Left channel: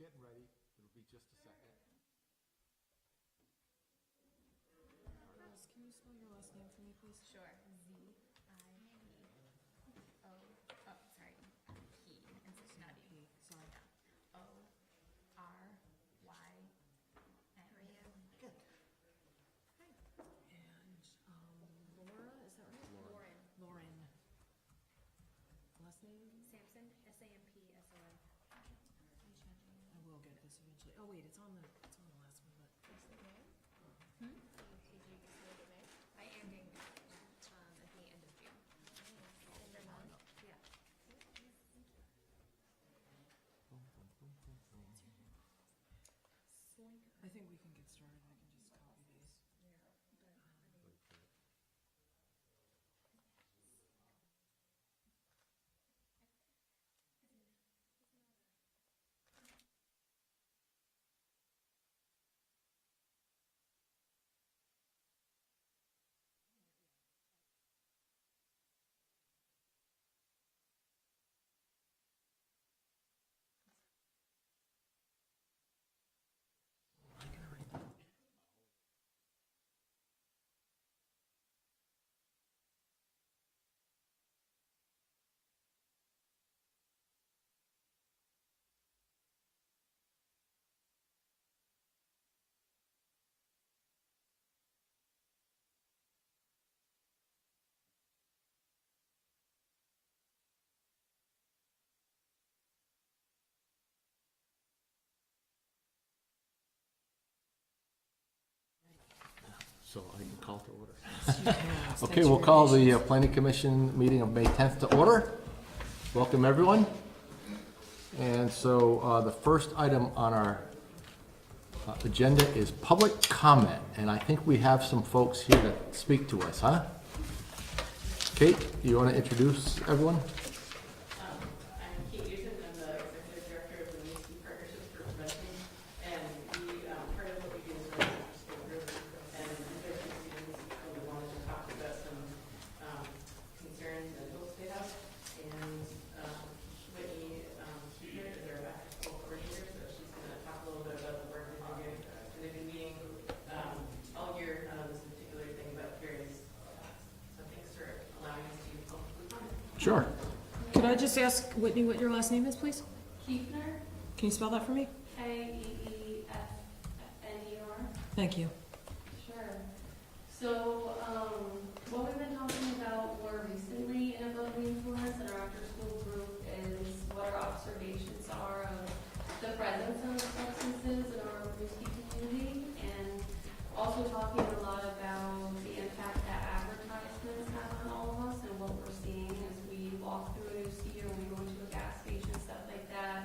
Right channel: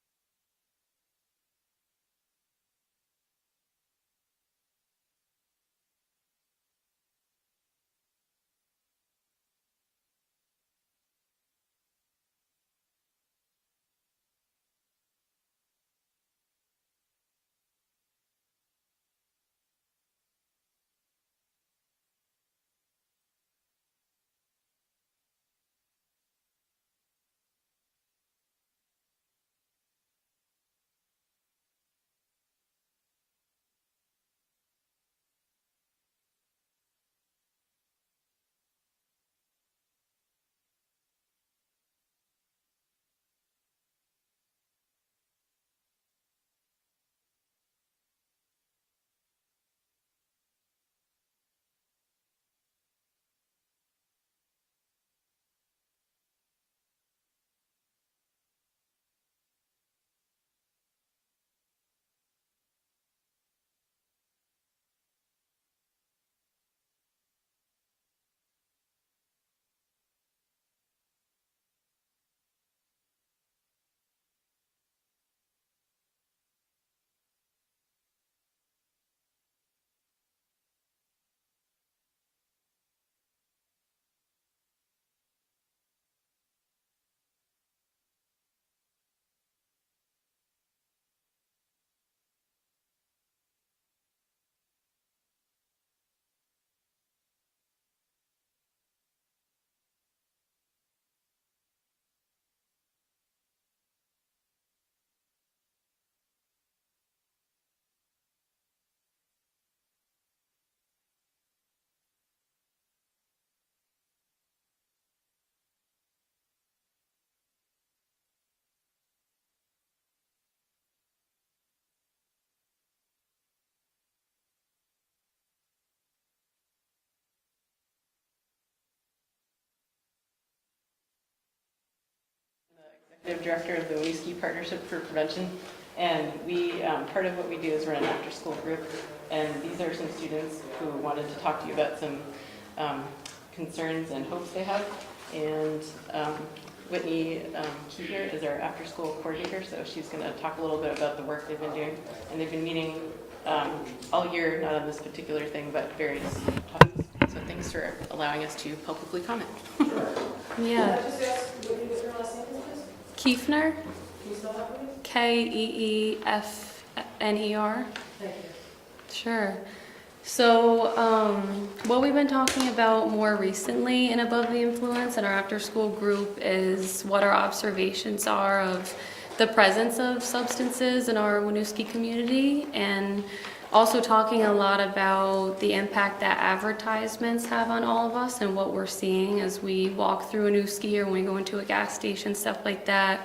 getting ready. It'll be just a second. Can you spell your last name for me, please? Sure. Z-I-E-O. Oh, sorry. He. Not E. Sorry. O-R-Y-N. Good. And Laura, is that right? Lauren. Lauren. Last name? Sampson. S-A-M-P-S-O-N. I will get this eventually. Oh wait, it's on the last one, but. I am doing at the end of June. Yeah. I think we can get started. I can just copy these. So I can call to order. Yes, Okay, thanks we'll for call your the patience. Planning Commission meeting of May 10th to order. Welcome, everyone. And so the first item on our agenda is public comment. And I think we have some folks here to speak to us, huh? Kate, you want to introduce everyone? I'm Kate Usen, I'm the Executive Director of the Winooski Partnership for Prevention. And we, part of what we do is run an after-school group. And these are some students who wanted to talk to you about some concerns and hopes they have. And Whitney Key is our after-school coordinator, so she's going to talk a little bit about the work they've been doing. And they've been meeting all year, not on this particular thing, but various topics. So thanks for allowing us to publicly comment. Sure. Can I just ask Whitney what your last name is, please? Kiefner, Can you spell that for me? Keefner. Thank you. Sure. So, what we've been talking about more recently in Above the Influence in our after-school group is what our observations are of the presence of substances in our Winooski community, and also talking a lot about the impact that advertisements have on all of us and what we're seeing as we walk through Winooski or when we go into a gas station, stuff like that.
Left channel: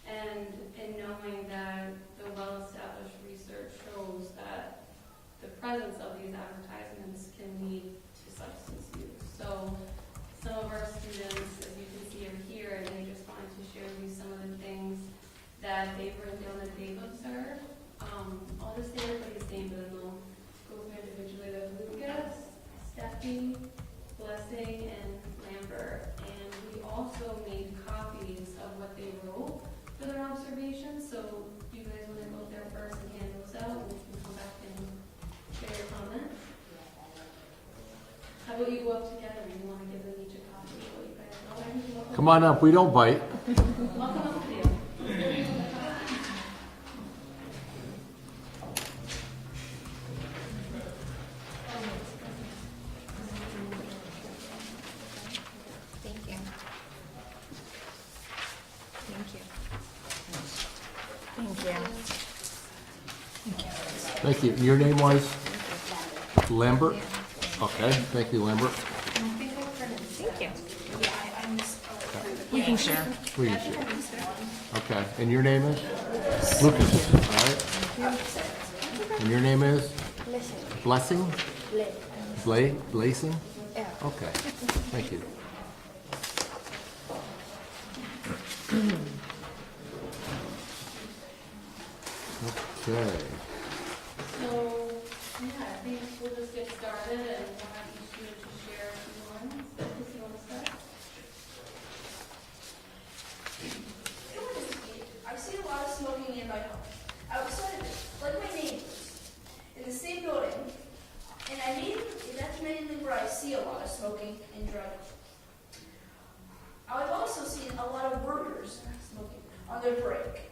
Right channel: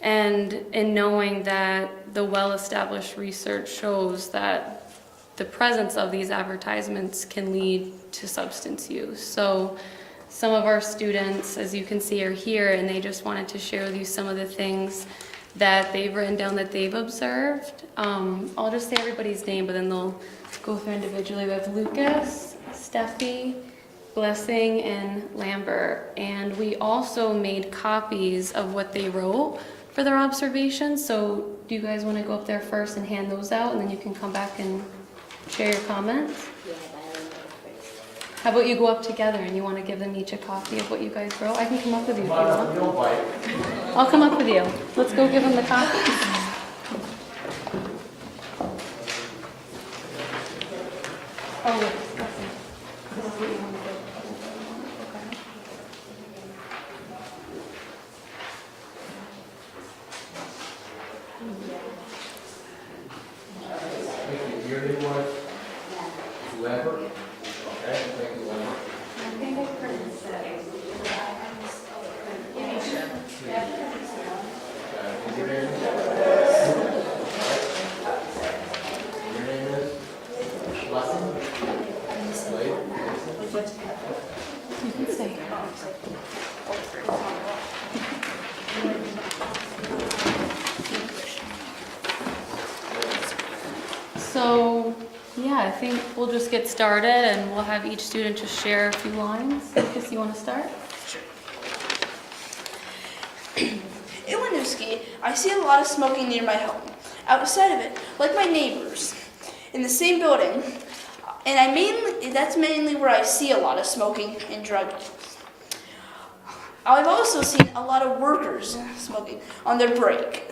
And in knowing that the well-established research shows that the presence of these advertisements can lead to substance use. So some of our students, as you can see, are here, and they just wanted to share with you some of the things that they've written down that they've observed. I'll just say everybody's name, but then they'll go through individually. We have Lucas, Steffi, Blessing, and Lambert. And we also made copies of what they wrote for their observations. So do you guys want to go up there first and hand those out, and then you can come back and share your comments? Yeah, but I don't know first. How about you go up together and you want to give them each a copy of what you guys wrote? I can come up with you. Come on up, we don't bite. I'll come up with you. Let's go give them the copies. Oh, yes. Thank you. Your name was? Lambert? Okay, thank you, Lambert. You can share. Please. Okay, and your name is? Lucas. All right. And your name is? Blessing? Slade? Gleason? Okay. Thank you. Okay. So, yeah, I think we'll just get started and we'll have each student just share a few lines. Lucas, you want to start? In Winooski, I see a lot of smoking near my home. Outside of it, like my neighbors, in the same building, and that's mainly where I see a lot of smoking and drug use. I've also seen a lot of workers smoking on their break.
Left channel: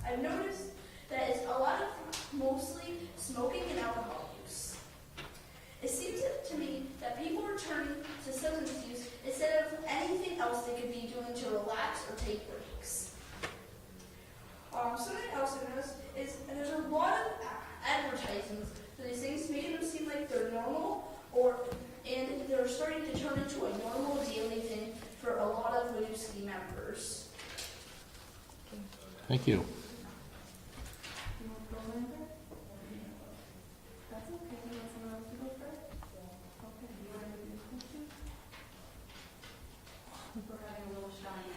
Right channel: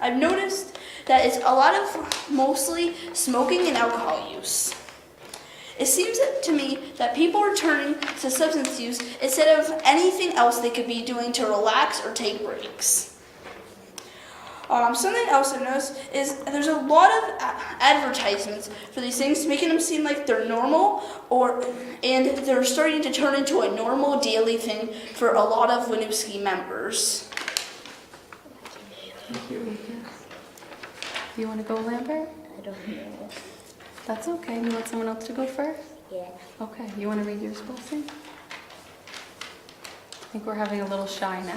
I've noticed that it's a lot of mostly smoking and alcohol use. It seems to me that people are turning to substance use instead of anything else they could be doing to relax or take breaks. Something else I've noticed is there's a lot of advertisements for these things, making them seem like they're normal, and they're starting to turn into a normal daily thing for a lot of Winooski members. Thank you. You want to go, Lambert? I don't know. That's okay. You want someone else to go first? Yeah. Okay. You want to read yours, Wilson? I think we're having a little shyness.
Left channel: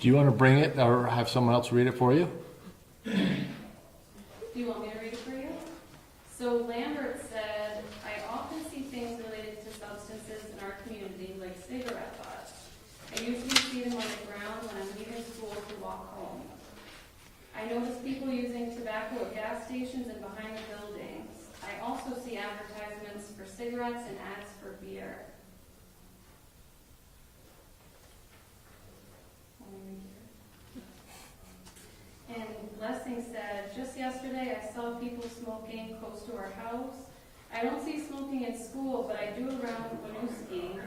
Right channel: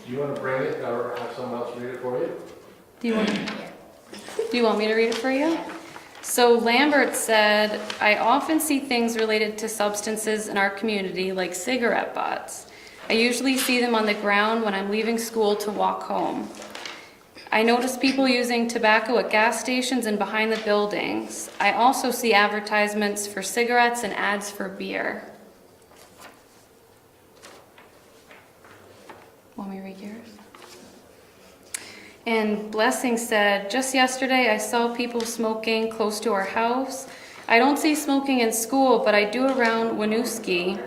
Do you want to bring it or have someone else read it for you? Do you want me to read it for you? So Lambert said, I often see things related to substances in our community, like cigarette butts. I usually see them on the ground when I'm leaving school to walk home. I notice people using tobacco at gas stations and behind the buildings. I also see advertisements for cigarettes and ads for beer. Want me to read yours? And Blessing said, just yesterday I saw people smoking close to our house. I don't see smoking in school, but I do around Winooski.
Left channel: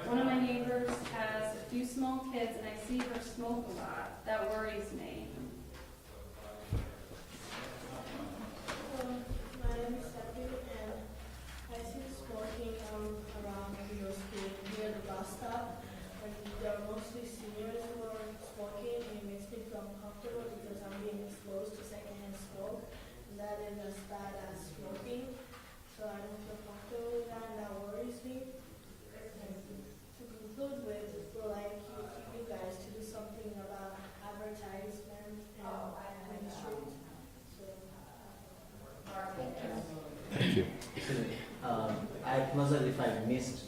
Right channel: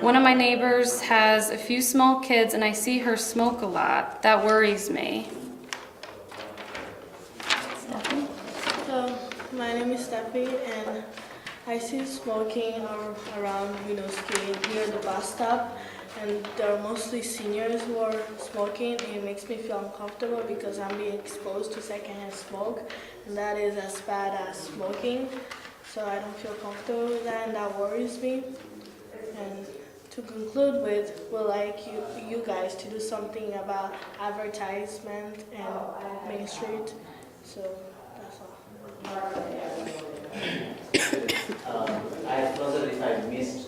One of my neighbors has a few small kids and I see her smoke a lot. That worries me. Stephanie? So, my name is Steffi, and I see smoking around Winooski near the bus stop, and there are mostly seniors who are smoking, and it makes me feel uncomfortable because I'm being exposed to secondhand smoke, and that is as bad as smoking, so I don't feel comfortable with that, and that worries me. And to conclude with, we'd like you guys to do something about advertisement and Main Street, so that's all. I apologize if I missed,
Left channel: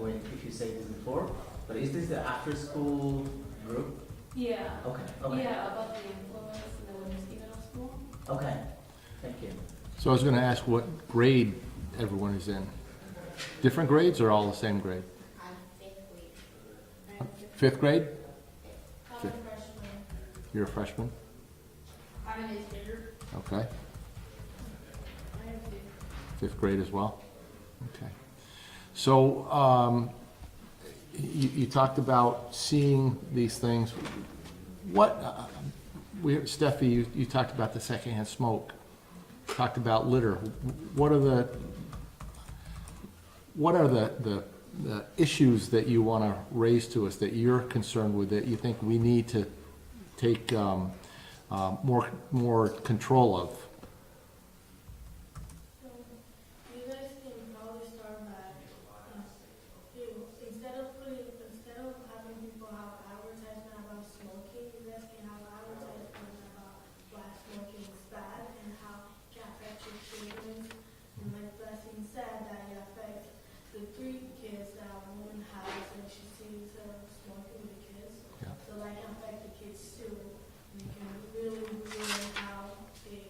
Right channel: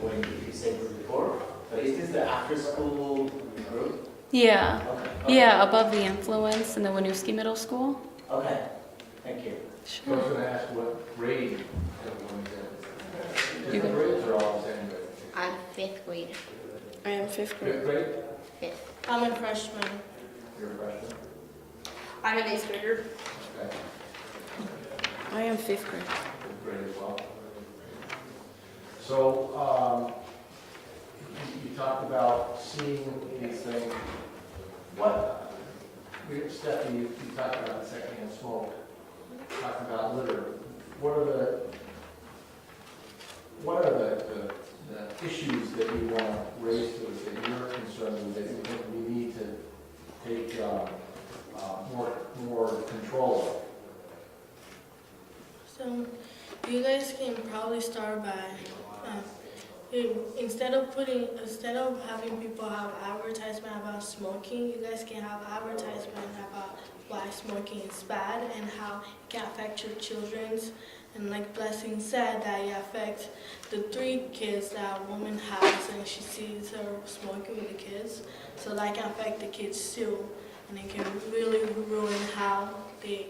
when you said this before, but is this the after-school group? Yeah. Okay. Yeah, above the influence in the Winooski Middle School. Okay, thank you. So I was going to ask what grade everyone is in. Different grades or all the same grade? I'm fifth grade. I am fifth. Fifth grade? Fifth. I'm a freshman. You're a freshman? I'm an 8th grader. Okay. I am fifth grade. Fifth grade as well? Okay. So, you talked about seeing these things. Steffi, you talked about the secondhand smoke, talked about litter. What are the issues that you want to raise to us that you're concerned with, that you think we need to take more control of? So you guys can probably start by instead of having people have advertisement about smoking, you guys can have advertisement about why smoking is bad and how it can affect your children's. And like Blessing said, that it affects the 3 kids that a woman has, and she sees her smoking with the kids. So that can affect the kids too, and it can really ruin how they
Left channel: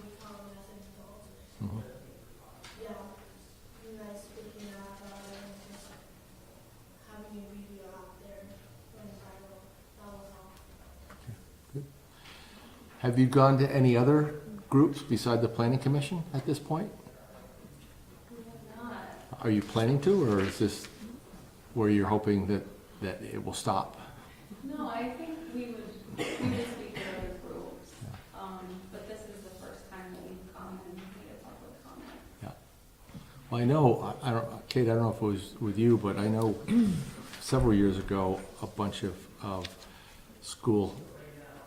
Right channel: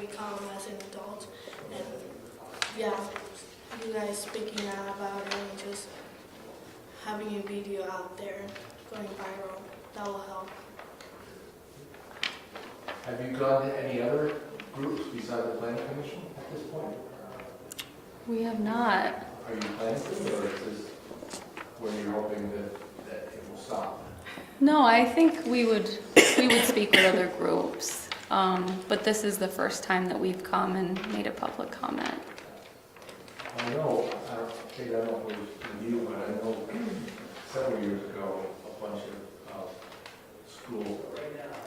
become as an adult. And yeah, you guys speaking out about it and just having a video out there going viral, that will help. Have you gone to any other groups beside the planning commission at this point? We have not. Are you planning to, or is this where you're hoping that it will stop? No, I think we would speak with other groups, but this is the first time that we've come and made a public comment. Well, I know, Kate, I don't know if it was with you, but I know several years ago, a bunch of school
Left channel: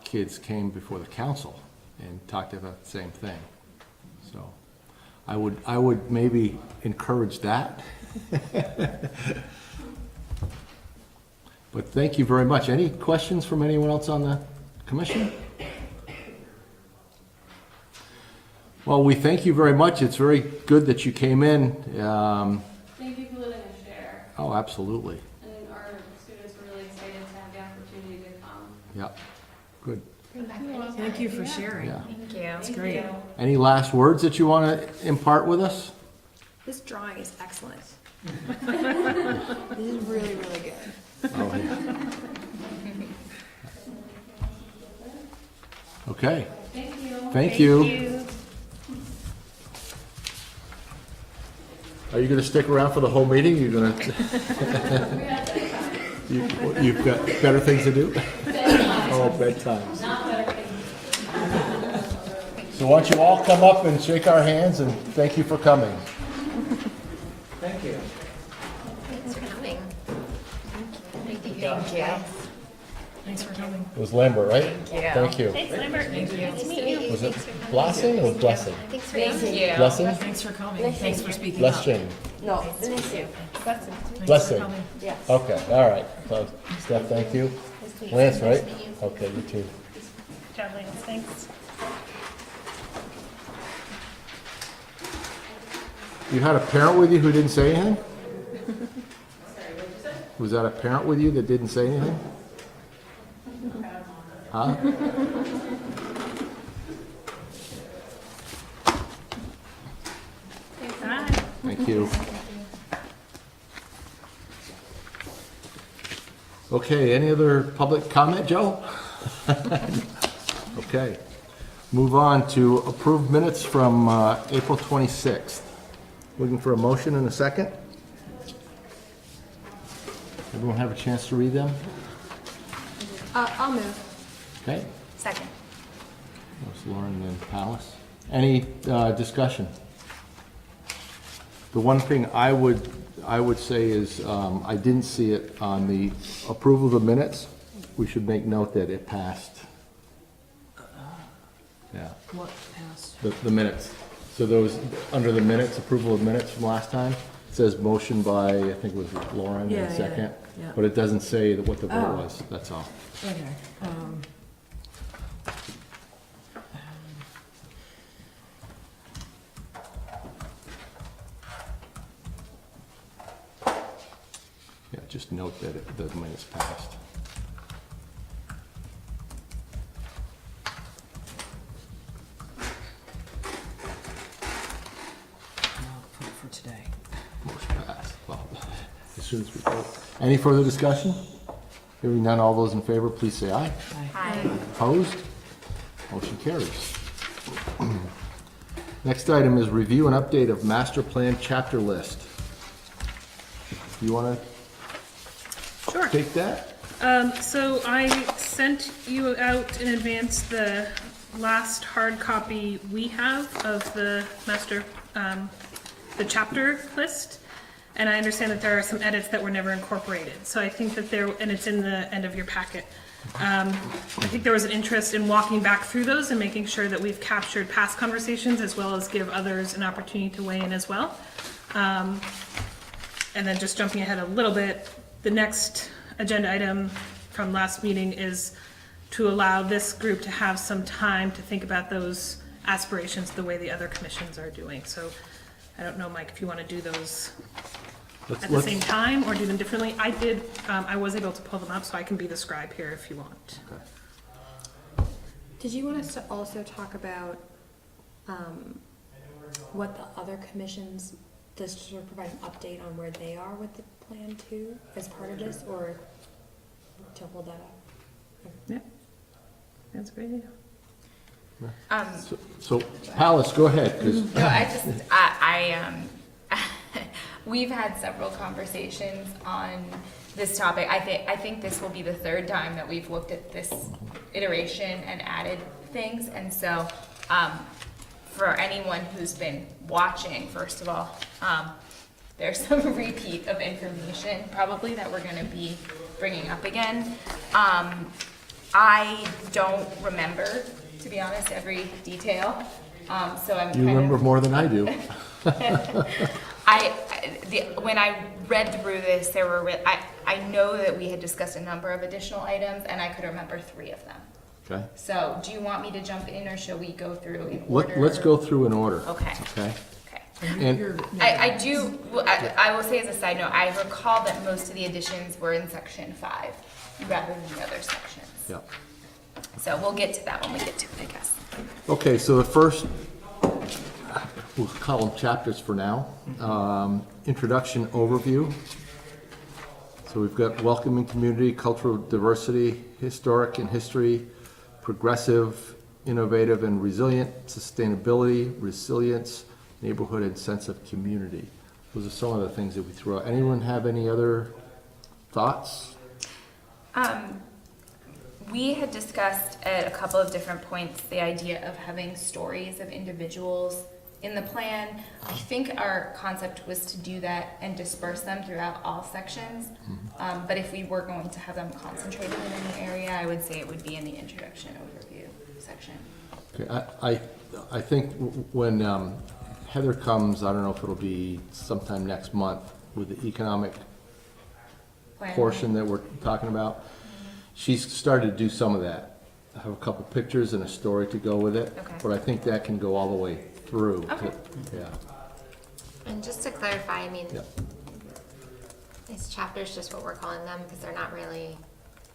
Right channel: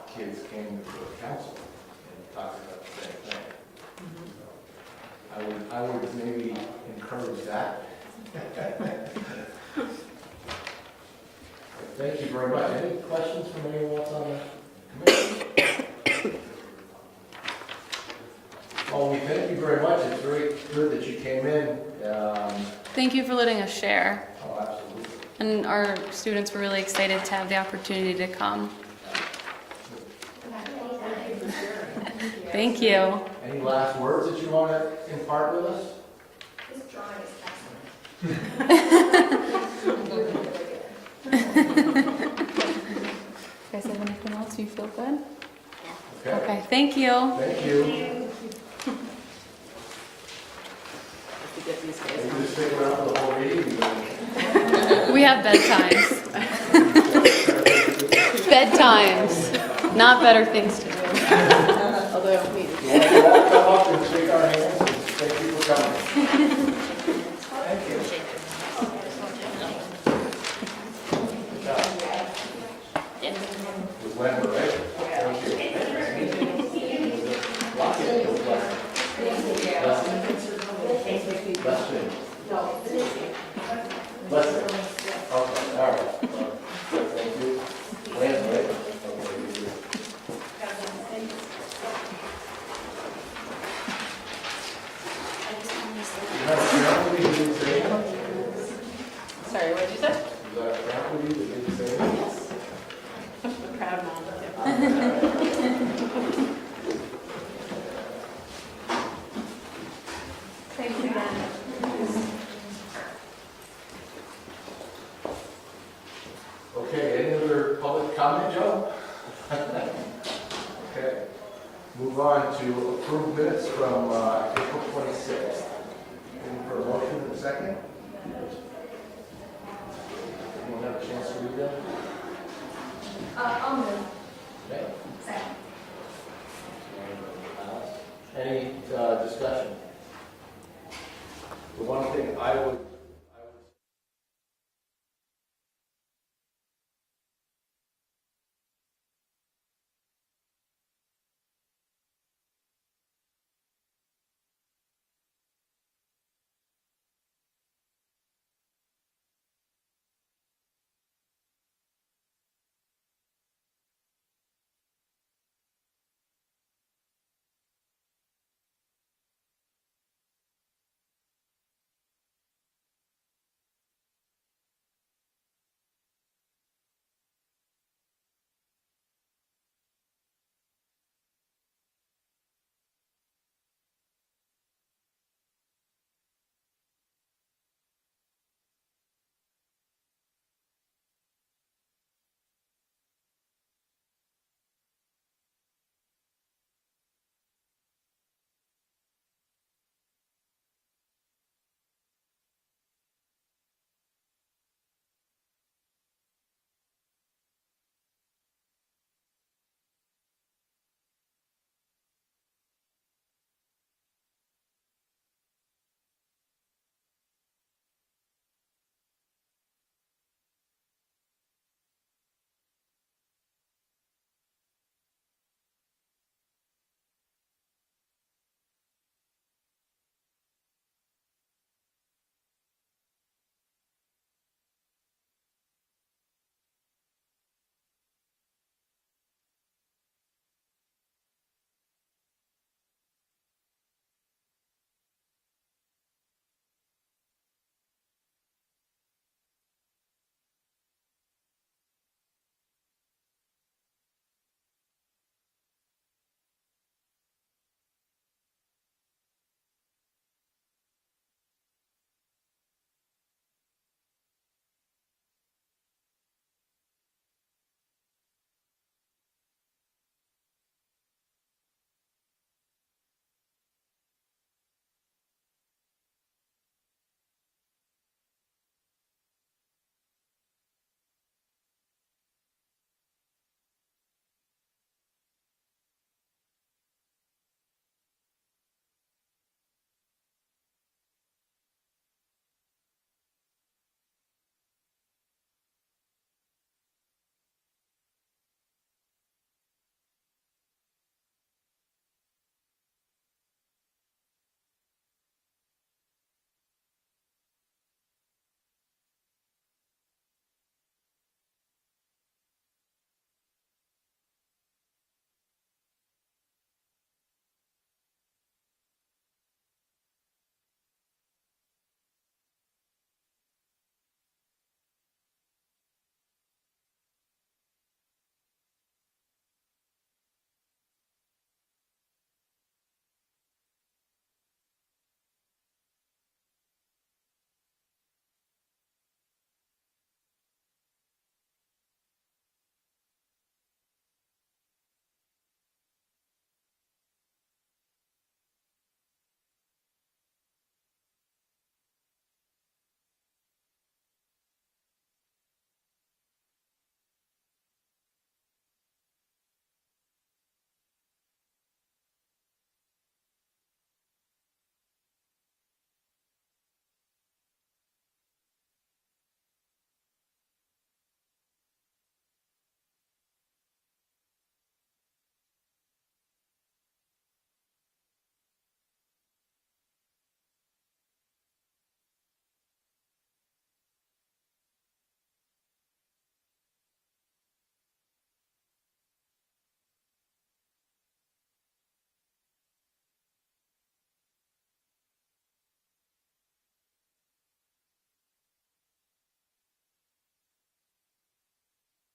kids came before the council and talked about the same thing. So I would maybe encourage that. But thank you very much. Any questions from anyone else on the commission? Well, we thank you very much. It's very good that you came in. Thank you for letting us share. Oh, absolutely. And our students were really excited to have the opportunity to come. Yeah, good. Thank you for sharing. Thank you. Any last words that you want to impart with us? This drawing is excellent. You guys have anything else? You feel good? Okay, Okay, thank you. thank you. Are you going to stick around for the whole meeting? You're going to, We have bedtimes. you've got better things to do? Bedtimes, Bedtime. not better things to do. Although, wait, So why don't you all come up and shake our hands, and thank you for coming. It was Lambert, right? Thank you. Was it Blessing or Blessing? Blessing? Thanks for coming. Thanks for speaking. Blessing. Blessing. Okay, all right. Steph, thank you. Lance, right? Okay, you too. You had a parent with you who didn't say anything? sorry, what did you say? Was that a parent with you that didn't say anything? Proud mom. Huh? Thank you. Okay, any other public comment, Joe? Okay. Move on to approved minutes from April 26th. Looking for a motion in a second? Everyone have a chance to read them? I'll move. Okay. Second. There's Lauren and Alice. Any discussion? The one thing I would say is, I didn't see it on the approval of the minutes. We should make note that it passed. Yeah, What passed? the minutes. So those, under the minutes, approval of minutes from last time, it says motion by, I think it was Lauren, Yeah, and yeah, second. yeah. But it doesn't say what the vote Oh. was, that's all. Okay. Yeah, just note that the minutes passed. I'll put it for today. Motion passed. Well, as soon as we vote. Any further discussion? Hearing none, all those in favor, please say aye. Hi. Opposed? Motion carries. Next item is review and update of master plan chapter list. You want Sure. to take that? So I sent you out in advance the last hard copy we have of the master, the chapter list. And I understand that there are some edits that were never incorporated. So I think that there, and it's in the end of your packet. I think there was an interest in walking back through those and making sure that we've captured past conversations as well as give others an opportunity to weigh in as well. And then just jumping ahead a little bit, the next agenda item from last meeting is to allow this group to have some time to think about those aspirations the way the other commissions are doing. So I don't know, Mike, if you want to do those at the same time or do them differently. I did, I was able to pull them up, so I can be the scribe here if you want. Did you want us to also talk about, what the other commissions, just to sort of provide an update on where they are with the plan too, as part of this, or to hold that up? That's a great idea. So, Alice, go ahead, 'cause No, we've had several conversations on this topic. I think this will be the third time that we've looked at this iteration and added things. And so, for anyone who's been watching, first of all, there's some repeat of information probably that we're gonna be bringing up again. I don't remember, to be honest, every detail, so I'm you remember more than I do. when I read through this, I know that we had discussed a number of additional items, and I could remember 3 of them. Okay. So, do you want me to jump in, or shall we go through in order? Let's go through in order. Okay. Okay? Okay. And I do, well, I will say as a side note, I recall that most of the additions were in section 5 rather than the other sections. yeah. So we'll get to that when we get to it, I guess. Okay, so the first, we'll call them chapters for now. Introduction overview. So we've got welcoming community, cultural diversity, historic and history, progressive, innovative and resilient, sustainability, resilience, neighborhood and sense of community. Those are some of the things that we threw out. Anyone have any other thoughts? We had discussed at a couple of different points the idea of having stories of individuals in the plan. I think our concept was to do that and disperse them throughout all sections. But if we were going to have them concentrated in any area, I would say it would be in the introduction overview section. Okay, I think when Heather comes, I don't know if it'll be sometime next month with the economic Plan. portion that we're talking about. She's started to do some of that. I have a couple pictures and a story to go with it. Okay. But I think that can go all the way through. Okay. Yeah, And just to clarify, I mean, yeah, these chapters, just what we're calling them, because they're not really,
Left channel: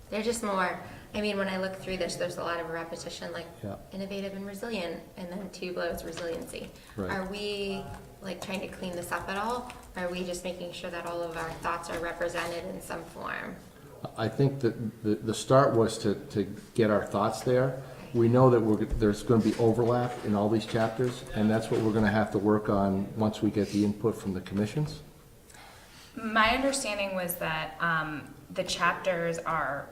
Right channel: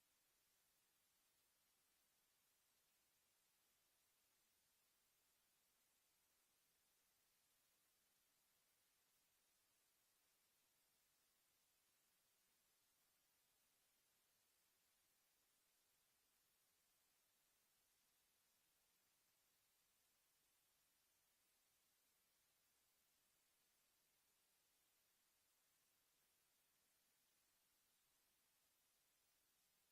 they're just more, I mean, when I look through this, there's a lot of repetition, like yeah, innovative and resilient, and then two below is resiliency. right. Are we like trying to clean this up at all? Are we just making sure that all of our thoughts are represented in some form? I think that the start was to get our thoughts there. We know that there's gonna be overlap in all these chapters, and that's what we're gonna have to work on once we get the input from the commissions. My understanding was that the chapters are,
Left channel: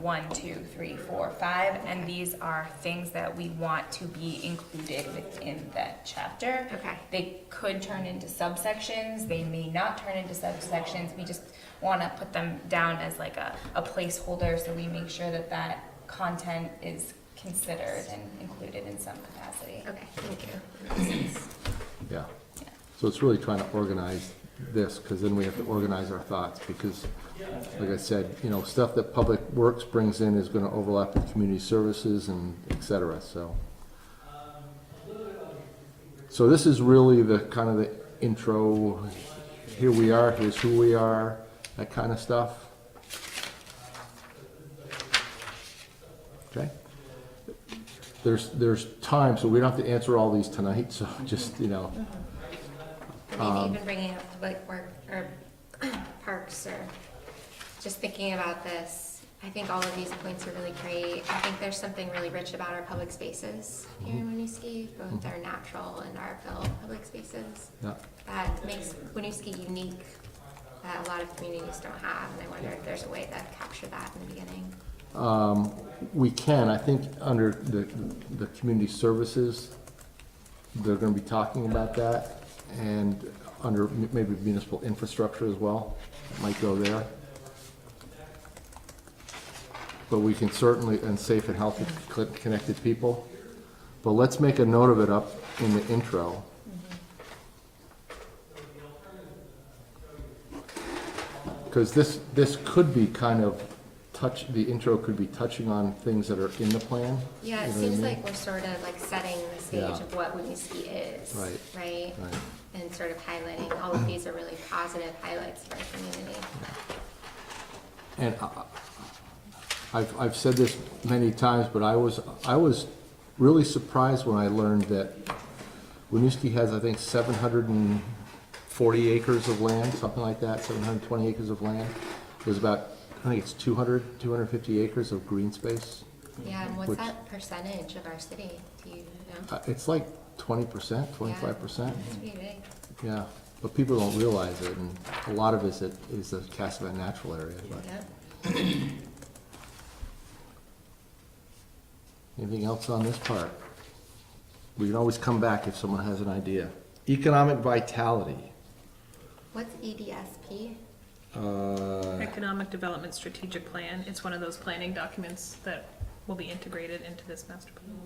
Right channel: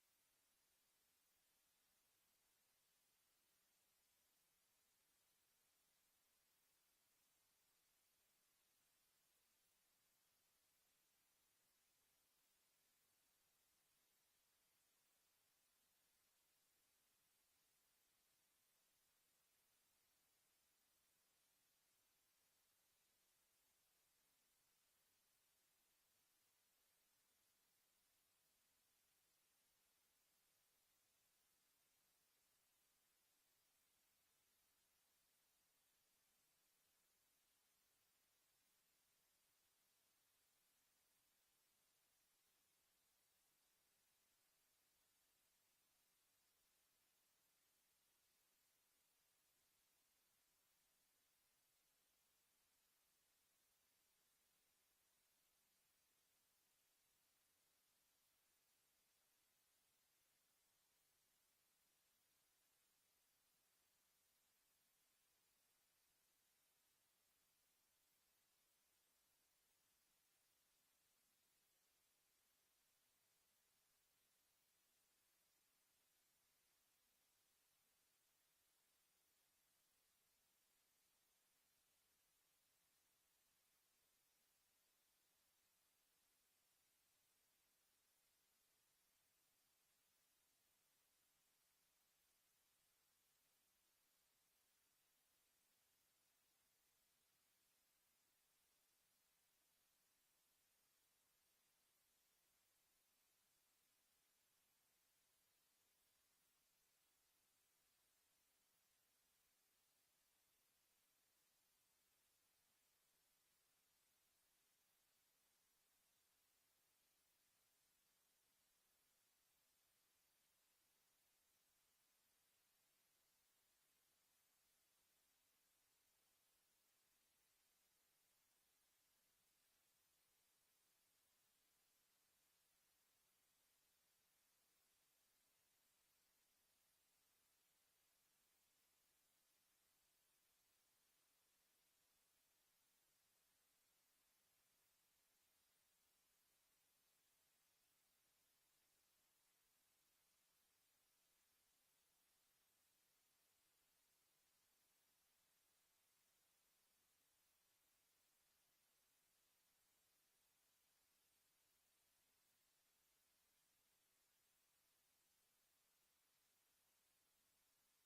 1, 2, 3, 4, 5, and these are things that we want to be included within that chapter. Okay. They could turn into subsections, they may not turn into subsections, we just want to put them down as like a placeholder so we make sure that that content is considered and included in some capacity. Okay, thank you. Yeah. Yeah. So it's really trying to organize this, because then we have to organize our thoughts, because, like I said, stuff that Public Works brings in is gonna overlap with community services and et cetera, so. So this is really the kind of the intro, here we are, here's who we are, that kind of stuff. Okay? There's time, so we don't have to answer all these tonight, so just, Maybe even bringing up public work or parks, or just thinking about this. I think all of these points are really great. I think there's something really rich about our public spaces here in Winooski, both our natural and our built public spaces. Yeah. That makes Winooski unique, that a lot of communities don't have, and I wonder if there's a way to capture that in the beginning. We can, I think, under the community services, they're gonna be talking about that, and under maybe municipal infrastructure as well, it might go there. But we can certainly, and safe and healthy connected people, but let's make a note of it up in the intro. Because this could be kind of the intro could be touching on things that are in the plan. Yeah, it You know what I seems mean? like we're sort of like setting the stage Yeah. of what Winooski is, Right. right? Right. And sort of highlighting, all of these are really positive highlights for our community. And I've said this many times, but I was really surprised when I learned that Winooski has, I think, 740 acres of land, something like that, 720 acres of land. There's about, I think it's 250 acres of green space. Yeah, and what's Which- that percentage of our city, do you know? It's like 20%, 25%. It's pretty big. Yeah, but people don't realize it, and a lot of it is the Cassavant Natural Area. But Yep. anything else on this part? We can always come back if someone has an idea. Economic vitality. What's EDSP? Economic Development Strategic Plan. It's one of those planning documents that will be integrated into this master plan.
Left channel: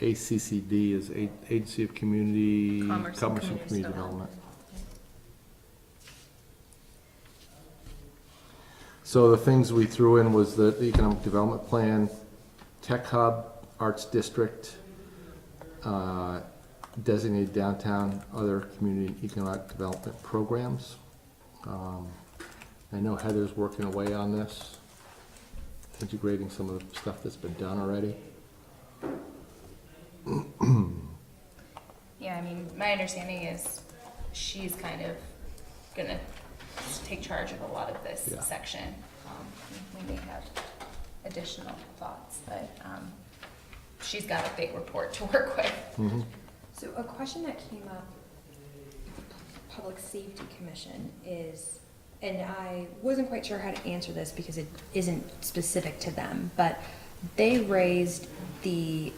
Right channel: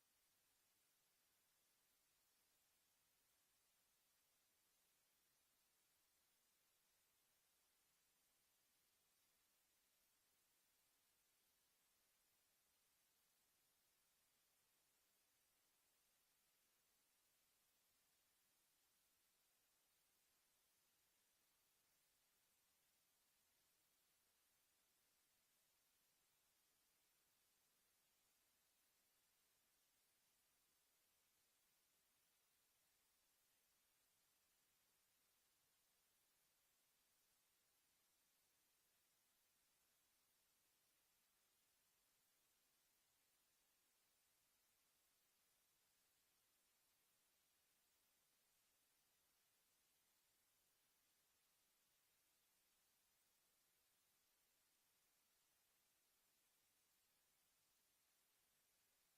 ACCD is Agency of Community Commerce and Community Development. Development. So the things we threw in was the Economic Development Plan, Tech Hub, Arts District, Designated downtown, other community and economic development programs. I know Heather's working away on this, integrating some of the stuff that's been done already. Yeah, I mean, my understanding is she's kind of gonna take charge of a lot of this Yeah. section. We may have additional thoughts, but she's got a big report to work with. Mm-hmm. So a question that came up at the Public Safety Commission is, and I wasn't quite sure how to answer this because it isn't specific to them, but they raised the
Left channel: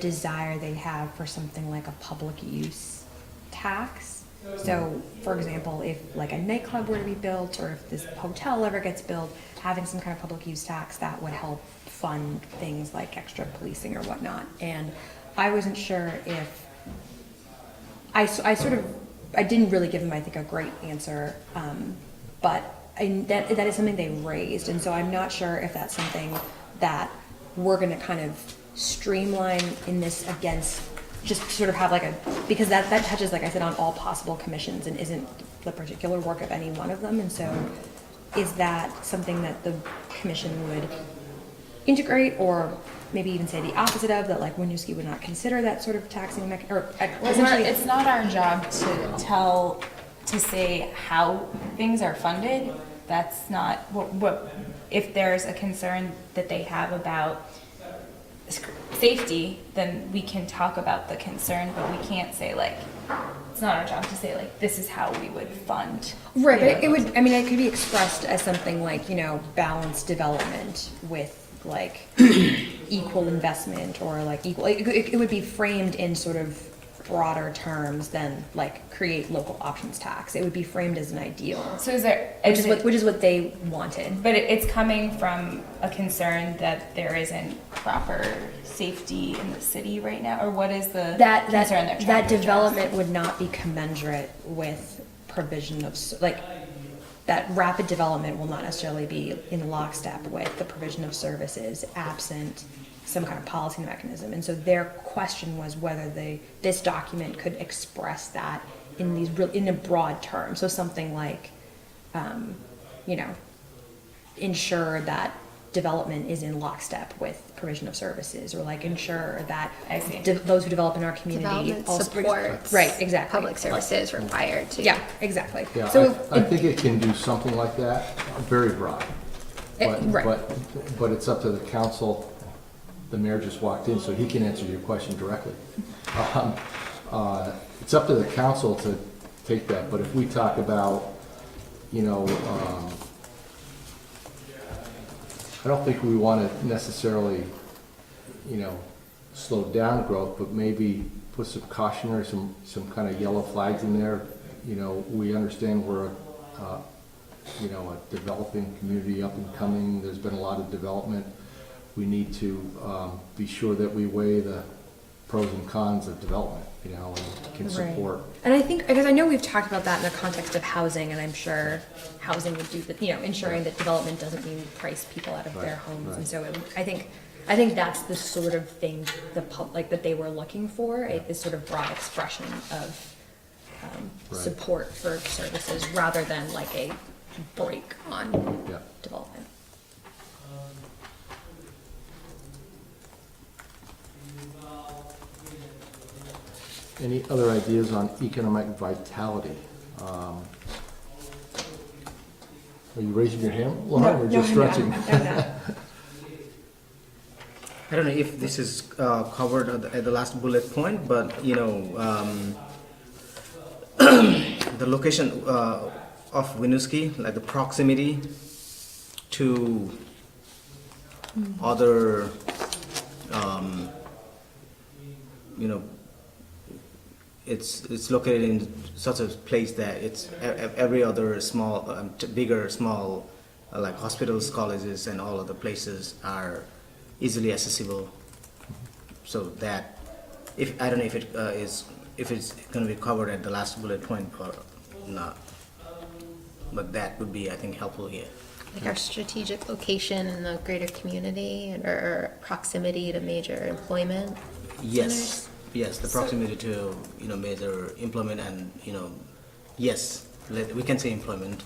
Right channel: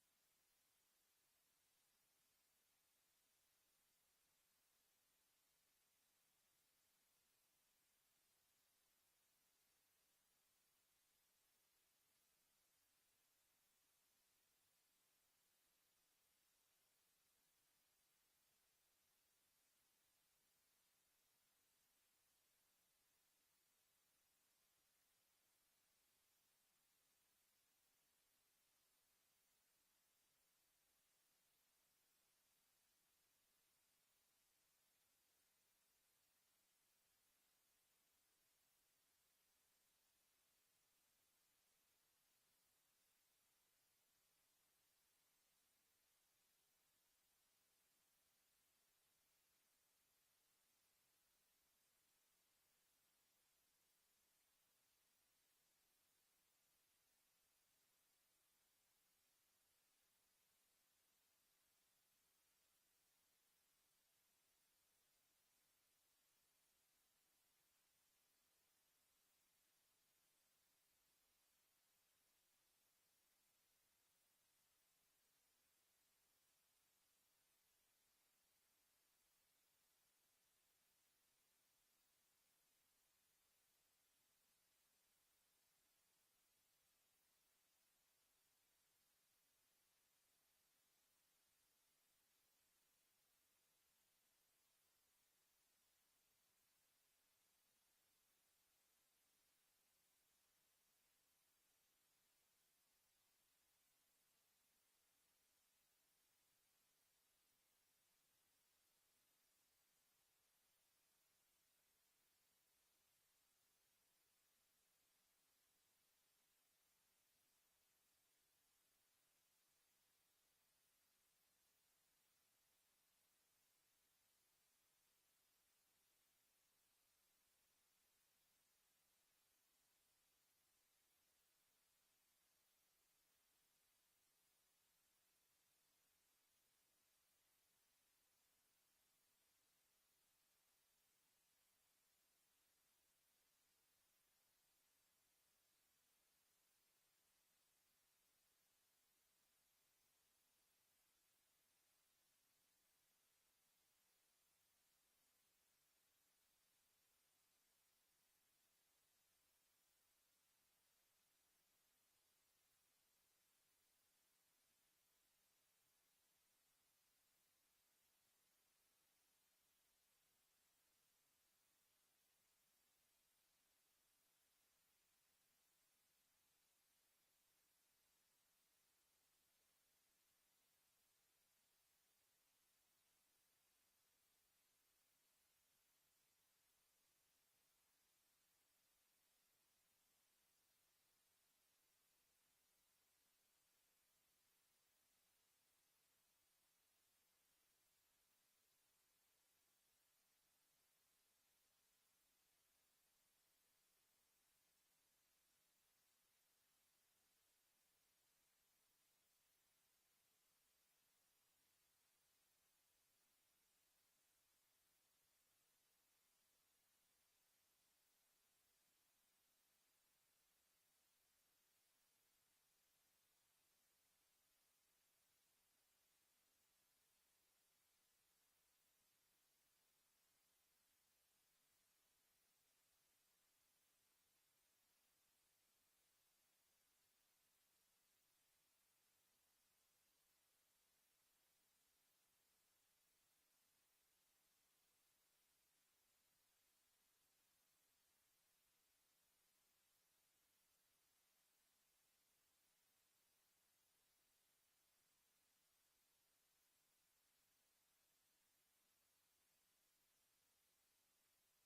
desire they have for something like a public use tax. So, for example, if like a nightclub were to be built, or if this hotel ever gets built, having some kind of public use tax that would help fund things like extra policing or whatnot. And I wasn't sure if I didn't really give them, I think, a great answer, but that is something they raised, and so I'm not sure if that's something that we're gonna kind of streamline in this against, just sort of have like because that touches, like I said, on all possible commissions and isn't the particular work of any one of them, and so is that something that the commission would integrate, or maybe even say the opposite of, that like Winooski would not consider that sort of taxing or essentially. It's not our job to say how things are funded. That's not what if there's a concern that they have about safety, then we can talk about the concern, but we can't say like, it's not our job to say like, this is how we would fund. Right, but it would, I mean, it could be expressed as something like, balanced development with like equal investment, or like equal, it would be framed in sort of broader terms than like create local options tax. It would be framed as an ideal. So is there, Which is what they wanted. but it's coming from a concern that there isn't proper safety in the city right now, or what is the concern they're trying to that address? development would not be commensurate with provision of, like, that rapid development will not necessarily be in lockstep with the provision of services absent some kind of policy mechanism. And so their question was whether this document could express that in a broad term. So something like, ensure that development is in lockstep with provision of services, or like ensure that I see. those who develop in our community Development also supports right, exactly. public services required to. Yeah, exactly. Yeah, So I think it can do something like that, very broad. right. But it's up to the council. The mayor just walked in, so he can answer your question directly. It's up to the council to take that, but if we talk about, I don't think we want to necessarily, slow down growth, but maybe put some cautionary, some kind of yellow flags in there. We understand we're a developing community, up and coming. There's been a lot of development. We need to be sure that we weigh the pros and cons of development, and can support. And I think, because I know we've talked about that in the context of housing, and I'm sure housing would do ensuring that development doesn't mean price people out of their homes. right. And so I think that's the sort of thing that they were looking for, this sort of broad expression of Right. support for services rather than like a break on Yeah. development. Any other ideas on economic vitality? Are you raising your hand, Lauren, or just stretching? No. I don't know if this is covered at the last bullet point, but the location of Winooski, like the proximity to other, it's located in such a place that it's every other small, bigger, small, like hospitals, colleges, and all other places are easily accessible. So that, I don't know if if it's going to be covered at the last bullet point or not, but that would be, I think, helpful here. Like our strategic location in the greater community or proximity to major employment Yes. yes, the proximity to, major employment and, yes, we can say employment.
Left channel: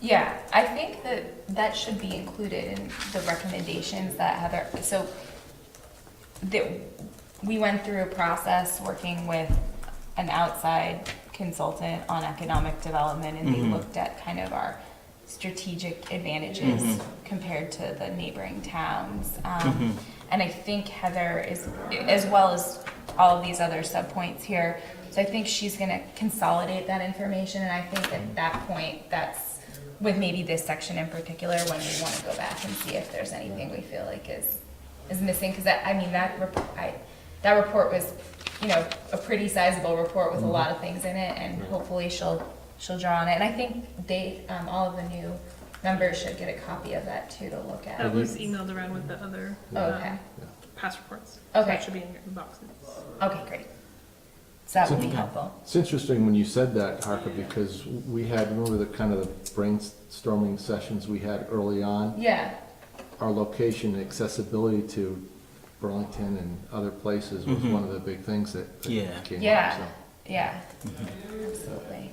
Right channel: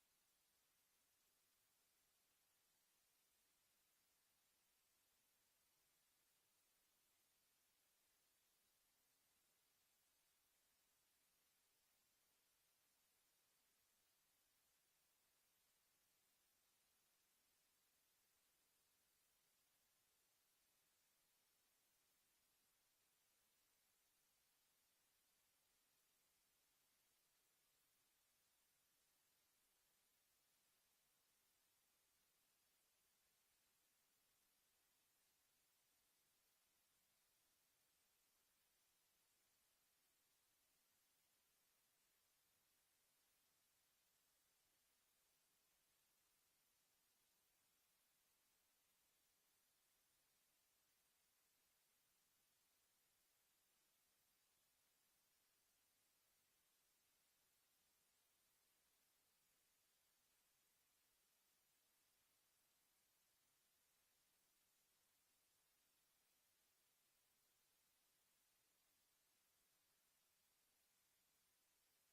Yeah, I think that should be included in the recommendations that Heather, so that we went through a process working with an outside consultant on economic development, and they looked at kind of our strategic advantages compared to the neighboring towns. And I think Heather is, as well as all of these other subpoints here, so I think she's gonna consolidate that information, and I think at that point, that's with maybe this section in particular, when we wanna go back and see if there's anything we feel like is missing, cause that report was, a pretty sizable report with a lot of things in it, and hopefully she'll draw on it, and I think all of the new members should get a copy of that too to look at. That was emailed around with the other Okay. past reports. Okay. That should be in your boxes. Okay, great. So that would be helpful. It's interesting when you said that, Harper, because we had, remember the kind of the brainstorming sessions we had early on? Yeah, Our location and accessibility to Burlington and other places was one of the big things that came up, yeah, so. yeah, absolutely.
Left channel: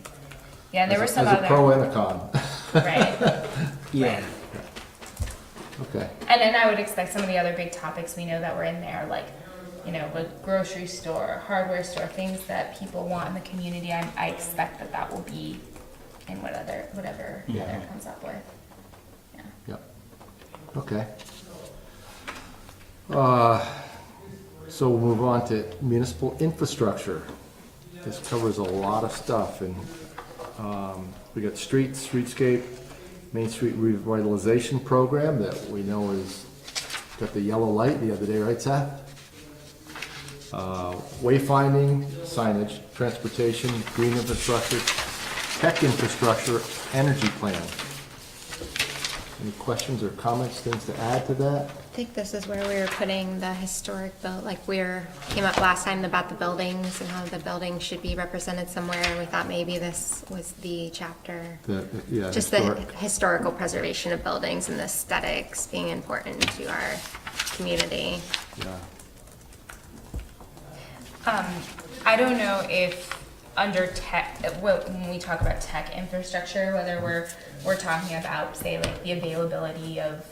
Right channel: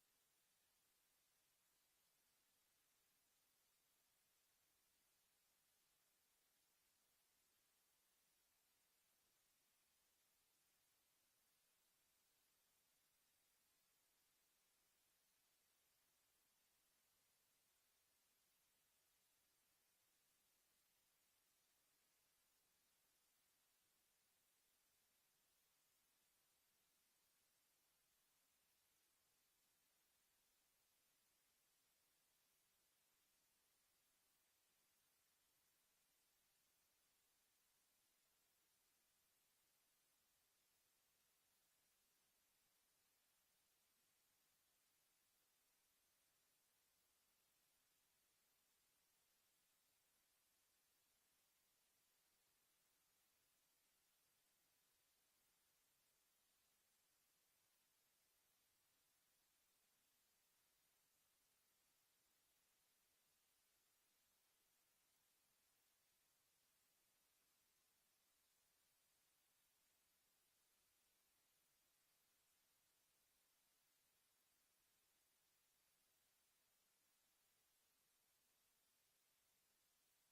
Yeah, and there were some As other. a pro and a con. Right. Yeah. Okay. And then I would expect some of the other big topics we know that were in there, like, a grocery store, hardware store, things that people want in the community. I expect that will be in whatever Heather comes up with. Yeah. Yep. Okay. So we'll move on to municipal infrastructure. This covers a lot of stuff, and we got streetscape, Main Street revitalization program that we know is got the yellow light the other day, right, Seth? Wayfinding, signage, transportation, green infrastructure, tech infrastructure, energy plan. Any questions or comments, things to add to that? I think this is where we were putting the historic came up last time about the buildings and how the buildings should be represented somewhere. We thought maybe this was the chapter. Just the historical preservation of buildings and the aesthetics being important to our community. Yeah. I don't know if under tech, when we talk about tech infrastructure, whether we're talking about, say, like the availability of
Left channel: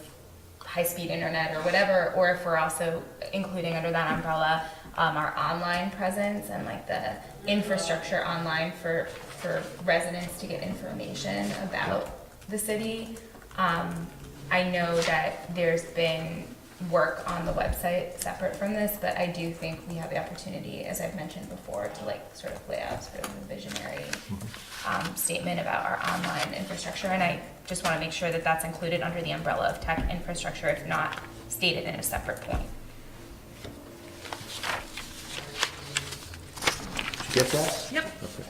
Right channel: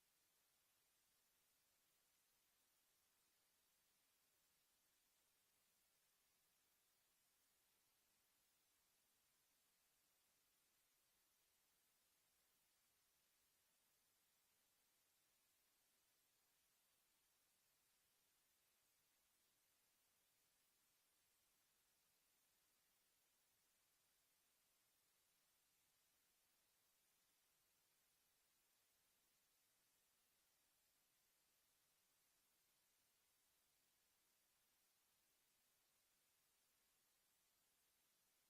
high-speed internet or whatever, or if we're also including under that umbrella our online presence and like the infrastructure online for residents to get information about the city. I know that there's been work on the website separate from this, but I do think we have the opportunity, as I've mentioned before, to like sort of lay out sort of a visionary statement about our online infrastructure, and I just want to make sure that that's included under the umbrella of tech infrastructure, if not stated in a separate point. Did you get that? Yep. Okay.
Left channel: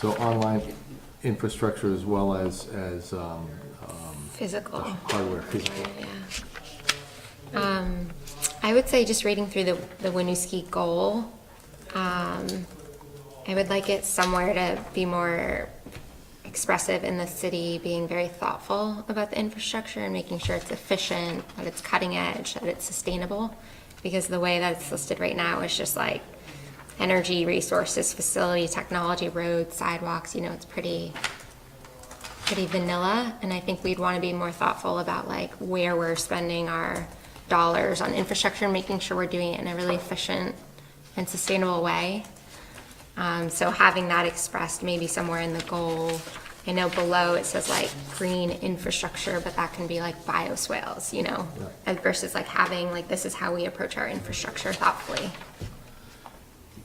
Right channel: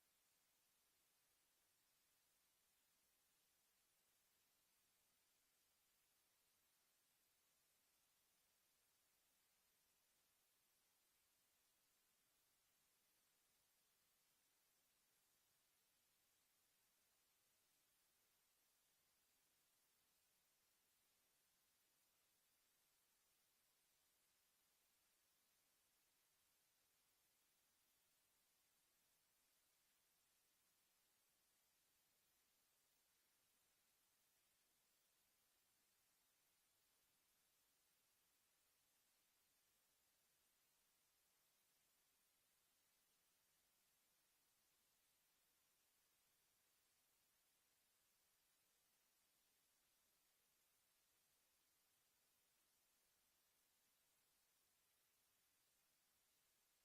So online infrastructure as well as Physical. hardware, physical. Yeah. I would say just reading through the Winooski goal, I would like it somewhere to be more expressive in the city, being very thoughtful about the infrastructure and making sure it's efficient, that it's cutting edge, that it's sustainable. Because the way that it's listed right now is just like energy, resources, facility, technology, roads, sidewalks, it's pretty vanilla, and I think we'd want to be more thoughtful about like where we're spending our dollars on infrastructure and making sure we're doing it in a really efficient and sustainable way. So having that expressed maybe somewhere in the goal. I know below it says like green infrastructure, but that can be like bioswales, versus like having like this is how we approach our infrastructure thoughtfully.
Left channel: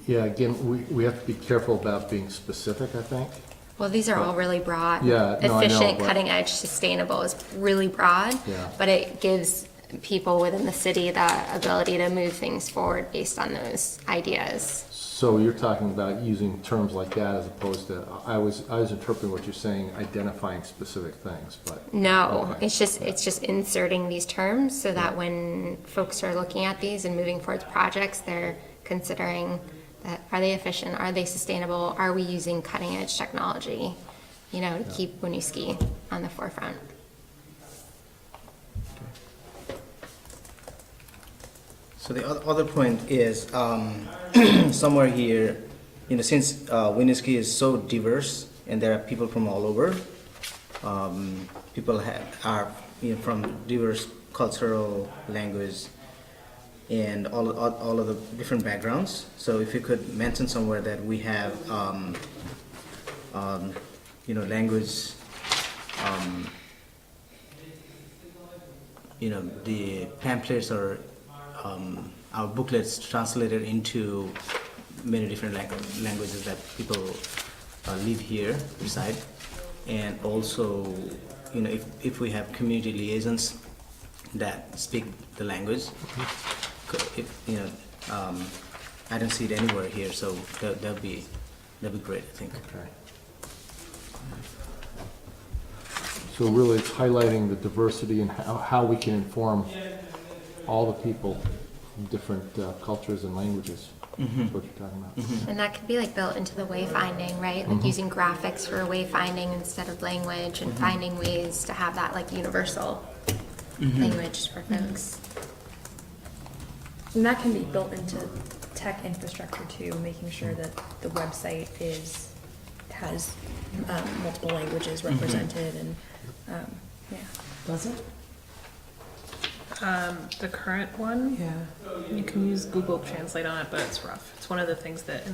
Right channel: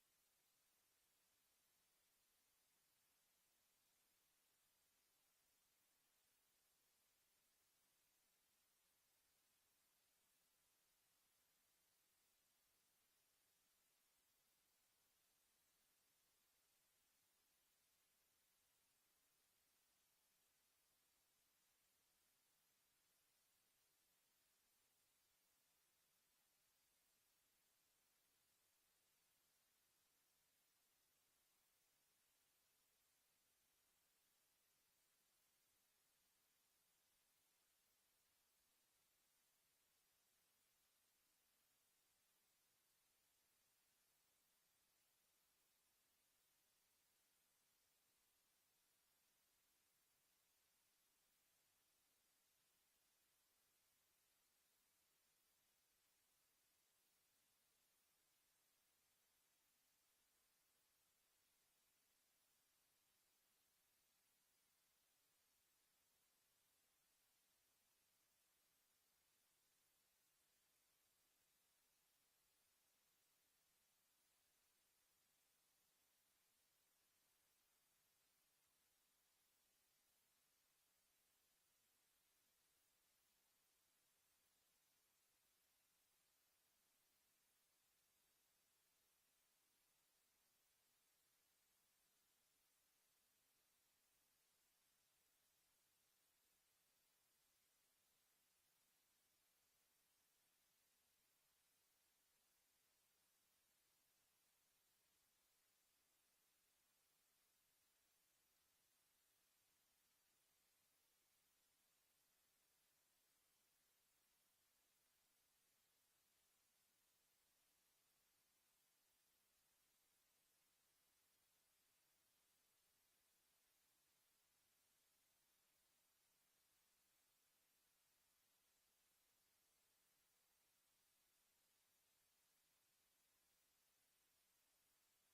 Yeah, again, we have to be careful about being specific, I think. Well, these are all really broad. Yeah, no, I know, Efficient, but- cutting edge, sustainable is really broad. Yeah. But it gives people within the city the ability to move things forward based on those ideas. So you're talking about using terms like that as opposed to, I was interpreting what you're saying, identifying specific things, but. No, Okay. it's just inserting these terms so that when folks are looking at these and moving forward projects, they're considering that are they efficient, are they sustainable, are we using cutting edge technology, to keep Winooski on the forefront. So the other point is somewhere here, since Winooski is so diverse and there are people from all over, people are from diverse cultural, language, and all of the different backgrounds. So if you could mention somewhere that we have, language, the pamphlets or our booklets translated into many different languages that people live here, reside, and also, if we have community liaisons that speak the language, I don't see it anywhere here, so that'd be great, I think. Okay. So really, it's highlighting the diversity and how we can inform all the people from different cultures and languages. That's what you're talking about. And that could be like built into the wayfinding, right? Like using graphics for wayfinding instead of language, and finding ways to have that like universal language for folks. And that can be built into tech infrastructure too, making sure that the website has multiple languages represented and, yeah. Does it? The current one, Yeah. you can use Google Translate on it, but it's rough. It's one of the things that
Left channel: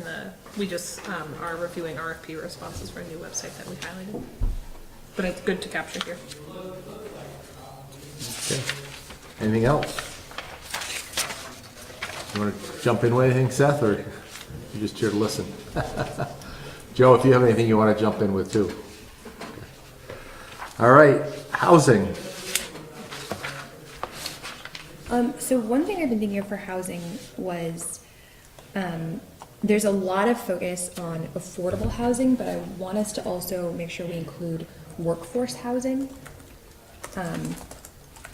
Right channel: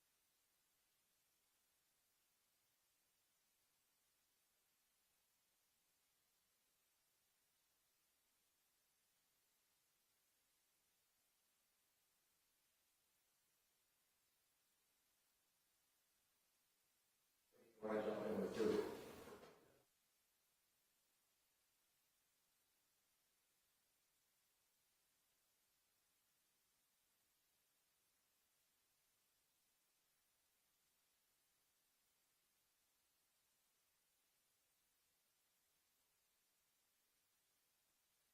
we just are reviewing RFP responses for a new website that we highlighted. But it's good to capture here. Okay. Anything else? You want to jump in with anything, Seth, or you just here to listen? Joe, if you have anything you want to jump in with too. All right, housing. So one thing I've been thinking of for housing was, there's a lot of focus on affordable housing, but I want us to also make sure we include workforce housing.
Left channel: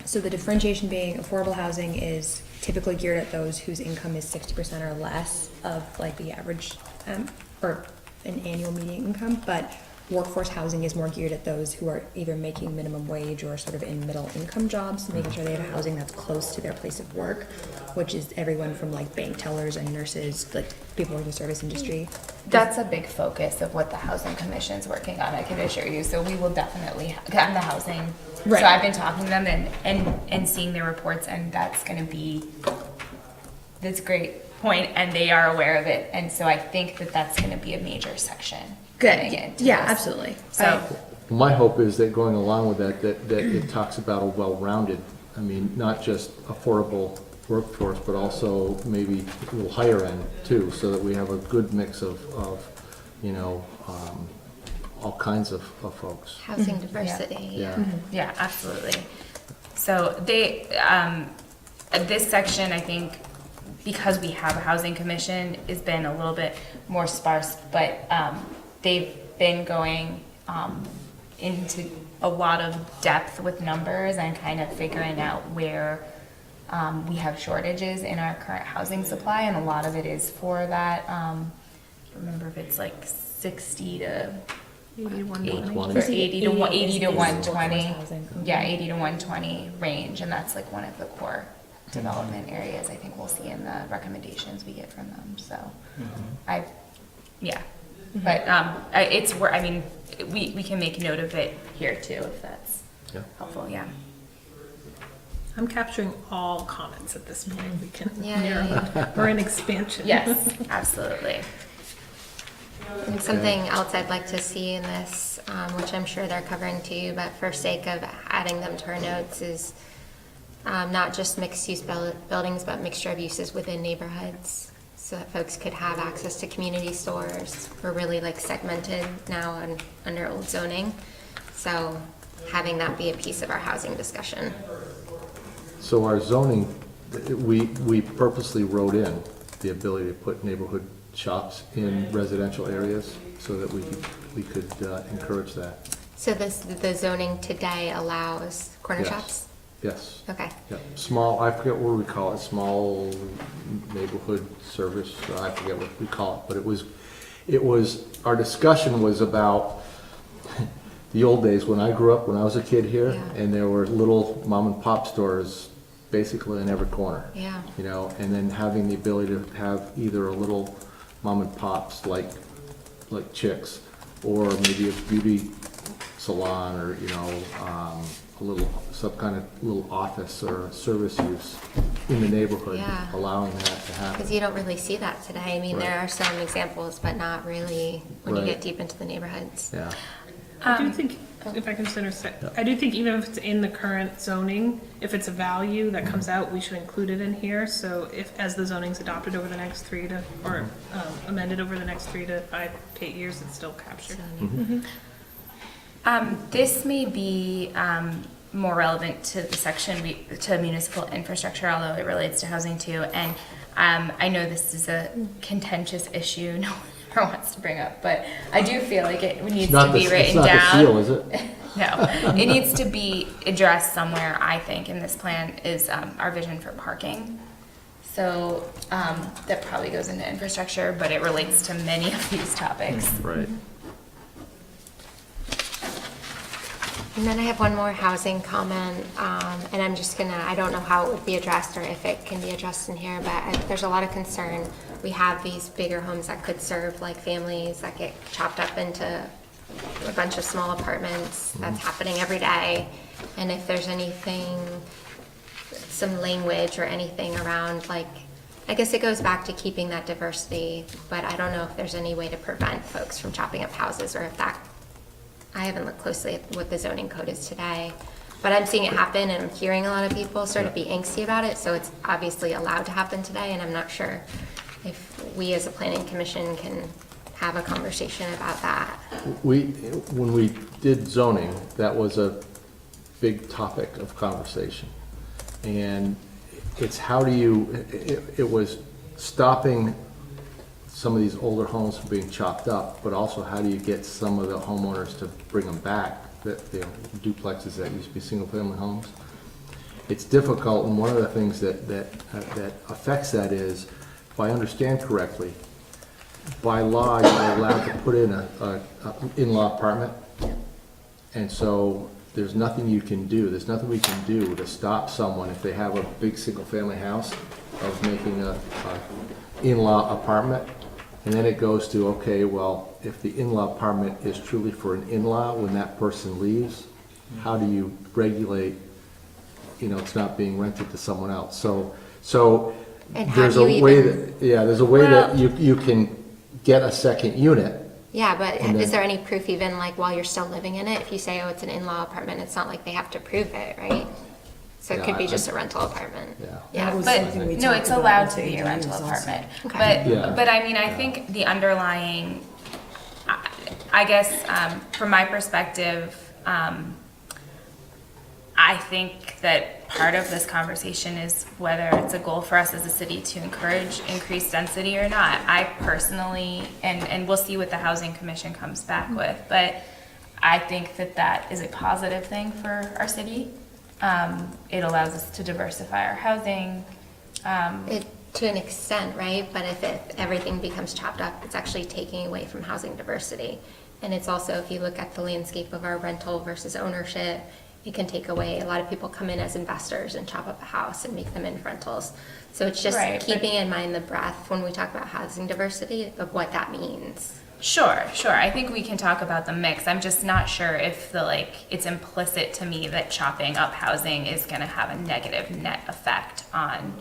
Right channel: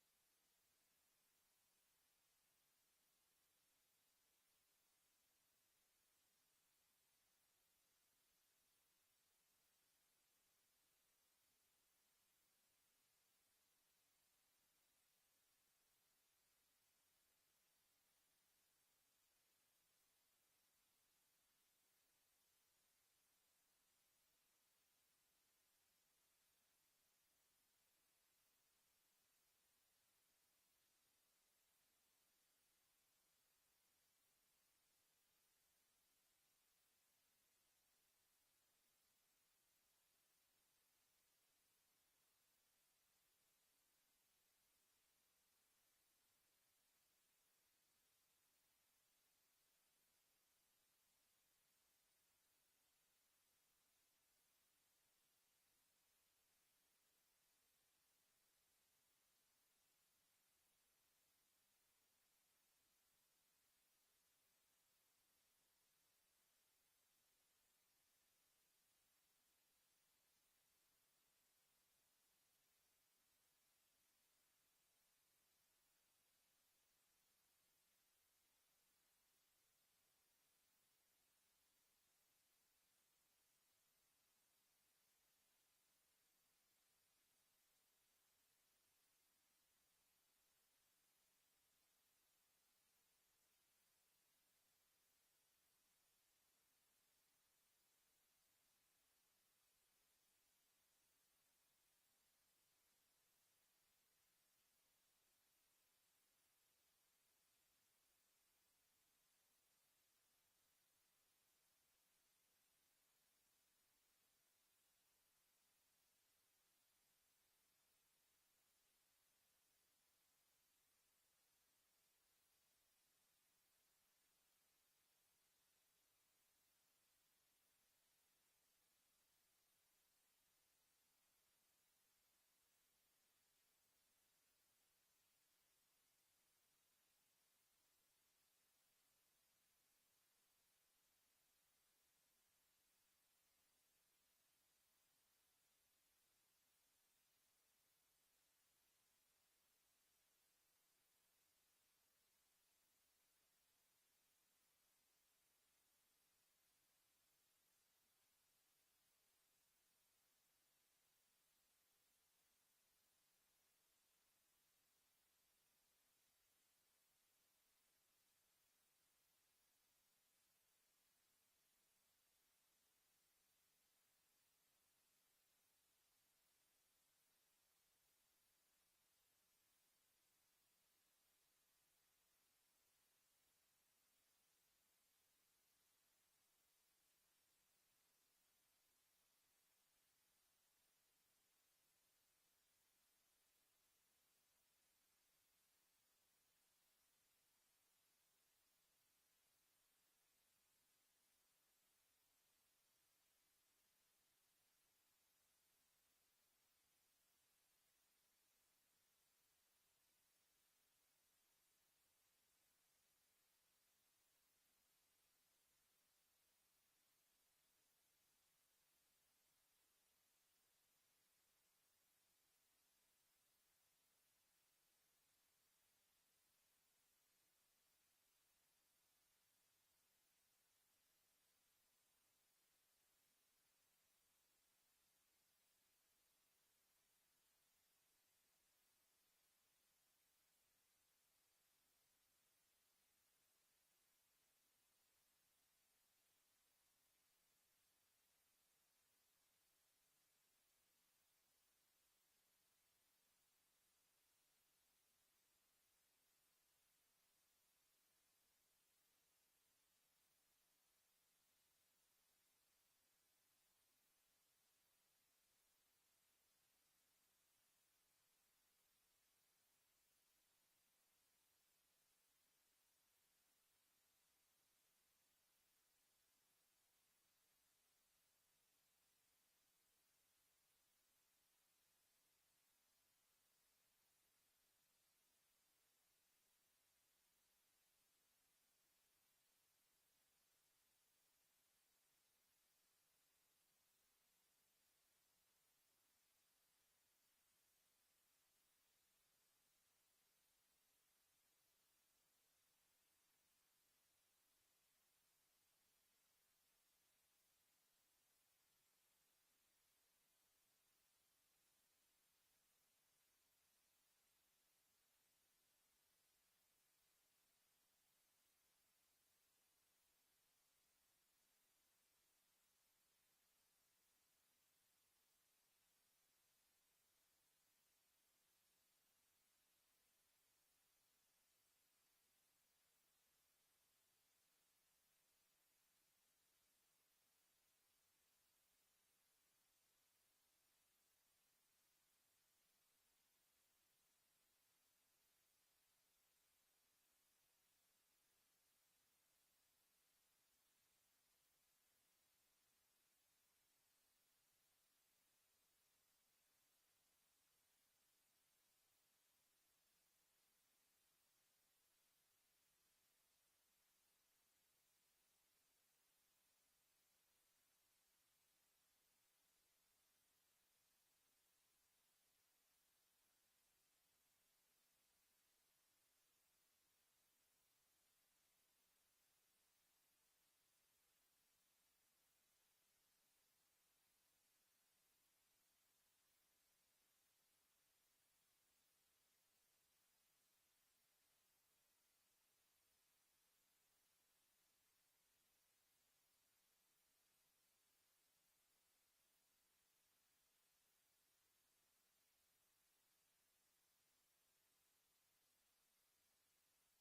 So the differentiation being affordable housing is typically geared at those whose income is 60% or less of like the average, or an annual median income, but workforce housing is more geared at those who are either making minimum wage or sort of in middle income jobs, making sure they have housing that's close to their place of work, which is everyone from like bank tellers and nurses, like people in the service industry. That's a big focus of what the Housing Commission's working on, I can assure you. So we will definitely have the housing. Right. So I've been talking to them and seeing their reports, and that's a great point, and they are aware of it. And so I think that that's gonna be a major section. Good, getting into yeah, this. absolutely. So, My hope is that going along with that it talks about a well-rounded, I mean, not just affordable workforce, but also maybe a little higher end too, so that we have a good mix of all kinds of folks. Housing diversity. Yeah. yeah, absolutely. So this section, I think, because we have a housing commission, has been a little bit more sparse, but they've been going into a lot of depth with numbers and kind of figuring out where we have shortages in our current housing supply, and a lot of it is for that. I can't remember if it's like 60 to 8120. or 80 to 120. Workforce housing. Yeah, 80 to 120 range, and that's like one of the core development areas I think we'll see in the recommendations we get from them. So, we can make note of it here too if that's helpful. Yeah. I'm capturing all comments at this point. We can Yeah, narrow. We're in expansion. Yes, absolutely. And something else I'd like to see in this, which I'm sure they're covering too, but for sake of adding them to our notes, is not just mixed-use buildings, but mixture of uses within neighborhoods, so that folks could have access to community stores. We're really like segmented now under old zoning, so having that be a piece of our housing discussion. So our zoning, we purposely wrote in the ability to put neighborhood shops in residential areas so that we could encourage that. So the zoning today allows corner Yes. shops? Yes. Okay. Yeah. Small, I forget what we call it, small neighborhood service, I forget what we call it, but it was, our discussion was about the old days when I grew up, when I was a kid here, Yeah. and there were little mom and pop stores basically in every corner. Yeah. You know, and then having the ability to have either a little mom and pops like Chicks, or maybe a beauty salon, or, you know, a little, some kind of little office or service use in the neighborhood, Yeah. allowing that to happen. Because you don't really see that today. I mean, there Right. are some examples, but not really when you Right. get deep into the neighborhoods. Yeah, I do think, if I can just intersect, I do think even if it's in the current zoning, if it's a value that comes out, we should include it in here. So if, as the zoning's adopted over the next amended over the next 3 to 5 to 8 years, it's still captured. This may be more relevant to the section to municipal infrastructure, although it relates to housing too. And I know this is a contentious issue no one ever wants to bring up, but I do feel like it needs to be written down. It's not the seal, is it? No, it needs to be addressed somewhere, I think, in this plan is our vision for parking. So that probably goes into infrastructure, but it relates to many of these topics. Right. And then I have one more housing comment, and I'm just gonna, I don't know how it would be addressed or if it can be addressed in here, but there's a lot of concern. We have these bigger homes that could serve like families that get chopped up into a bunch of small apartments. That's happening every day. And if there's anything, some language or anything around, like, I guess it goes back to keeping that diversity, but I don't know if there's any way to prevent folks from chopping up houses, or if that, I haven't looked closely at what the zoning code is today, but I'm seeing it happen, and I'm hearing a lot of people sort of be angsty about it, so it's obviously allowed to happen today, and I'm not sure if we as a planning commission can have a conversation about that. When we did zoning, that was a big topic of conversation. And it's how do you, it was stopping some of these older homes from being chopped up, but also how do you get some of the homeowners to bring them back, that, you know, duplexes that used to be single-family homes. It's difficult, and one of the things that affects that is, if I understand correctly, by law, you're allowed to put in a in-law apartment. And so there's nothing you can do, there's nothing we can do to stop someone if they have a big single-family house of making a in-law apartment. And then it goes to, okay, well, if the in-law apartment is truly for an in-law, when that person leaves, how do you regulate, you know, it's not being rented to someone else? So And how there's do a you way even- that, yeah, there's a way that you can get a second unit. Yeah, but And is then- there any proof even like while you're still living in it? If you say, oh, it's an in-law apartment, it's not like they have to prove it, right? So it Yeah, could be I- just a rental apartment. Yeah. Yeah, That was but something we no, talked it's about allowed with to be a ADUs rental also. apartment. Okay. Yeah. But I mean, I think the underlying, I guess, from my perspective, I think that part of this conversation is whether it's a goal for us as a city to encourage increased density or not. I personally, and we'll see what the Housing Commission comes back with, but I think that that is a positive thing for our city. It allows us to diversify our housing. To an extent, right? But if everything becomes chopped up, it's actually taking away from housing diversity. And it's also, if you look at the landscape of our rental versus ownership, it can take away, a lot of people come in as investors and chop up a house and make them into rentals. So it's just Right, but- keeping in mind the breadth when we talk about housing diversity of what that means. Sure. I think we can talk about the mix. I'm just not sure if it's implicit to me that chopping up housing is gonna have a negative net effect on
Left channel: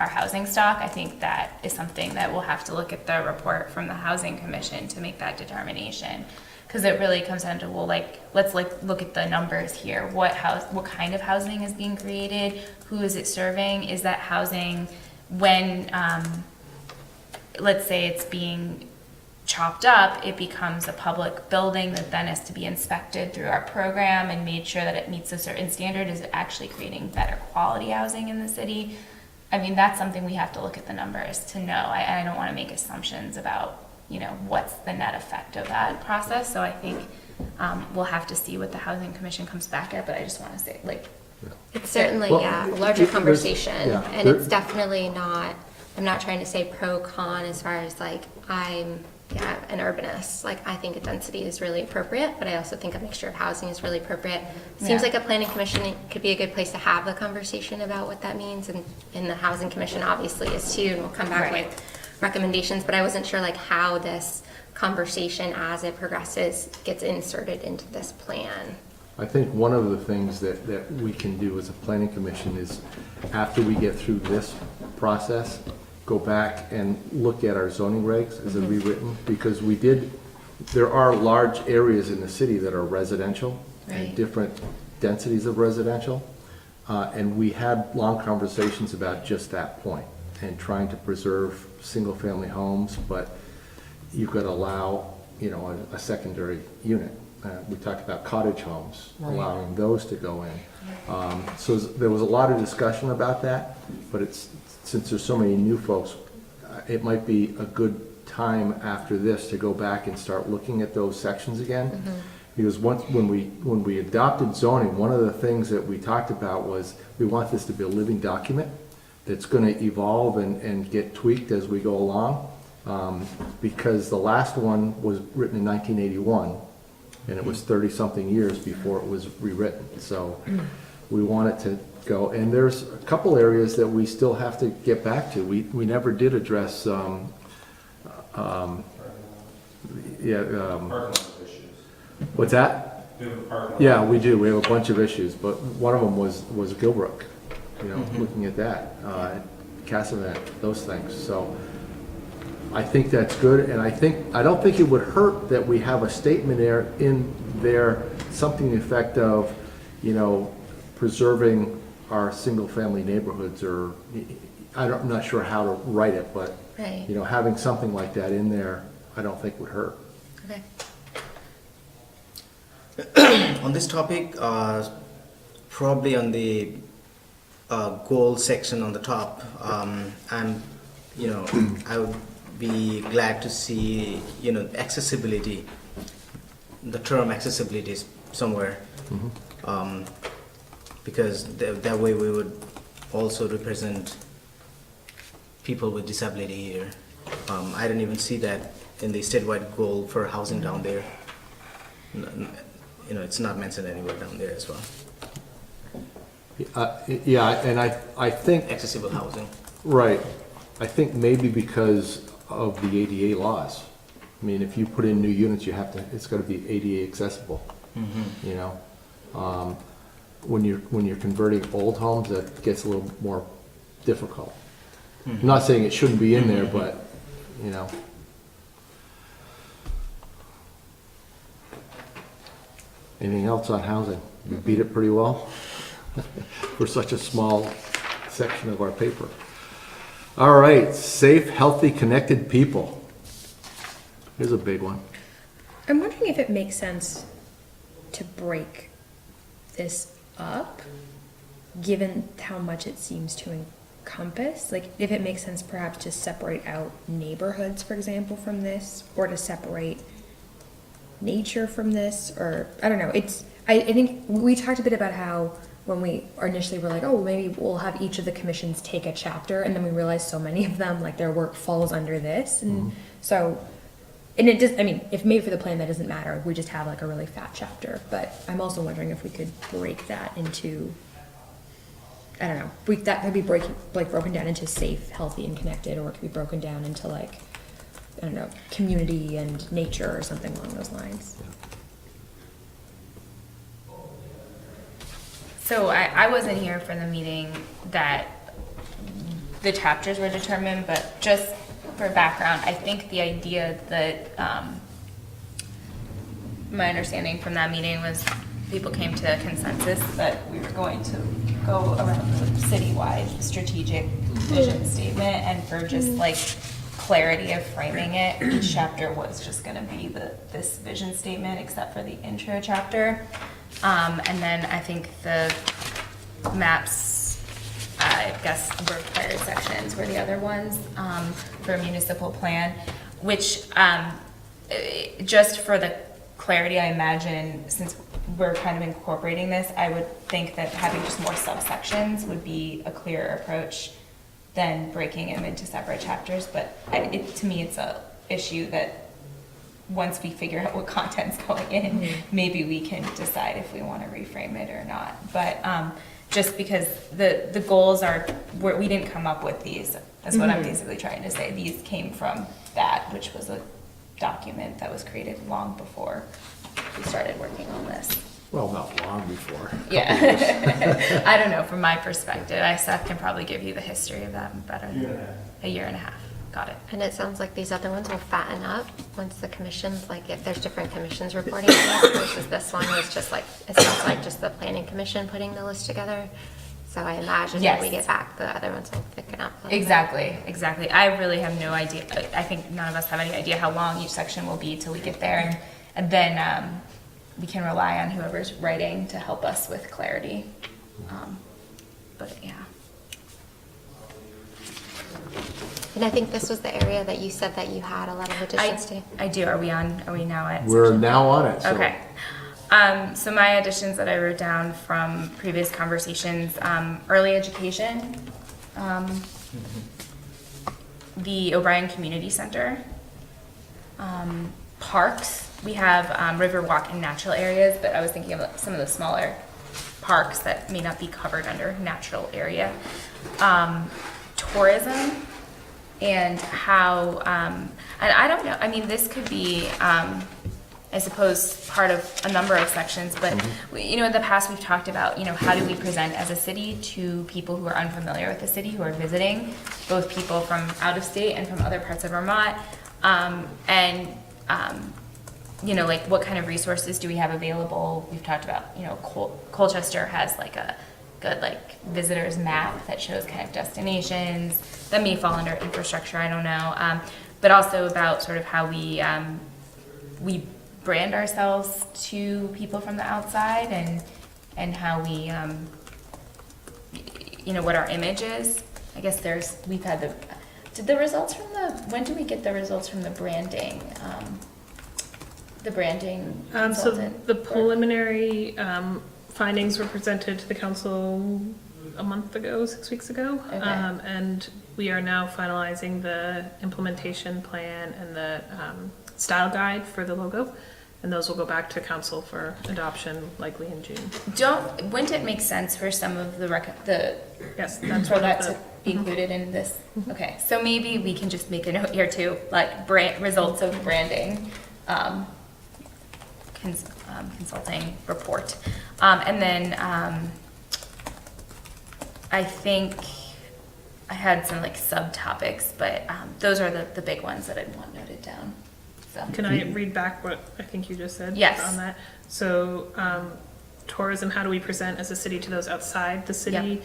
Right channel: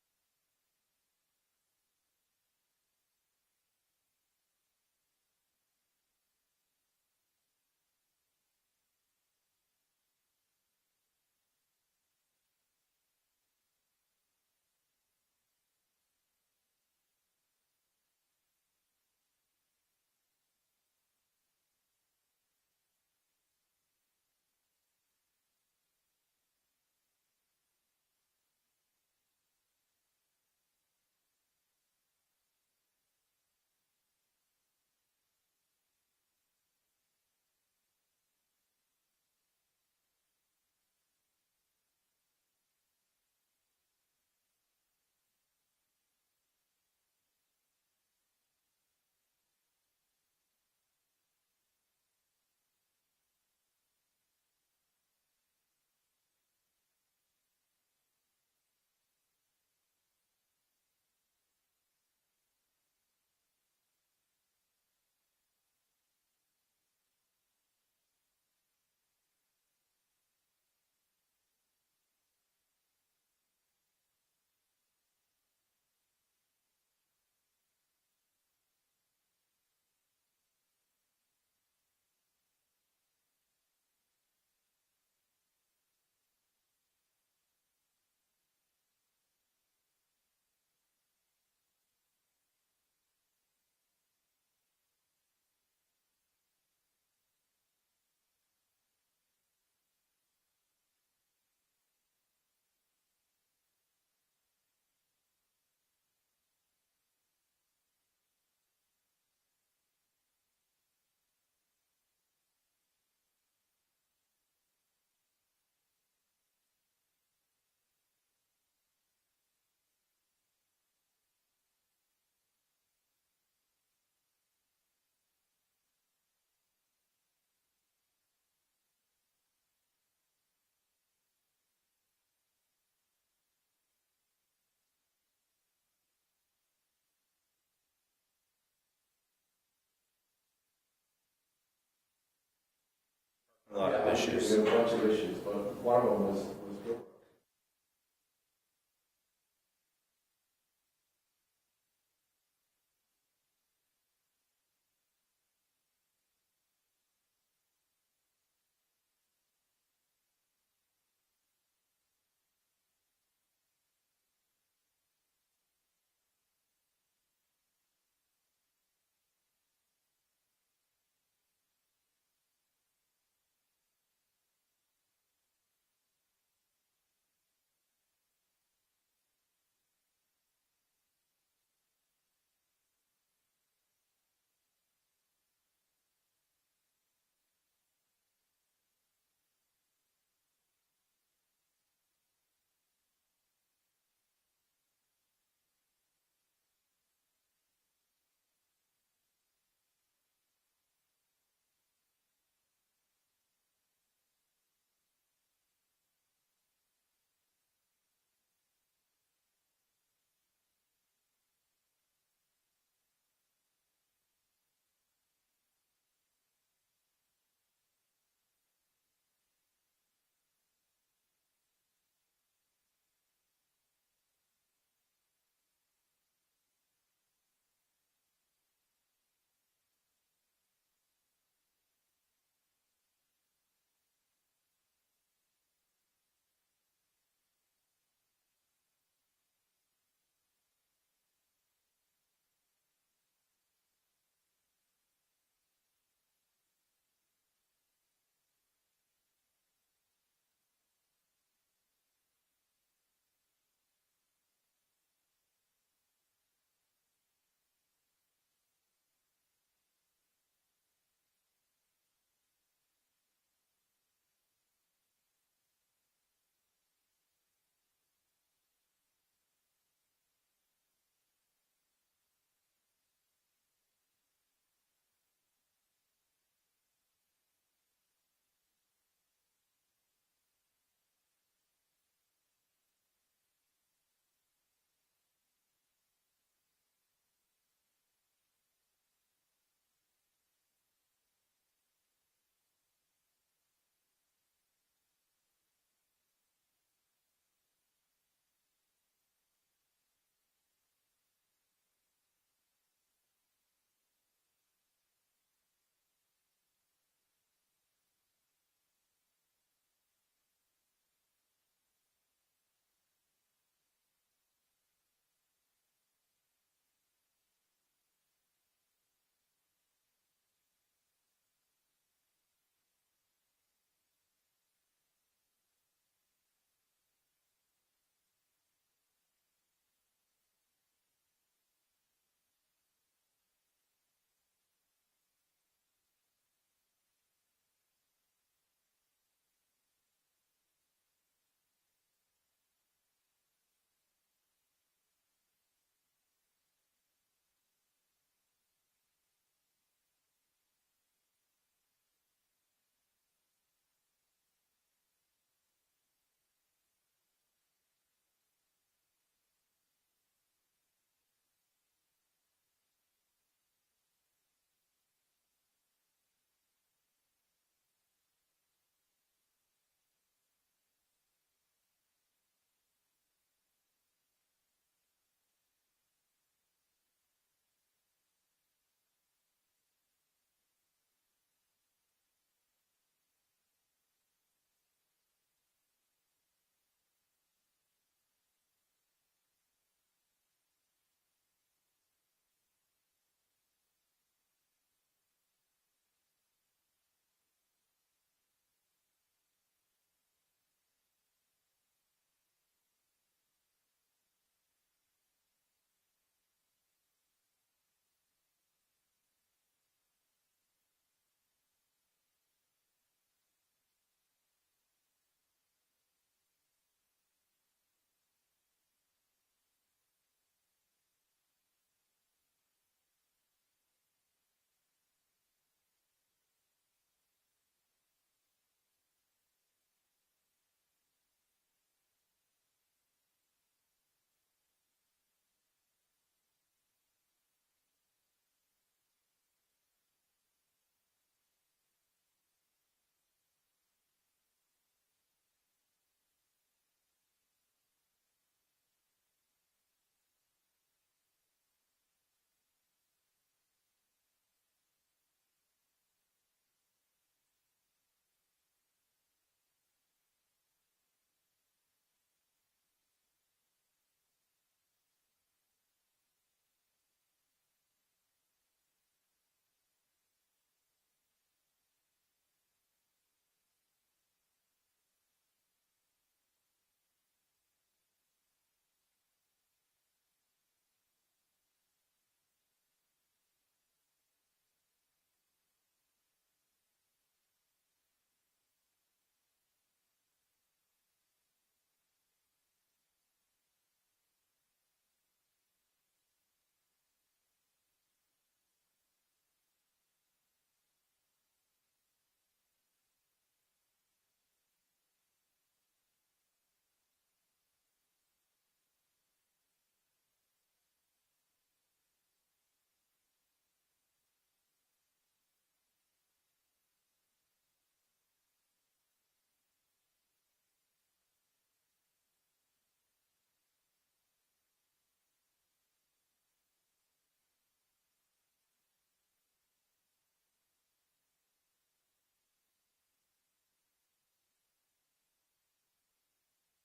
our housing stock. I think that is something that we'll have to look at the report from the Housing Commission to make that determination. Because it really comes down to, well, let's look at the numbers here. What kind of housing is being created? Who is it serving? Is that housing, when, let's say it's being chopped up, it becomes a public building that then has to be inspected through our program and made sure that it meets a certain standard? Is it actually creating better quality housing in the city? I mean, that's something we have to look at the numbers to know. I don't want to make assumptions about, you know, what's the net effect of that process. So I think we'll have to see what the Housing Commission comes back at, but I just want to say, It's certainly, Well, a larger there's- conversation, yeah, and there- it's definitely not I'm not trying to say pro con as far as like, I'm, yeah, an urbanist. Like, I think a density is really appropriate, but I also think a mixture of housing is really appropriate. Seems like a planning commission could be a good place to have the conversation about what that means, and the housing commission obviously is too, and we'll come back with recommendations, but I wasn't sure like how this conversation as it progresses gets inserted into this plan. I think one of the things that we can do as a planning commission is, after we get through this process, go back and look at our zoning regs as they're rewritten, because there are large areas in the city that are residential and different densities of residential. And we had long conversations about just that point and trying to preserve single-family homes, but you could allow, you know, a secondary unit. We talked about cottage homes, allowing those to go in. So there was a lot of discussion about that, but since there's so many new folks, it might be a good time after this to go back and start looking at those sections again. Because when we adopted zoning, one of the things that we talked about was we want this to be a living document that's going to evolve and get tweaked as we go along. Because the last one was written in 1981, and it was 30-something years before it was rewritten. So we want it to go, and there's a couple areas that we still have to get back to. We never did address, what's that? Yeah, we do. We have a bunch of issues, but one of them was Gilbrook, you know, looking at that, Cassavant, those things. So I think that's good, and I don't think it would hurt that we have a statement in there, something to the effect of, you know, preserving our single-family neighborhoods, or I'm not sure how to write it, but you know, having something like that in there, I don't think would hurt. Okay. On this topic, probably on the goal section on the top, I would be glad to see, you know, accessibility, the term accessibility is somewhere, because that way we would also represent people with disability here. I didn't even see that in the statewide goal for housing down there. You know, it's not mentioned anywhere down there as well. Yeah, and I think Accessible housing. right. I think maybe because of the ADA laws. I mean, if you put in new units, it's got to be ADA accessible. You know, when you're converting old homes, that gets a little more difficult. I'm not saying it shouldn't be in there, but you know. Anything else on housing? We beat it pretty well for such a small section of our paper. All right, safe, healthy, connected people. Here's a big one. I'm wondering if it makes sense to break this up, given how much it seems to encompass. Like, if it makes sense perhaps to separate out neighborhoods, for example, from this, or to separate nature from this, or I don't know. I think we talked a bit about how when we initially were like, oh, maybe we'll have each of the commissions take a chapter, and then we realized so many of them, like, their work falls under this, and so, and it just, I mean, if made for the plan, that doesn't matter. We just have like a really fat chapter, but I'm also wondering if we could break that into, I don't know, that could be broken down into safe, healthy, and connected, or it could be broken down into like, I don't know, community and nature or something along those lines. So I wasn't here for the meeting that the chapters were determined, but just for background, I think the idea that, my understanding from that meeting was people came to a consensus that we were going to go around the citywide strategic vision statement, and for just like clarity of framing it, each chapter was just gonna be this vision statement except for the intro chapter. And then I think the maps, I guess, required sections were the other ones for municipal plan, which just for the clarity, I imagine, since we're kind of incorporating this, I would think that having just more subsections would be a clearer approach than breaking them into separate chapters. But to me, it's a issue that once we figure out what content's going in, maybe we can decide if we want to reframe it or not. But just because the goals are, we didn't come up with these, that's what I'm basically trying to say. These came from that, which was a document that was created long before we started working on this. Well, not long before. Yeah. I don't know, from my perspective. Seth can probably give you the history of that better than a year and a half. Got it. And it sounds like these other ones will fatten up once the commissions, like if there's different commissions reporting on this versus this one was just like, it sounds like just the planning commission putting the list together. So I imagine when we get back, the other ones will thicken up a little Exactly. I really have no idea. I think none of us have any idea how long each section will be till we get there. And then we can rely on whoever's writing to help us with clarity. But yeah. And I think this was the area that you said that you had a lot of additions to. I do. Are we now at? We're section now 3? on it. So. Okay. So my additions that I wrote down from previous conversations, early education, the O'Brien Community Center, parks. We have Riverwalk and natural areas, but I was thinking of some of the smaller parks that may not be covered under natural area. Tourism and how, and I don't know, I mean, this could be, I suppose, part of a number of sections, but in the past we've talked about, how do we present as a city to people who are unfamiliar with the city, who are visiting, both people from out of state and from other parts of Vermont, like what kind of resources do we have available? We've talked about, Colchester has like a good visitors map that shows kind of destinations that may fall under infrastructure, I don't know, but also about sort of how we brand ourselves to people from the outside and how we, what our image is. I guess when do we get the results from the branding? The branding So consultant? the preliminary findings were presented to the council a month ago, 6 weeks ago. Okay. And we are now finalizing the implementation plan and the style guide for the logo. And those will go back to council for adoption likely in June. Wouldn't it make sense for some of Yes, that's for one that of to the, be included in this? Okay, so maybe we can just make a note here too, like results of branding, consulting report. And then I think I had some subtopics, but those are the big ones that I'd want noted down. So. Can I read back what I think you just said? Yes. On that? So, tourism, how do we present as a city to those outside the city?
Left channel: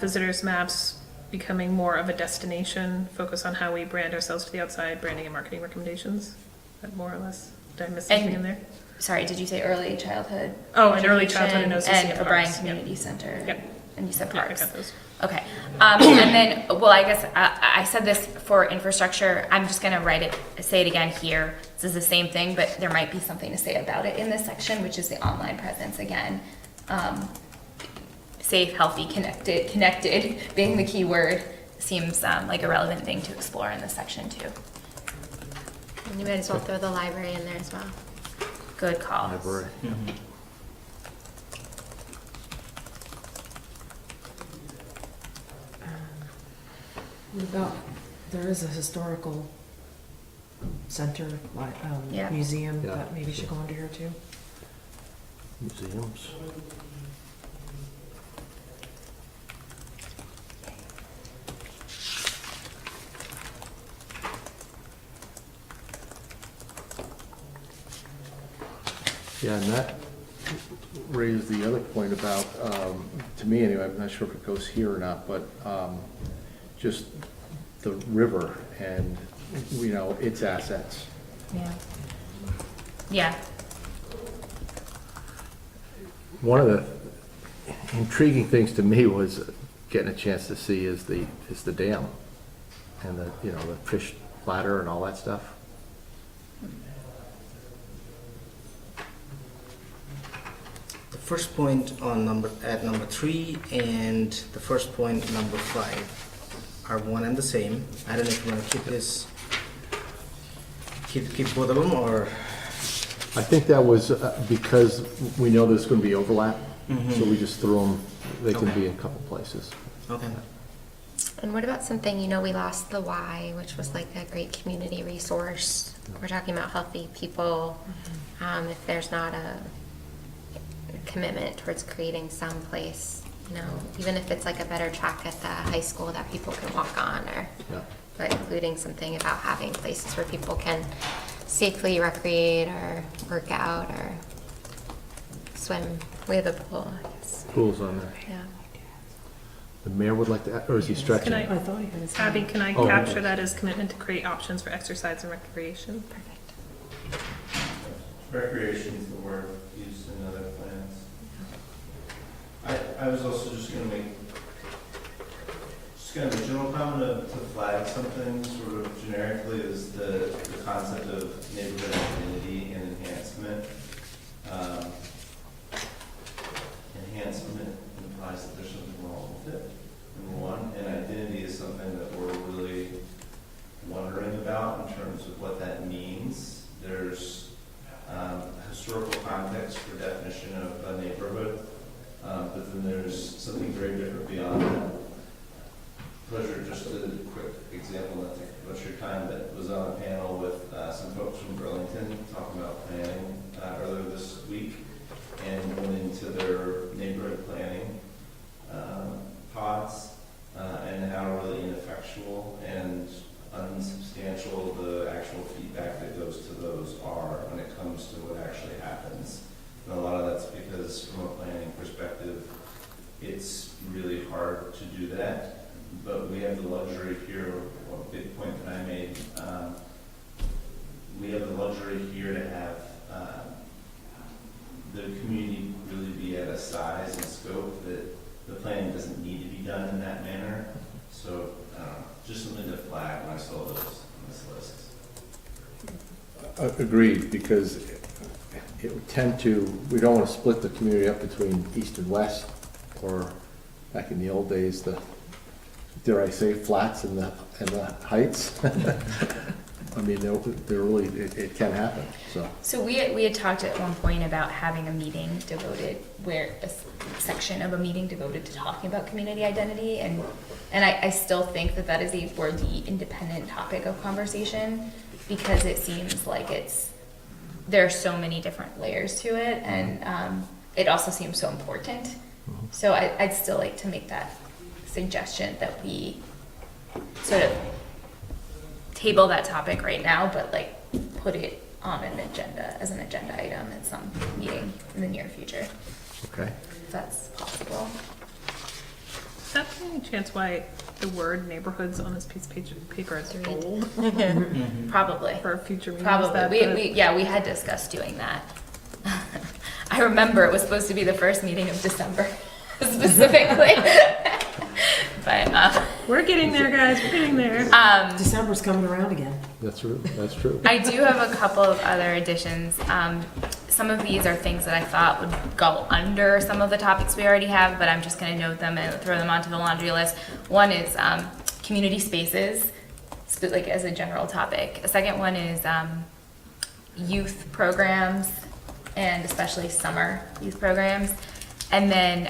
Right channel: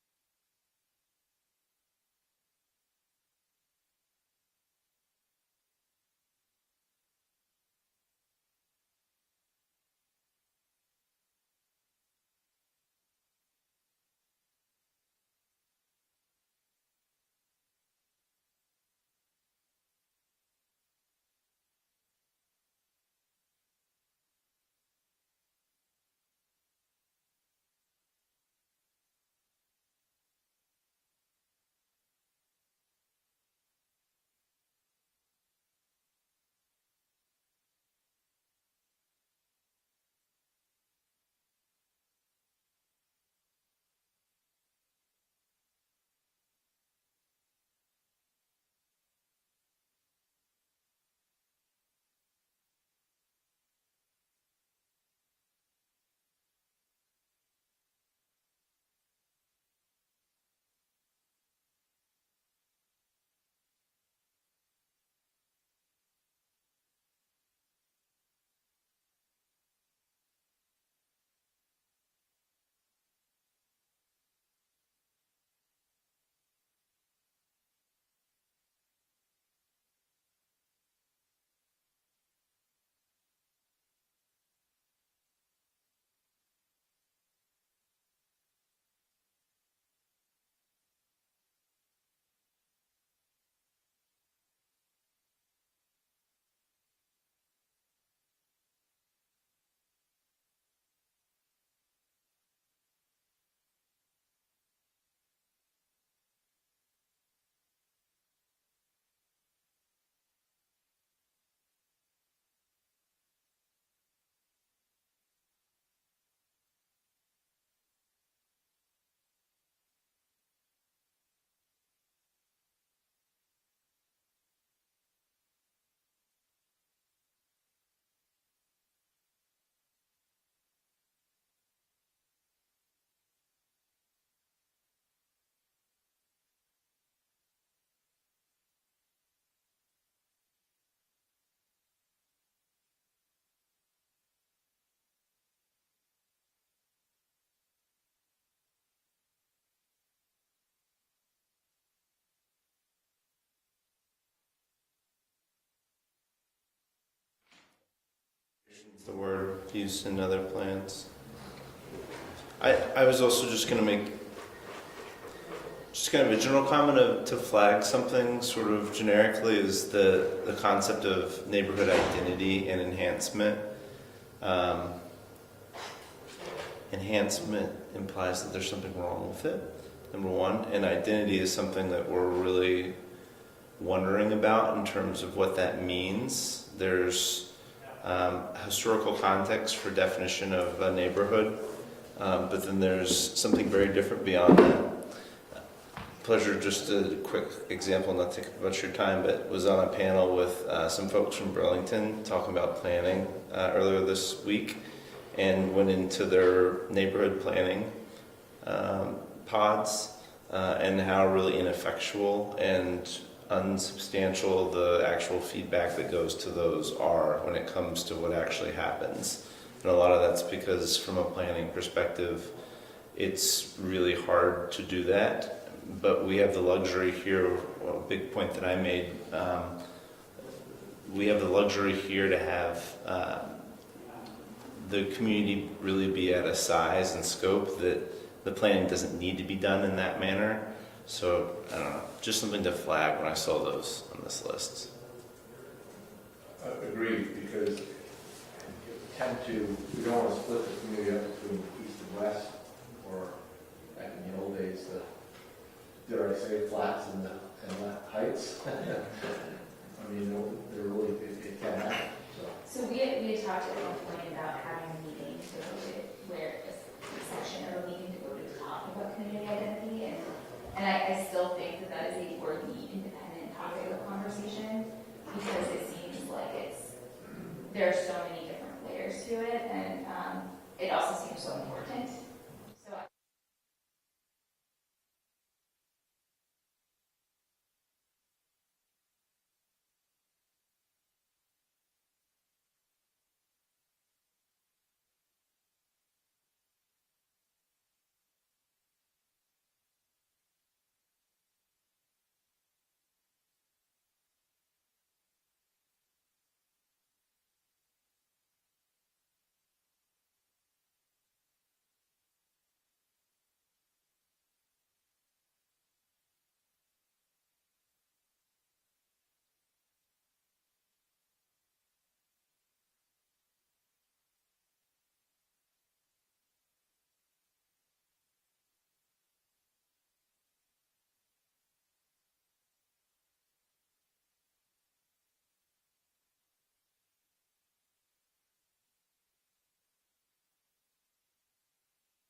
Visitors maps, becoming more of a destination, focus on how we brand ourselves to the outside, branding and marketing recommendations. That more or less, did I miss something in there? Sorry, did you say early childhood? Oh, and early childhood and and OCC O'Brien parks. Community Center. Yep. And you said Yeah, I parks. got those. Okay. And then, I guess I said this for infrastructure. I'm just going to say it again here. This is the same thing, but there might be something to say about it in this section, which is the online presence again. Safe, healthy, connected being the key word seems like a relevant thing to explore in this section too. And you might as well throw the library in there as well. Good call. Library. There is a historical center, Yeah. museum Yeah. that maybe should go under here too. Museums. Yeah, and that raised the other point about, to me anyway, I'm not sure if it goes here or not, but just the river and, its assets. Yeah. Yeah. One of the intriguing things to me was getting a chance to see is the dam and the fish ladder and all that stuff. The first point on number 3 and the first point number 5. are one and the same. I don't know if you want to keep this, keep both of them, or? I think that was because we know there's gonna be overlap, so we just threw them, they can Okay. be in a couple places. Okay. And what about something, we lost the Y, which was like a great community resource. We're talking about healthy people. If there's not a commitment towards creating some place, even if it's like a better track at the high school that people can walk on, or Yeah. but including something about having places where people can safely recreate or work out or swim. We have a pool, I guess. Rules on there. Yeah. The mayor would like to, or is he stretching? Can I, I thought he had his. Abby, can I Oh, capture okay. that as commitment to create options for exercise and recreation? Perfect. Recreation is the word used in other plans. I was also just gonna make just kind of a general comment to flag something sort of generically is the concept of neighborhood identity and enhancement. Enhancement implies that there's something wrong with it, number one, and identity is something that we're really wondering about in terms of what that means. There's historical context for definition of a neighborhood, but then there's something very different beyond that. Pleasure, just a quick example, not to take much of your time, but was on a panel with some folks from Burlington talking about planning earlier this week, and went into their neighborhood planning pods and how really ineffectual and unsubstantial the actual feedback that goes to those are when it comes to what actually happens. And a lot of that's because from a planning perspective, it's really hard to do that. But we have the luxury here, well, a big point that I made, we have the luxury here to have the community really be at a size and scope that the planning doesn't need to be done in that manner. So, I don't know, just something to flag when I saw those on this list. Agreed, because it would tend to, we don't want to split the community up between east and west, or back in the old days, the, dare I say, flats and the heights. I mean, they're really, it can happen, so. So we had talked at one point about having a meeting devoted, where a section of a meeting devoted to talking about community identity, and I still think that is a worthy independent topic of conversation, because it seems like there are so many different layers to it, and it also seems so important. So I'd still like to make that suggestion that we sort of table that topic right now, but like put it on an agenda, as an agenda item at some meeting in the near future, Okay. if that's possible. Is that by any chance why the word neighborhoods on this piece of paper is bold Probably. for a future meeting? Is Probably. that We had discussed doing that. I remember it was supposed to be the first meeting of December, specifically. But We're getting there, guys, we're getting there. December's coming around again. That's true, that's true. I do have a couple of other additions. Some of these are things that I thought would go under some of the topics we already have, but I'm just going to note them and throw them onto the laundry list. One is community spaces, like as a general topic. A second one is youth programs, and especially summer youth programs. And then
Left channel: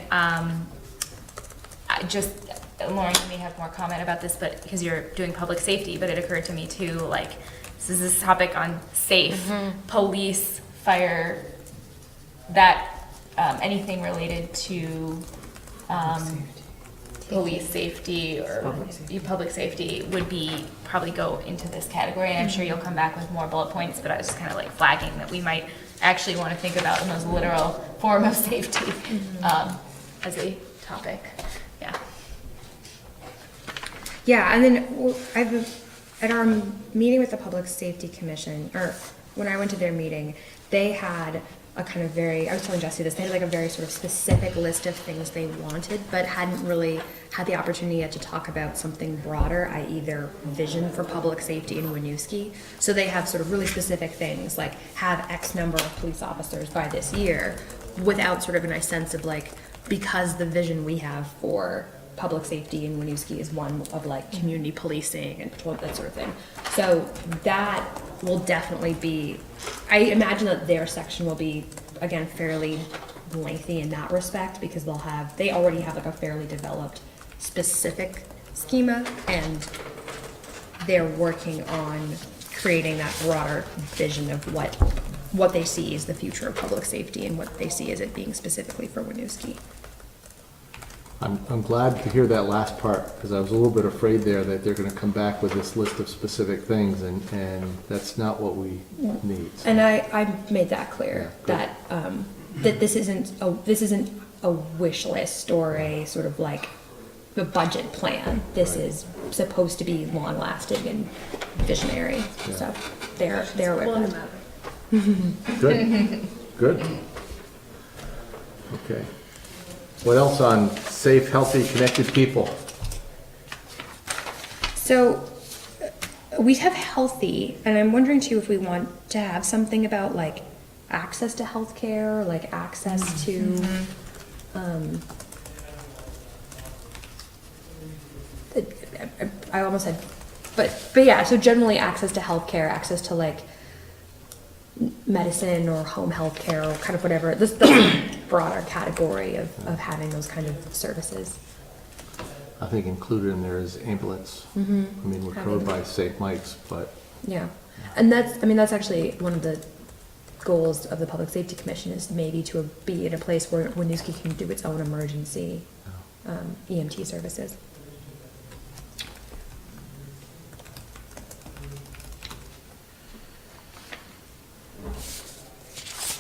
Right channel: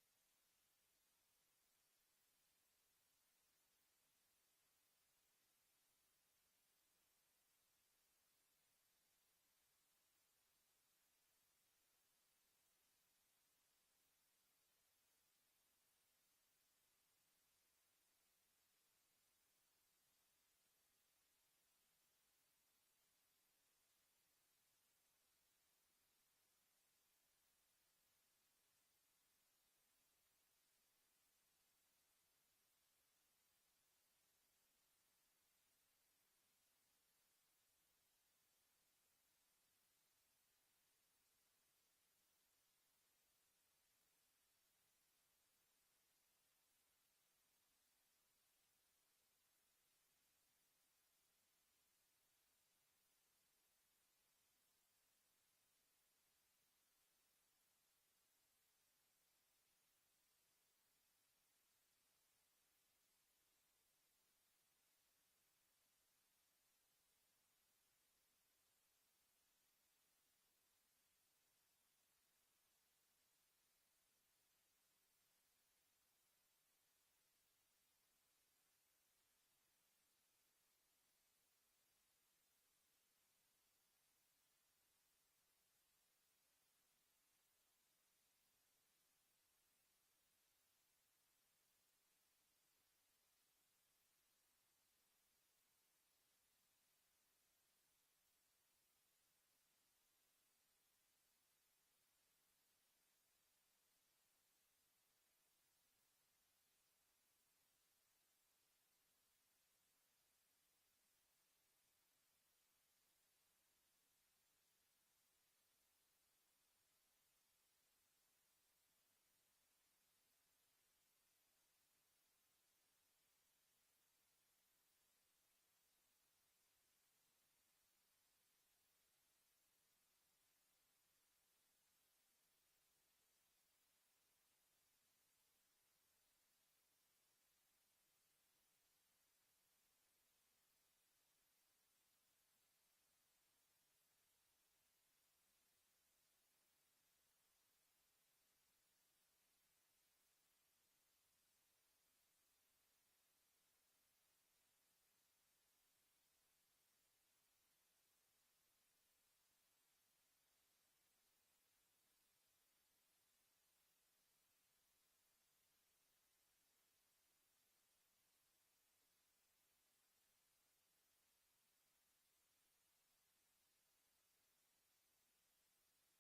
Lauren, you may have more comment about this, but because you're doing public safety, but it occurred to me too, like, this is this topic on safe, police, fire, that, anything related to, police safety or public safety would probably go into this category, and I'm sure you'll come back with more bullet points, but I was just kind of like flagging that we might actually want to think about the most literal form of safety, as a topic. Yeah. Yeah, and then at our meeting with the Public Safety Commission, or when I went to their meeting, they had a kind of I was telling Jesse this, they had like a very sort of specific list of things they wanted, but hadn't really had the opportunity yet to talk about something broader, i.e. their vision for public safety in Winooski. So they have sort of really specific things, like have X number of police officers by this year, without sort of a nice sense of like, because the vision we have for public safety in Winooski is one of like community policing and patrol, that sort of thing. So that will definitely be, I imagine that their section will be, again, fairly lengthy in that respect, because they already have like a fairly developed specific schema, and they're working on creating that broader vision of what they see as the future of public safety and what they see as it being specifically for Winooski. I'm glad to hear that last part, because I was a little bit afraid there that they're gonna come back with this list of specific things, and that's not what we need. So, And I made that clear, Yeah, that this isn't a wish list or a sort of like a budget plan. This is supposed to be long lasting and visionary, Yeah. so they're with Pulling it. them out. Good, good. Okay. What else on safe, healthy, connected people? So we have healthy, and I'm wondering too if we want to have something about like access to healthcare, like access to, I almost said, but yeah, so generally access to healthcare, access to like medicine or home health care or kind of whatever, this the broader category of having those kind of services. I think included in there is ambulance. I mean, we're covered by St. Mike's, but Yeah, and that's actually one of the goals of the Public Safety Commission, is maybe to be in a place where Winooski can do its own emergency EMT services.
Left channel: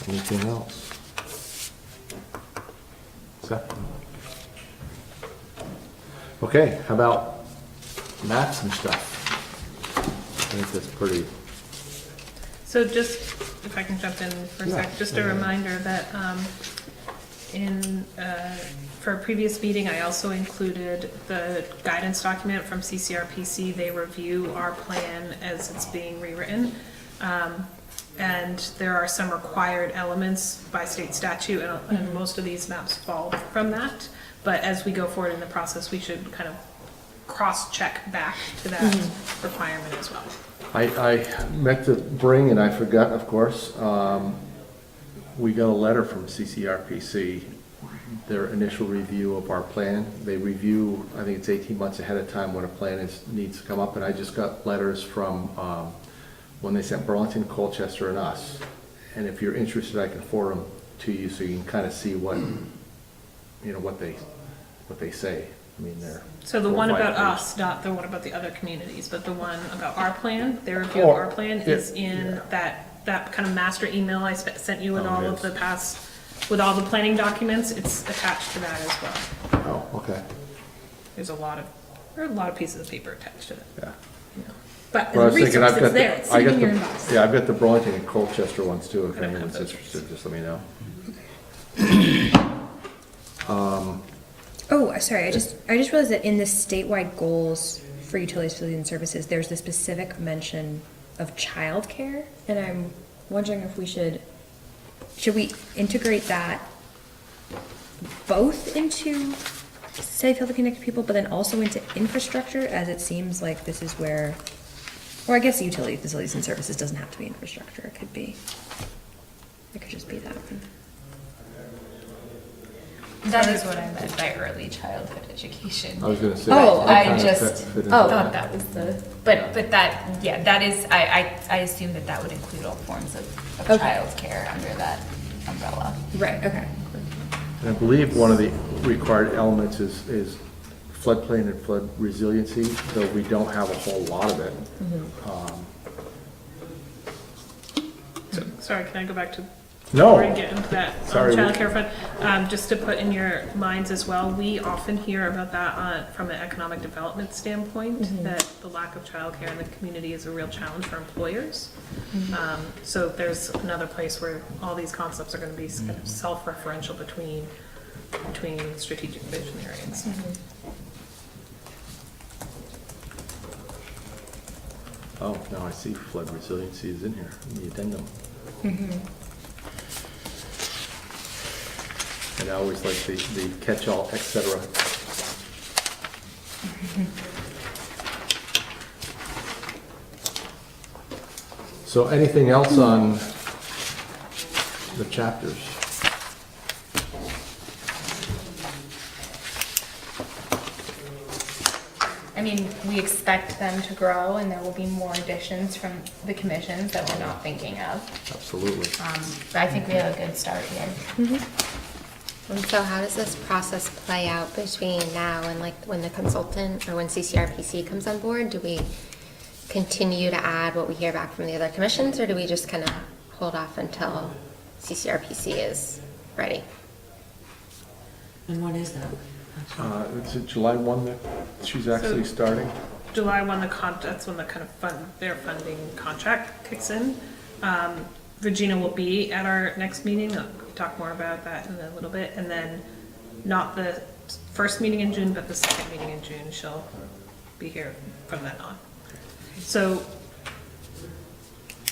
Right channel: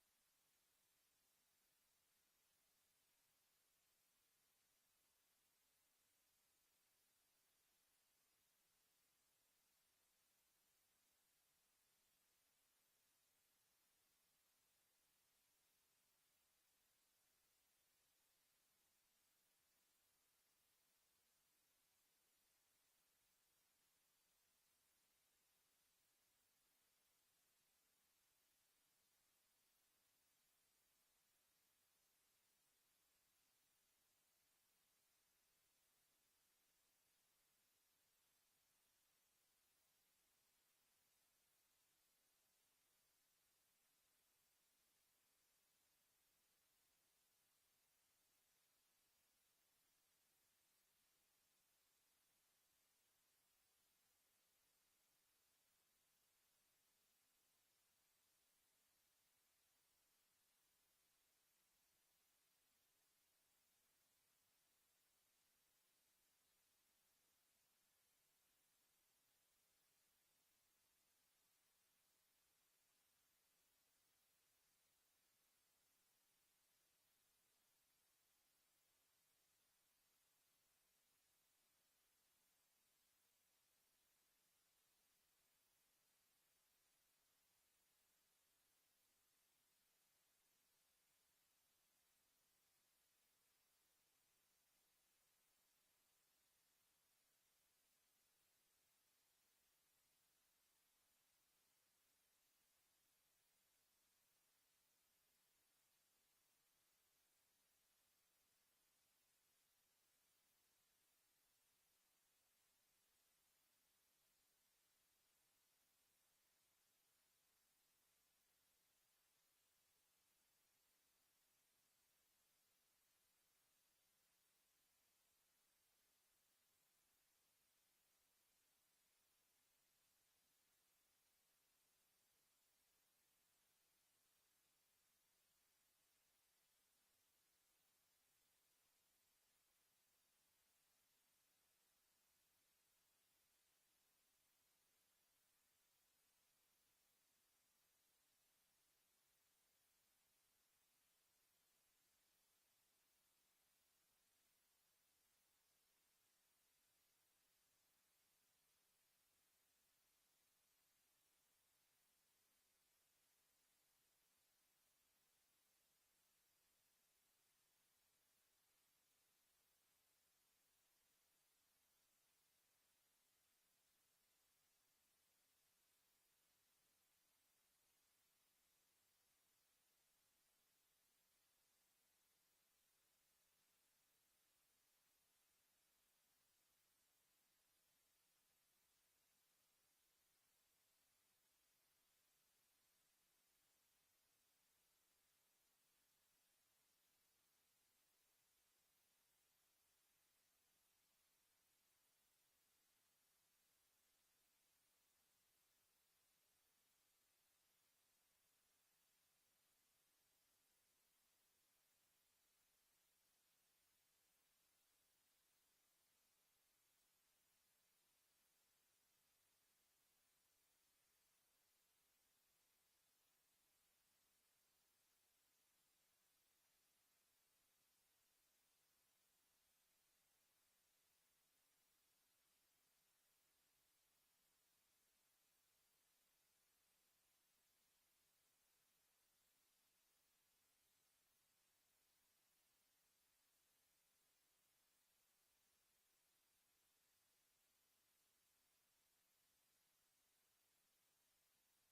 anything else? Seth? Okay, how about maps and stuff? I think that's pretty, So just, if I can jump in for a Yeah. sec, just a reminder that for a previous meeting, I also included the guidance document from CCRPC. They review our plan as it's being rewritten. And there are some required elements by state statute, and most of these maps fall from that. But as we go forward in the process, we should kind of cross-check back to that requirement as well. I meant to bring, and I forgot, of course, we got a letter from CCRPC, their initial review of our plan. They review, I think it's 18 months ahead of time when a plan needs to come up, and I just got letters from when they sent Burlington, Colchester, and us. And if you're interested, I can forward them to you so you can kind of see what, what they say. I mean, they're. So the 4 or one 5 about pages. us, not the one about the other communities, but the one about our plan, their review of Oh, our plan is in that kind of master email I sent you with Oh, all it of is. the past, with all the planning documents. It's attached to that as well. Oh, okay, There are a lot of pieces of paper attached to it. yeah. But as Well, I a was thinking, resource, I've got it's there, it's I sitting got in your the, inbox. yeah, I've got the Burlington and Colchester ones too, if I don't have anyone's those. interested, just let me know. Oh, sorry, I just realized that in the statewide goals for utilities, facilities, and services, there's the specific mention of childcare, and I'm wondering if we should we integrate that both into safe, healthy, connected people, but then also into infrastructure, as it seems like this is where, or I guess utility, facilities, and services doesn't have to be infrastructure, it could just be that one. That is what I meant by early childhood education. I was gonna say. Oh, that I kind of just fit into thought that. that was but that is, I assume that would include all forms of Okay. childcare under that umbrella. Right, okay. And I believe one of the required elements is floodplain and flood resiliency, though we don't have a whole lot of it. So, sorry, can I go back to? No. Before we get into that Sorry. childcare fund, just to put in your minds as well, we often hear about that from an economic development standpoint, that the lack of childcare in the community is a real challenge for employers. So there's another place where all these concepts are gonna be kind of self-referential between strategic vision areas. Oh, now I see flood resiliency is in here, in the addendum. And I always like the catch-all, et cetera. So anything else on the chapters? I mean, we expect them to grow and there will be more additions from the commissions that we're not thinking of. Absolutely. But I think we have a good start here. And so how does this process play out between now and like when the consultant or when CCRPC comes on board? Do we continue to add what we hear back from the other commissions, or do we just kind of hold off until CCRPC is ready? And what is that? Is it July 1 that she's actually starting? July 1, that's when the kind of their funding contract kicks in. Regina will be at our next meeting. We'll talk more about that in a little bit. And then not the first meeting in June, but the second meeting in June, she'll be here from then on. So,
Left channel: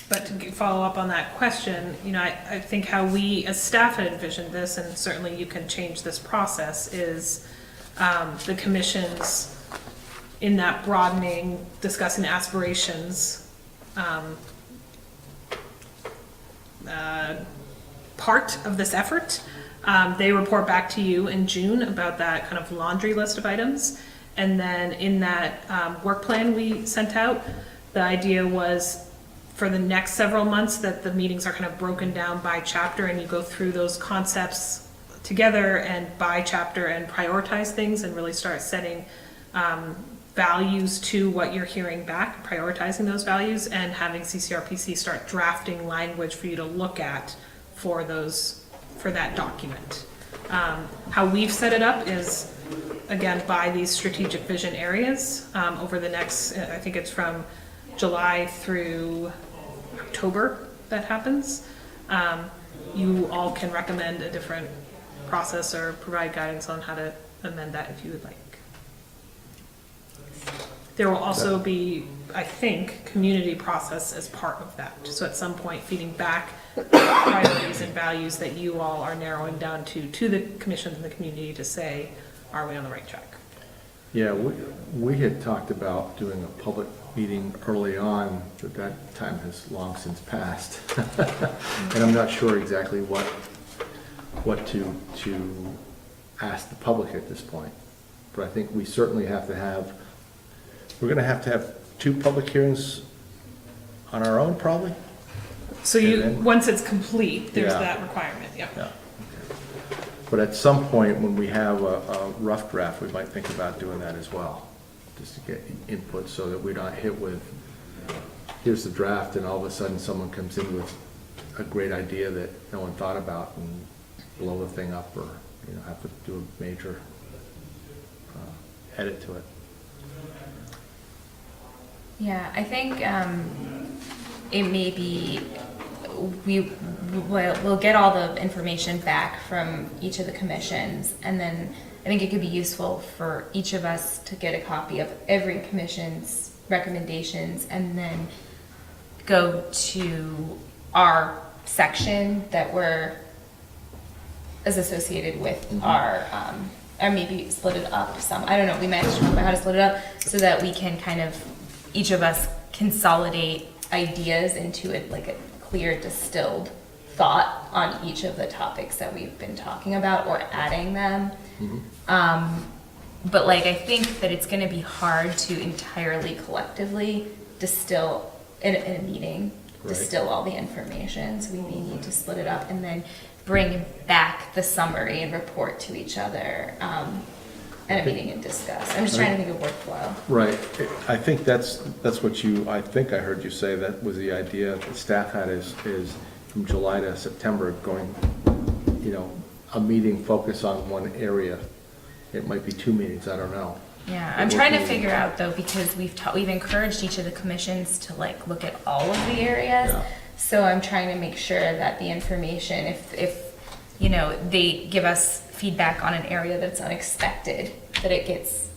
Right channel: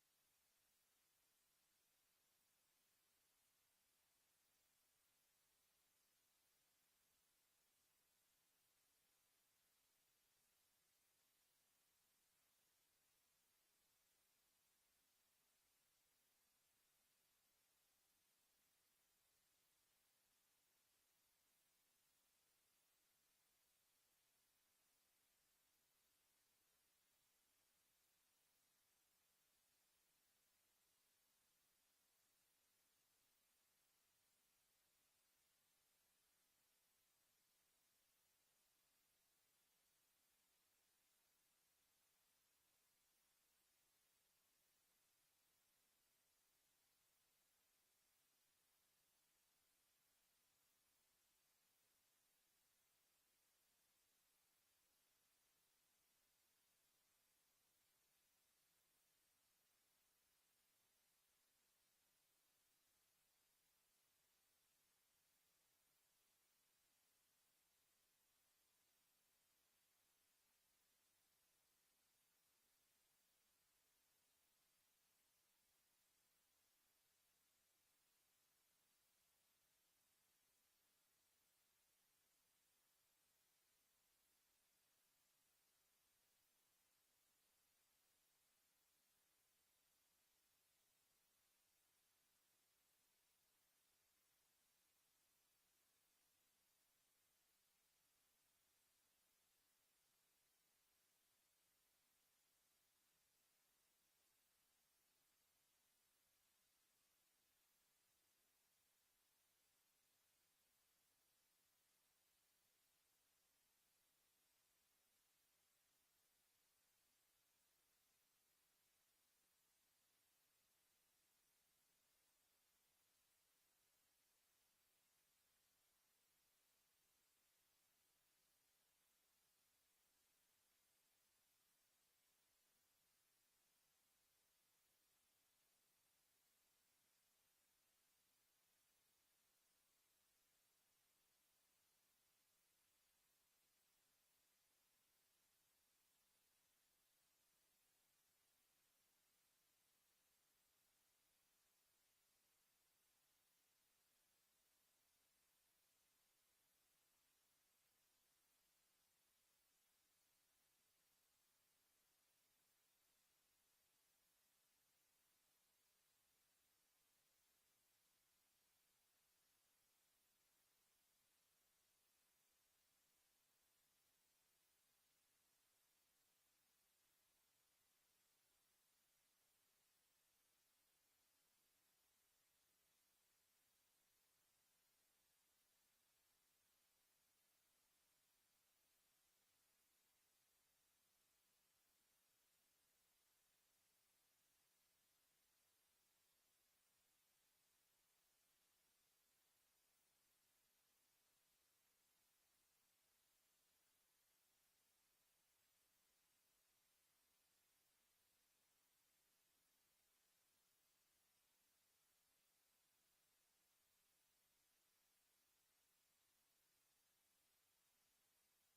but to follow up on that question, you know, I think how we as staff had envisioned this, and certainly you can change this process, is the commissions in that broadening, discussing aspirations part of this effort. They report back to you in June about that kind of laundry list of items. And then in that work plan we sent out, the idea was for the next several months that the meetings are kind of broken down by chapter and you go through those concepts together and by chapter and prioritize things and really start setting values to what you're hearing back, prioritizing those values, and having CCRPC start drafting language for you to look at for that document. How we've set it up is, again, by these strategic vision areas over the next, I think it's from July through October that happens. You all can recommend a different process or provide guidance on how to amend that if you would like. There will also be, I think, community process as part of that. So at some point feeding back priorities and values that you all are narrowing down to the commissions and the community to say, are we on the right track? Yeah, we had talked about doing a public meeting early on, but that time has long since passed. And I'm not sure exactly what to ask the public at this point. But I think we certainly have to have, we're gonna have to have 2 public hearings on our own, probably? So once it's complete, there's Yeah. that requirement, yeah. Yeah. But at some point, when we have a rough draft, we might think about doing that as well, just to get input so that we're not hit with, here's the draft, and all of a sudden someone comes in with a great idea that no one thought about and blow the thing up, or, you know, have to do a major edit to it. Yeah, I think it may be, we'll get all the information back from each of the commissions, and then I think it could be useful for each of us to get a copy of every commission's recommendations and then go to our section that is associated with our, or maybe split it up some, I don't know, we might have to talk about how to split it up so that we can kind of, each of us consolidate ideas into it like a clear distilled thought on each of the topics that we've been talking about or adding them. But like, I think that it's gonna be hard to entirely collectively distill in a meeting, distill all the information. So we may need to split it up and then bring back the summary and report to each other at a meeting and discuss. I'm just trying to think of workflow. Right, I think that's what I think I heard you say, that was the idea that staff had is from July to September going, you know, a meeting focus on one area. It might be 2 meetings, I don't know. Yeah, I'm trying to figure out though, because we've encouraged each of the commissions to like look at all of the areas. Yeah. So I'm trying to make sure that the information, if you know, they give us feedback on an area that's unexpected, that it gets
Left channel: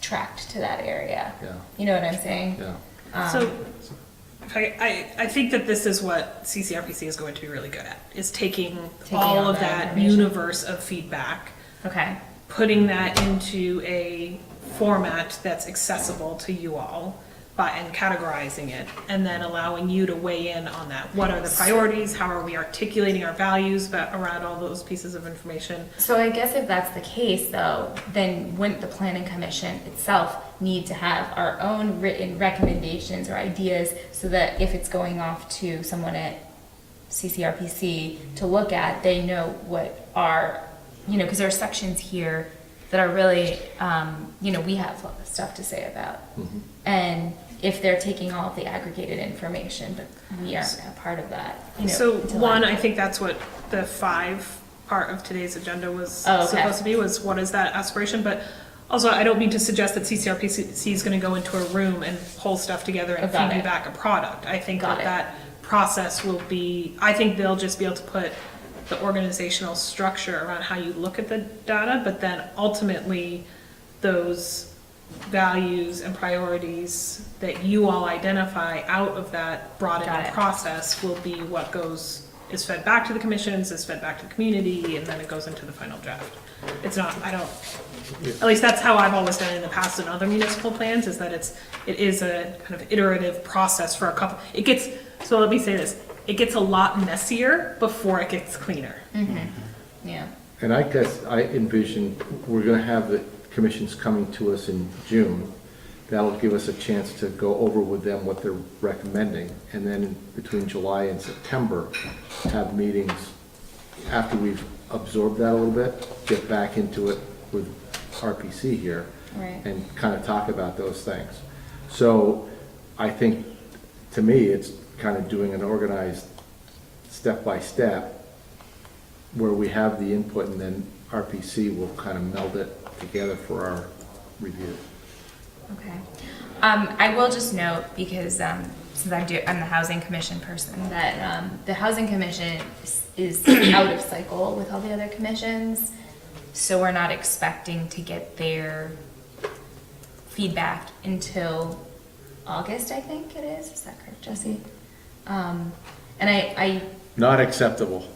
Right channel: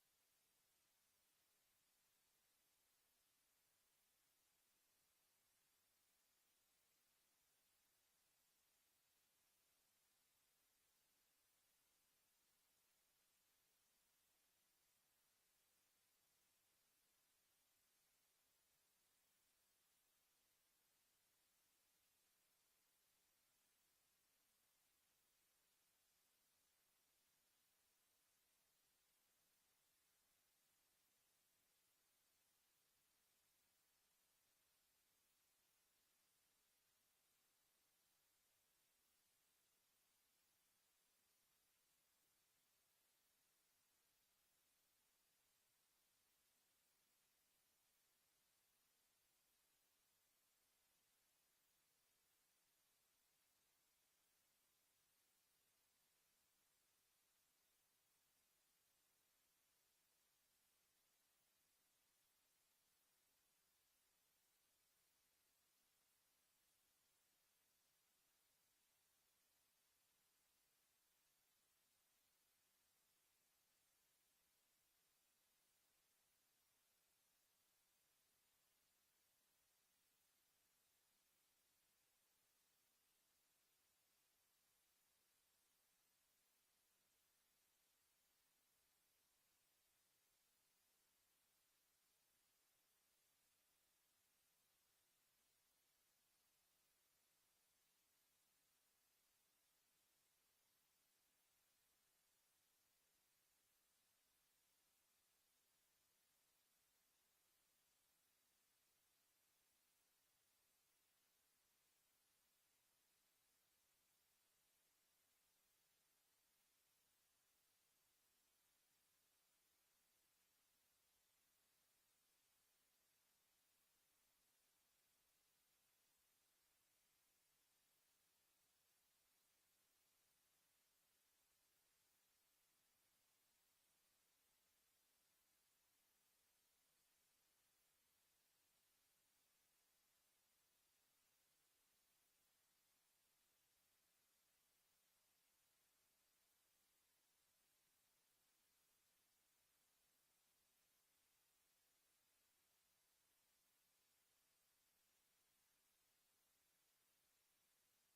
tracked to that area. Yeah. You know what I'm saying? Yeah. So I think that this is what CCRPC is going to be really good at, is taking all all of that that information. universe of feedback Okay. putting that into a format that's accessible to you all, and categorizing it, and then allowing you to weigh in on that. What are the priorities? How are we articulating our values around all those pieces of information? So I guess if that's the case, though, then wouldn't the planning commission itself need to have our own written recommendations or ideas, so that if it's going off to someone at CCRPC to look at, they know what our, because there are sections here that are really, we have stuff to say about. Mhm. And if they're taking all of the aggregated information, but we aren't a part of that, So until one, after. I think that's what the 5 part of today's agenda was Oh, okay. supposed to be, was what is that aspiration? But also, I don't mean to suggest that CCRPC is gonna go into a room and pull stuff together and Got feed you it. back a product. I think Got that it. process will be, I think they'll just be able to put the organizational structure around how you look at the data, but then ultimately, those values and priorities that you all identify out of that Got broadened it. process will be what is fed back to the commissions, is fed back to the community, and then it goes into the final draft. It's not, at least that's how I've always done it in the past in other municipal plans, is that it is a kind of iterative process for a couple, so let me say this, it gets a lot messier before it gets cleaner. Mm-hmm. Yeah. And I guess I envision we're gonna have the commissions coming to us in June. That'll give us a chance to go over with them what they're recommending, and then between July and September, have meetings after we've absorbed that a little bit, get back into it with RPC here, Right. and kind of talk about those things. So I think, to me, it's kind of doing an organized step-by-step, where we have the input, and then RPC will kind of meld it together for our review. Okay. I will just note, because since I'm the housing commission person, that the housing commission is out of cycle with all the other commissions, so we're not expecting to get their feedback until August, I think it is. Is that correct, Jesse? And I Not acceptable.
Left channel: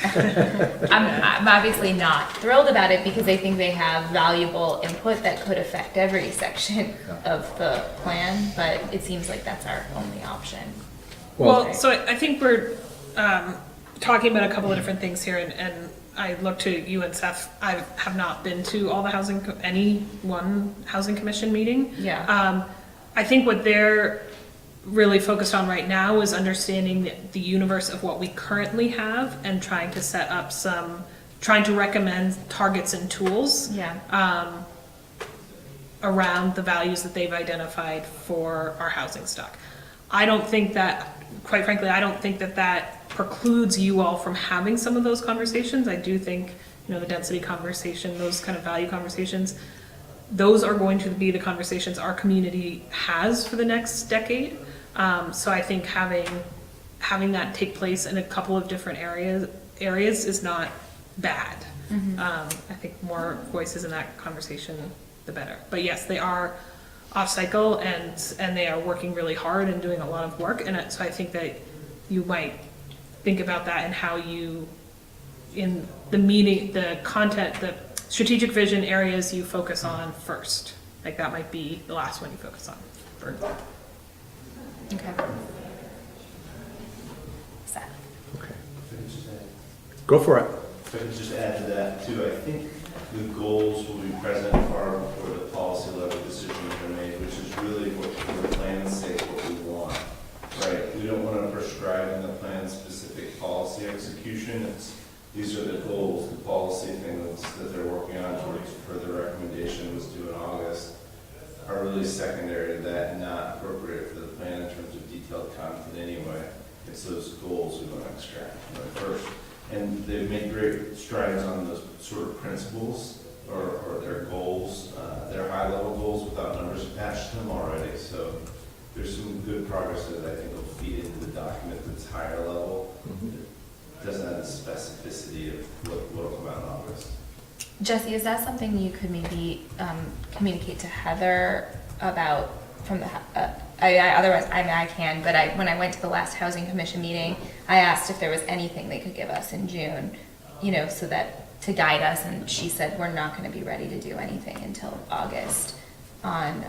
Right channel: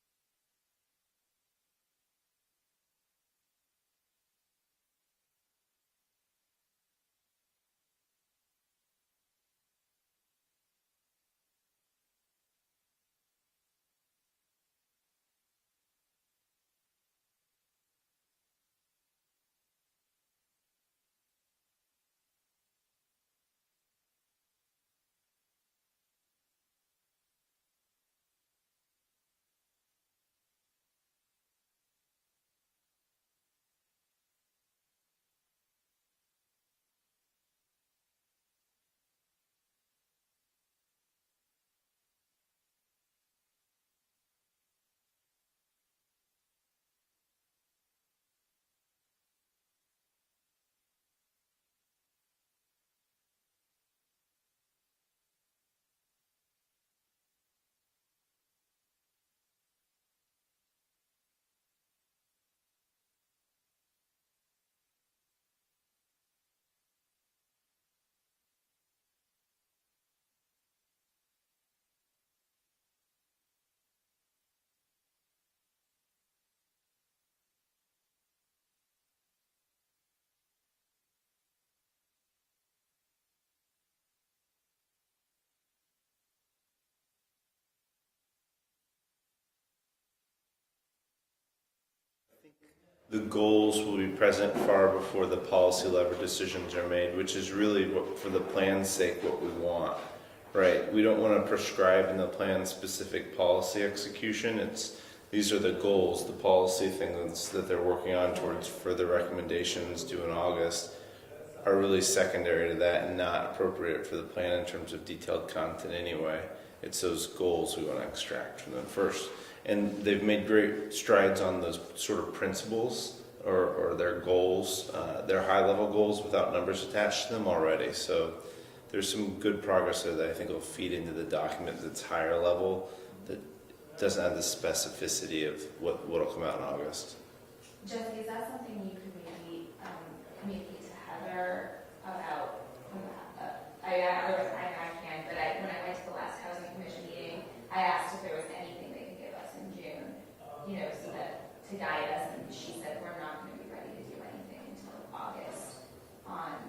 I'm obviously not thrilled about it, because I think they have valuable input that could affect every section of the plan, but it seems like that's our only option. Well, so I think we're talking about a couple of different things here, and I look to you and Seth. I have not been to all the any one housing commission meeting. Yeah. I think what they're really focused on right now is understanding the universe of what we currently have, and trying to set up trying to recommend targets and tools Yeah. around the values that they've identified for our housing stock. I don't think that, quite frankly, I don't think that that precludes you all from having some of those conversations. I do think, the density conversation, those kind of value conversations, those are going to be the conversations our community has for the next decade. So I think having that take place in a couple of different areas is not bad. Mm-hmm. I think more voices in that conversation, the better. But yes, they are off cycle, and they are working really hard and doing a lot of work. And so I think that you might think about that, and how you, in the meeting, the content, the strategic vision areas you focus on first. Like, that might be the last one you focus on. Okay. Seth. Okay. Go for it. If I could just add to that too, I think the goals will be present far before the policy level decisions are made, which is really what, for the plan's sake, what we want, right? We don't want to prescribe in the plan specific policy execution. These are the goals, the policy things that they're working on towards further recommendations due in August are really secondary to that, and not appropriate for the plan in terms of detailed content anyway. It's those goals we want to extract from them first. And they've made great strides on those sort of principles or their goals, their high-level goals without numbers attached to them already. So there's some good progress there that I think will feed into the document that's higher level. It doesn't have the specificity of what'll come out in August. Jesse, is that something you could maybe communicate to Heather about from the? Otherwise, I can. But when I went to the last housing commission meeting, I asked if there was anything they could give us in June, so that to guide us, and she said we're not gonna be ready to do anything until August on,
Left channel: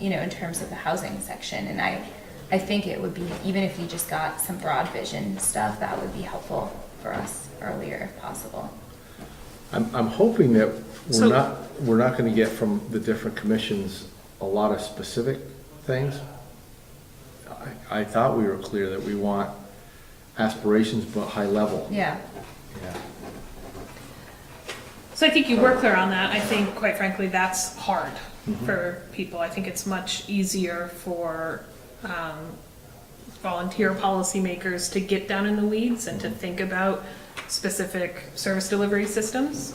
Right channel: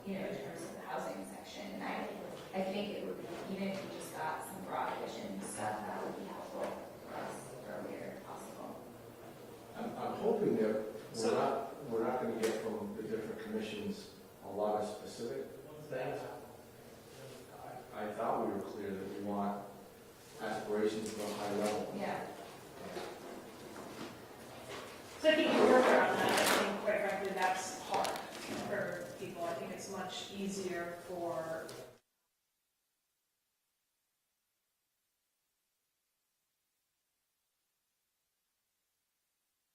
you know, in terms of the housing section, and I think it would be, even if you just got some broad vision stuff, that would be helpful for us earlier if possible. I'm hoping that So- we're not gonna get from the different commissions a lot of specific things. I thought we were clear that we want aspirations but high level. Yeah. Yeah. So I think you were clear on that. I think, quite frankly, that's hard for people. I think it's much easier for volunteer policymakers to get down in the weeds and to think about specific service delivery systems.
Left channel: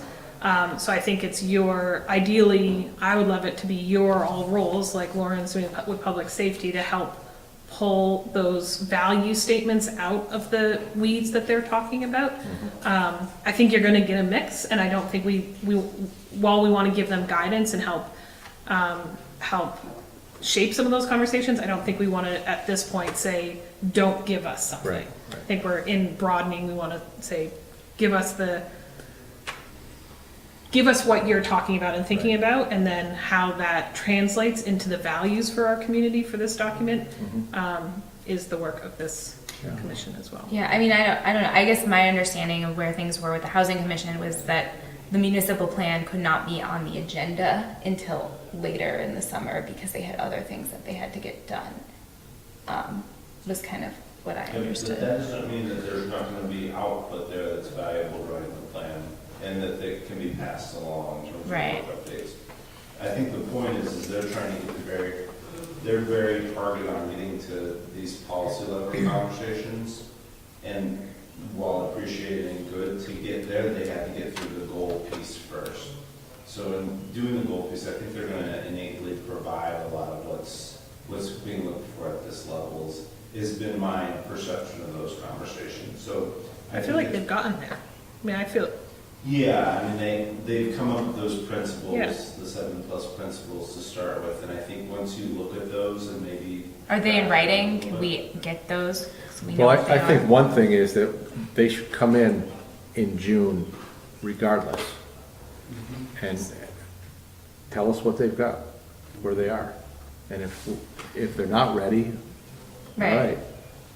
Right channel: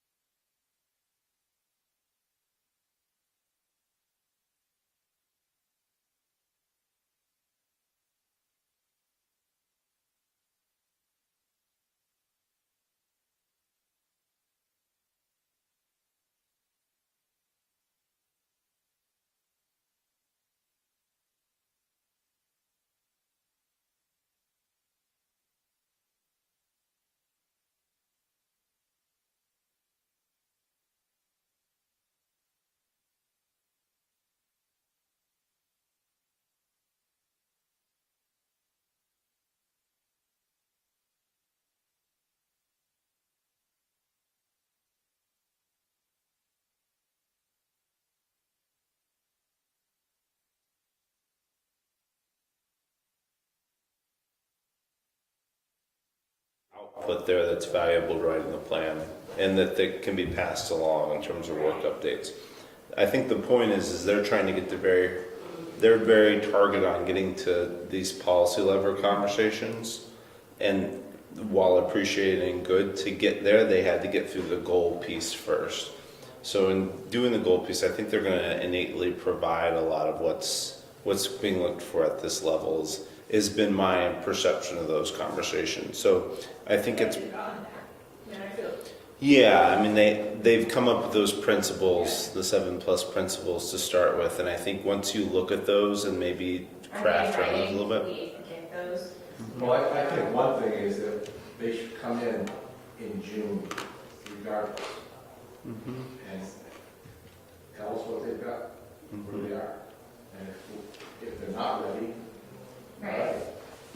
So I think it's ideally, I would love it to be your all roles, like Lauren's doing with public safety, to help pull those value statements out of the weeds that they're talking about. I think you're gonna get a mix, and I don't think while we wanna give them guidance and help shape some of those conversations, I don't think we wanna, at this point, say, don't give us something. Right. I think we're in broadening, we wanna say, give us what you're talking about and thinking about, and then how that translates into the values for our community for this document, is the work of this commission as well. Yeah, I mean, I don't know, I guess my understanding of where things were with the housing commission was that the municipal plan could not be on the agenda until later in the summer because they had other things that they had to get done, was kind of what I understood. But that doesn't mean that there's not gonna be output there that's valuable right in the plan, and that they can be passed along in terms of Right. work updates. I think the point is they're trying to get they're very targeted on getting to these policy level conversations, and while appreciating good, to get there, they had to get through the goal piece first. So in doing the goal piece, I think they're gonna innately provide a lot of what's being looked for at this level has been my perception of those conversations. So I I feel think like it's, they've gotten there. I mean, I feel, yeah, I mean, they've come up with those principles, Yeah. the 7+ principles to start with, and I think once you look at those and maybe. Are they in craft them a writing? little Can bit- we get those? So we know Well, what they I think are? one thing is that they should come in June regardless, and tell us what they've got, where they are. And if they're not ready, all Right. right.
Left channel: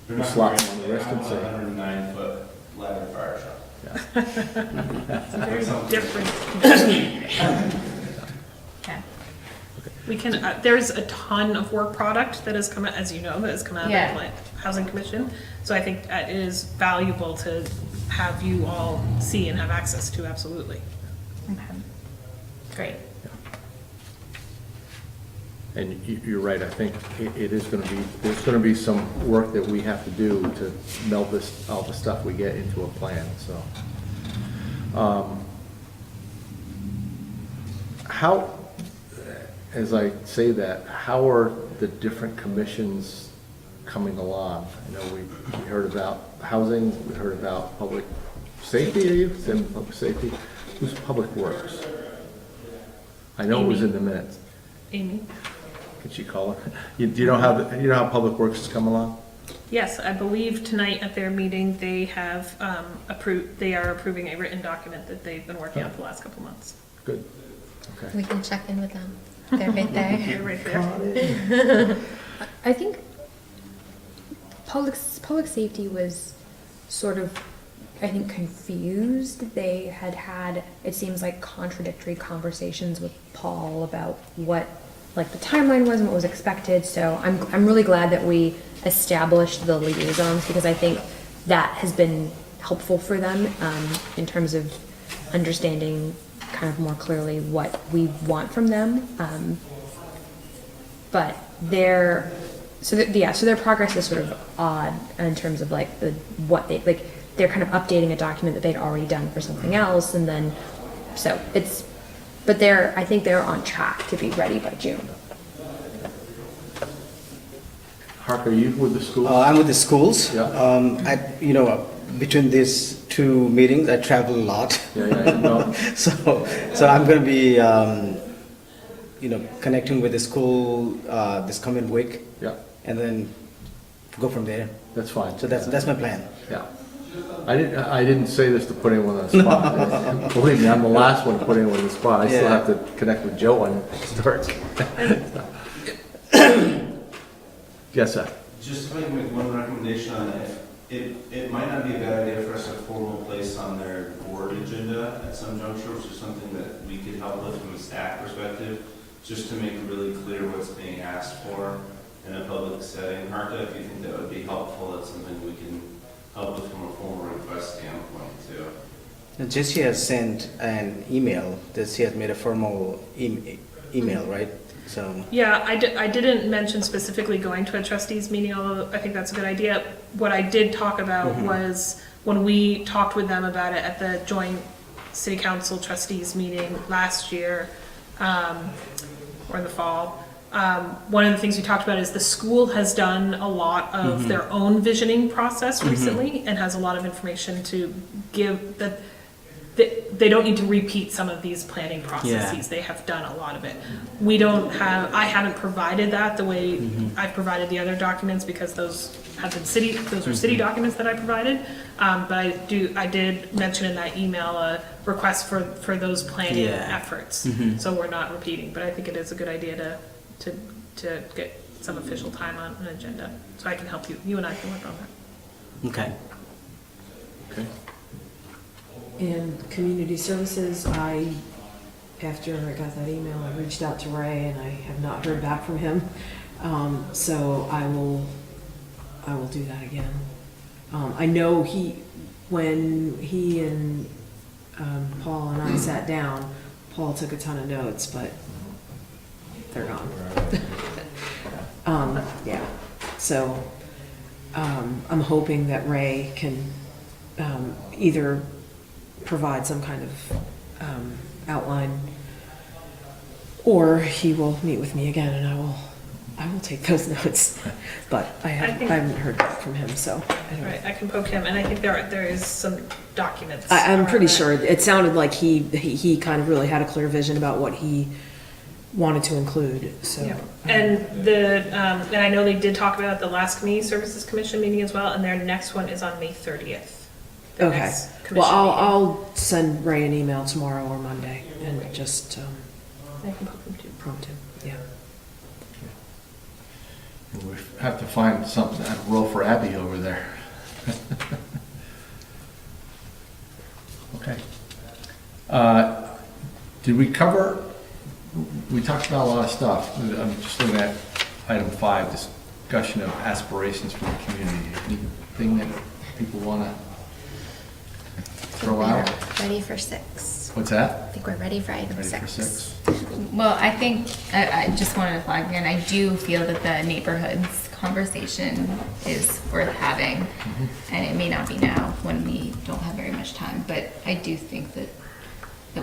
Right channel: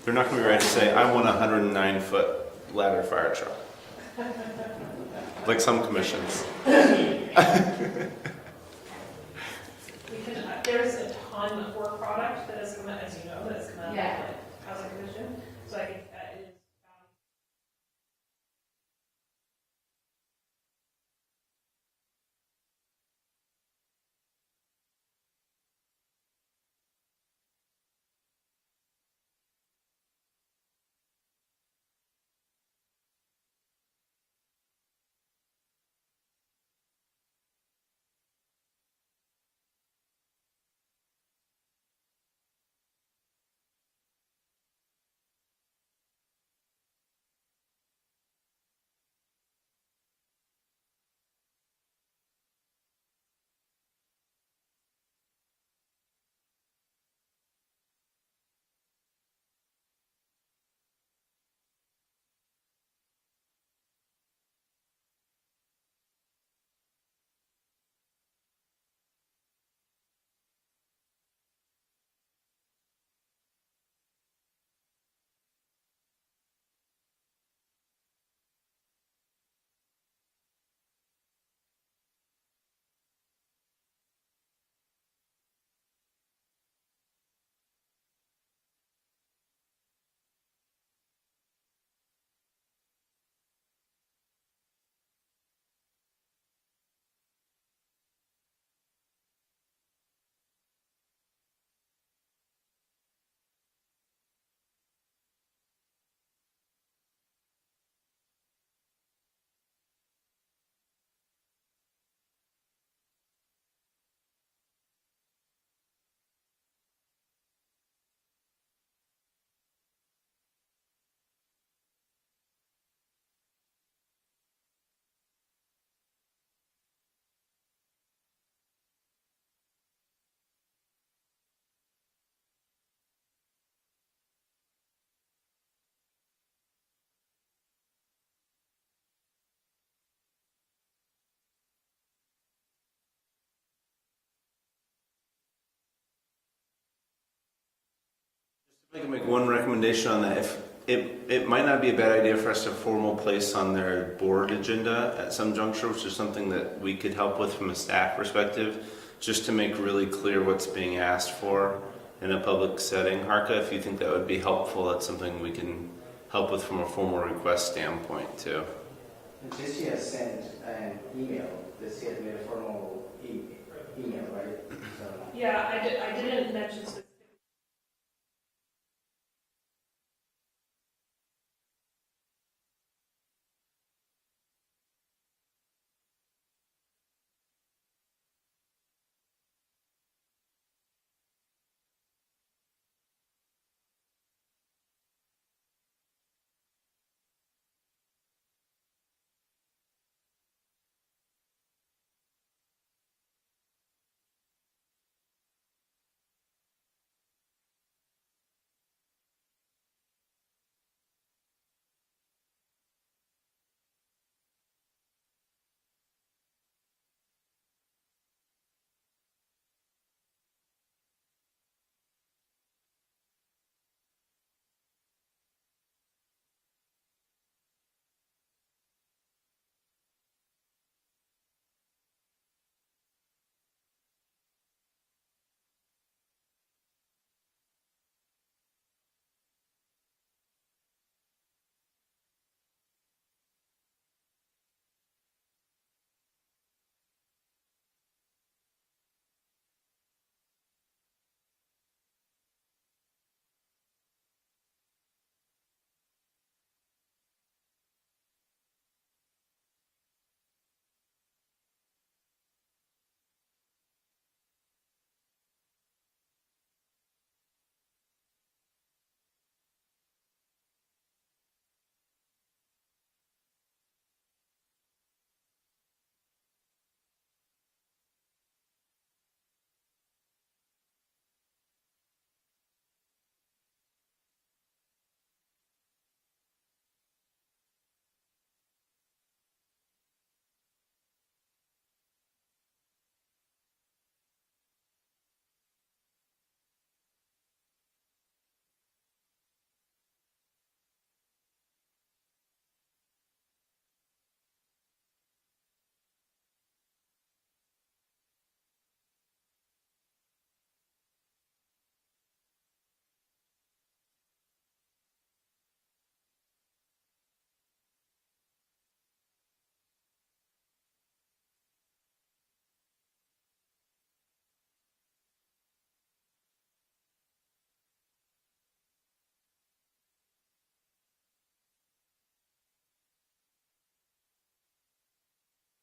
They're not gonna be ready to say, I want a 109-foot ladder fire truck. Like some commissions. Okay. we can, there's a ton of work product that has come out, as you know, that has come out of Yeah. the like, Housing Commission. So I think it is valuable to have you all see and have access to, absolutely. Okay. Great. And you're right, I think it is gonna be, there's gonna be some work that we have to do to meld all the stuff we get into a plan, so. How, as I say that, how are the different commissions coming along? I know we heard about housing, we heard about public safety, you said public safety, who's Public Works? I know it was in the minutes. Amy? Could she call her? Do you know how Public Works has come along? Yes, I believe tonight at their meeting, they have they are approving a written document that they've been working on for the last couple months. Good, okay. We can check in with them. They're right there. You're right there. I think public safety was sort of, I think, confused. They had, it seems like, contradictory conversations with Paul about what, like, the timeline was and what was expected. So I'm really glad that we established the liaisons, because I think that has been helpful for them in terms of understanding kind of more clearly what we want from them. But their progress is sort of odd in terms of like they're kind of updating a document that they'd already done for something else, and then I think they're on track to be ready by June. Hark, are you with the school? I'm with the schools. Yeah. Between these two meetings, I travel a lot. Yeah, no, So I'm going to be, connecting with the school this coming week, yeah, and then go from there. that's fine. So that's my plan. Yeah. I didn't say this to put anyone on the spot. Believe me, I'm the last one to put anyone on the spot. I still Yeah. have to connect with Joe on historic. Yes, sir. Just if I can make one recommendation on that, if it might not be a bad idea for us to formal place on their board agenda at some juncture, which is something that we could help with from a staff perspective, just to make really clear what's being asked for in a public setting. Harka, if you think that would be helpful, that's something we can help with from a formal request standpoint too. And Jessie has sent an email, that she has made a formal email, right? So, Yeah, I didn't mention specifically going to a trustees meeting, although I think that's a good idea. What I did talk about was when we talked with them about it at the joint city council trustees meeting last year, or in the fall. One of the things we talked about is the school has done a lot of their own visioning process recently and has a lot of information to give that. They don't need to repeat some of these planning processes. Yeah. They have done a lot of it. We don't have, I haven't provided that the way I've provided the other documents because those have been those are city documents that I provided. But I did mention in that email a request for those planning efforts. So we're not repeating, but I think it is a good idea to get some official time on an agenda. So I can help you, you and I can work on that. okay. Okay. And community services, after I got that email, I reached out to Ray and I have not heard back from him. So I will do that again. I know when he and Paul and I sat down, Paul took a ton of notes, but they're gone. Yeah, so I'm hoping that Ray can either provide some kind of outline, or he will meet with me again and I will take those notes. But I haven't heard back from him, so I don't know. Right, I can poke him, and I think there is some documents. I'm around pretty that. sure, it sounded like he kind of really had a clear vision about what he wanted to include, so. Yeah. And and I know they did talk about it at the last Community Services Commission meeting as well, and their next one is on May 30th. the Okay, next well, commission meeting. I'll send Ray an email tomorrow or Monday and just I can poke him too. prompt him, yeah. We have to find something, a role for Abby over there. Okay. Did we cover, we talked about a lot of stuff. I'm just looking at item 5, discussion of aspirations for the community. Anything that people want to throw out? Ready for 6. What's that? I think we're ready for item Ready 6. for 6? Well, I think, I just wanted to flag again, I do feel that the neighborhoods conversation is worth having. And it may not be now when we don't have very much time, but I do think that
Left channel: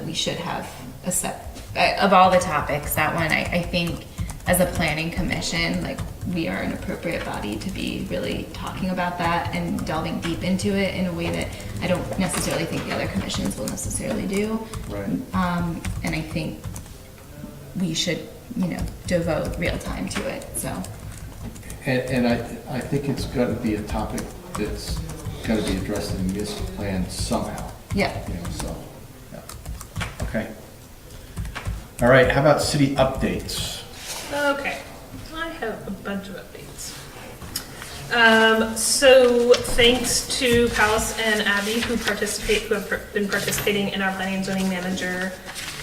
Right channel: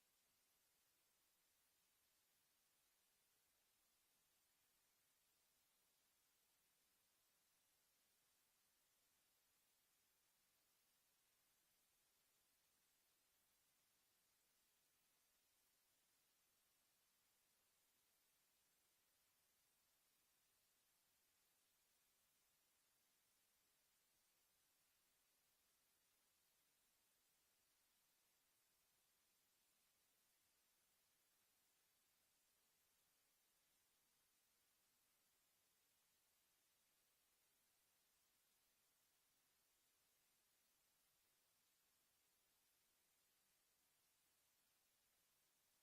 we should have a set, of all the topics, that one, I think as a planning commission, like, we are an appropriate body to be really talking about that and delving deep into it in a way that I don't necessarily think the other commissions will necessarily do. Right. And I think we should, devote real time to it, so. And I think it's got to be a topic that's got to be addressed in the municipal plan somehow. Yeah. So, yeah. Okay. All right, how about city updates? Okay, I have a bunch of updates. So thanks to Palace and Abby who have been participating in our planning and zoning manager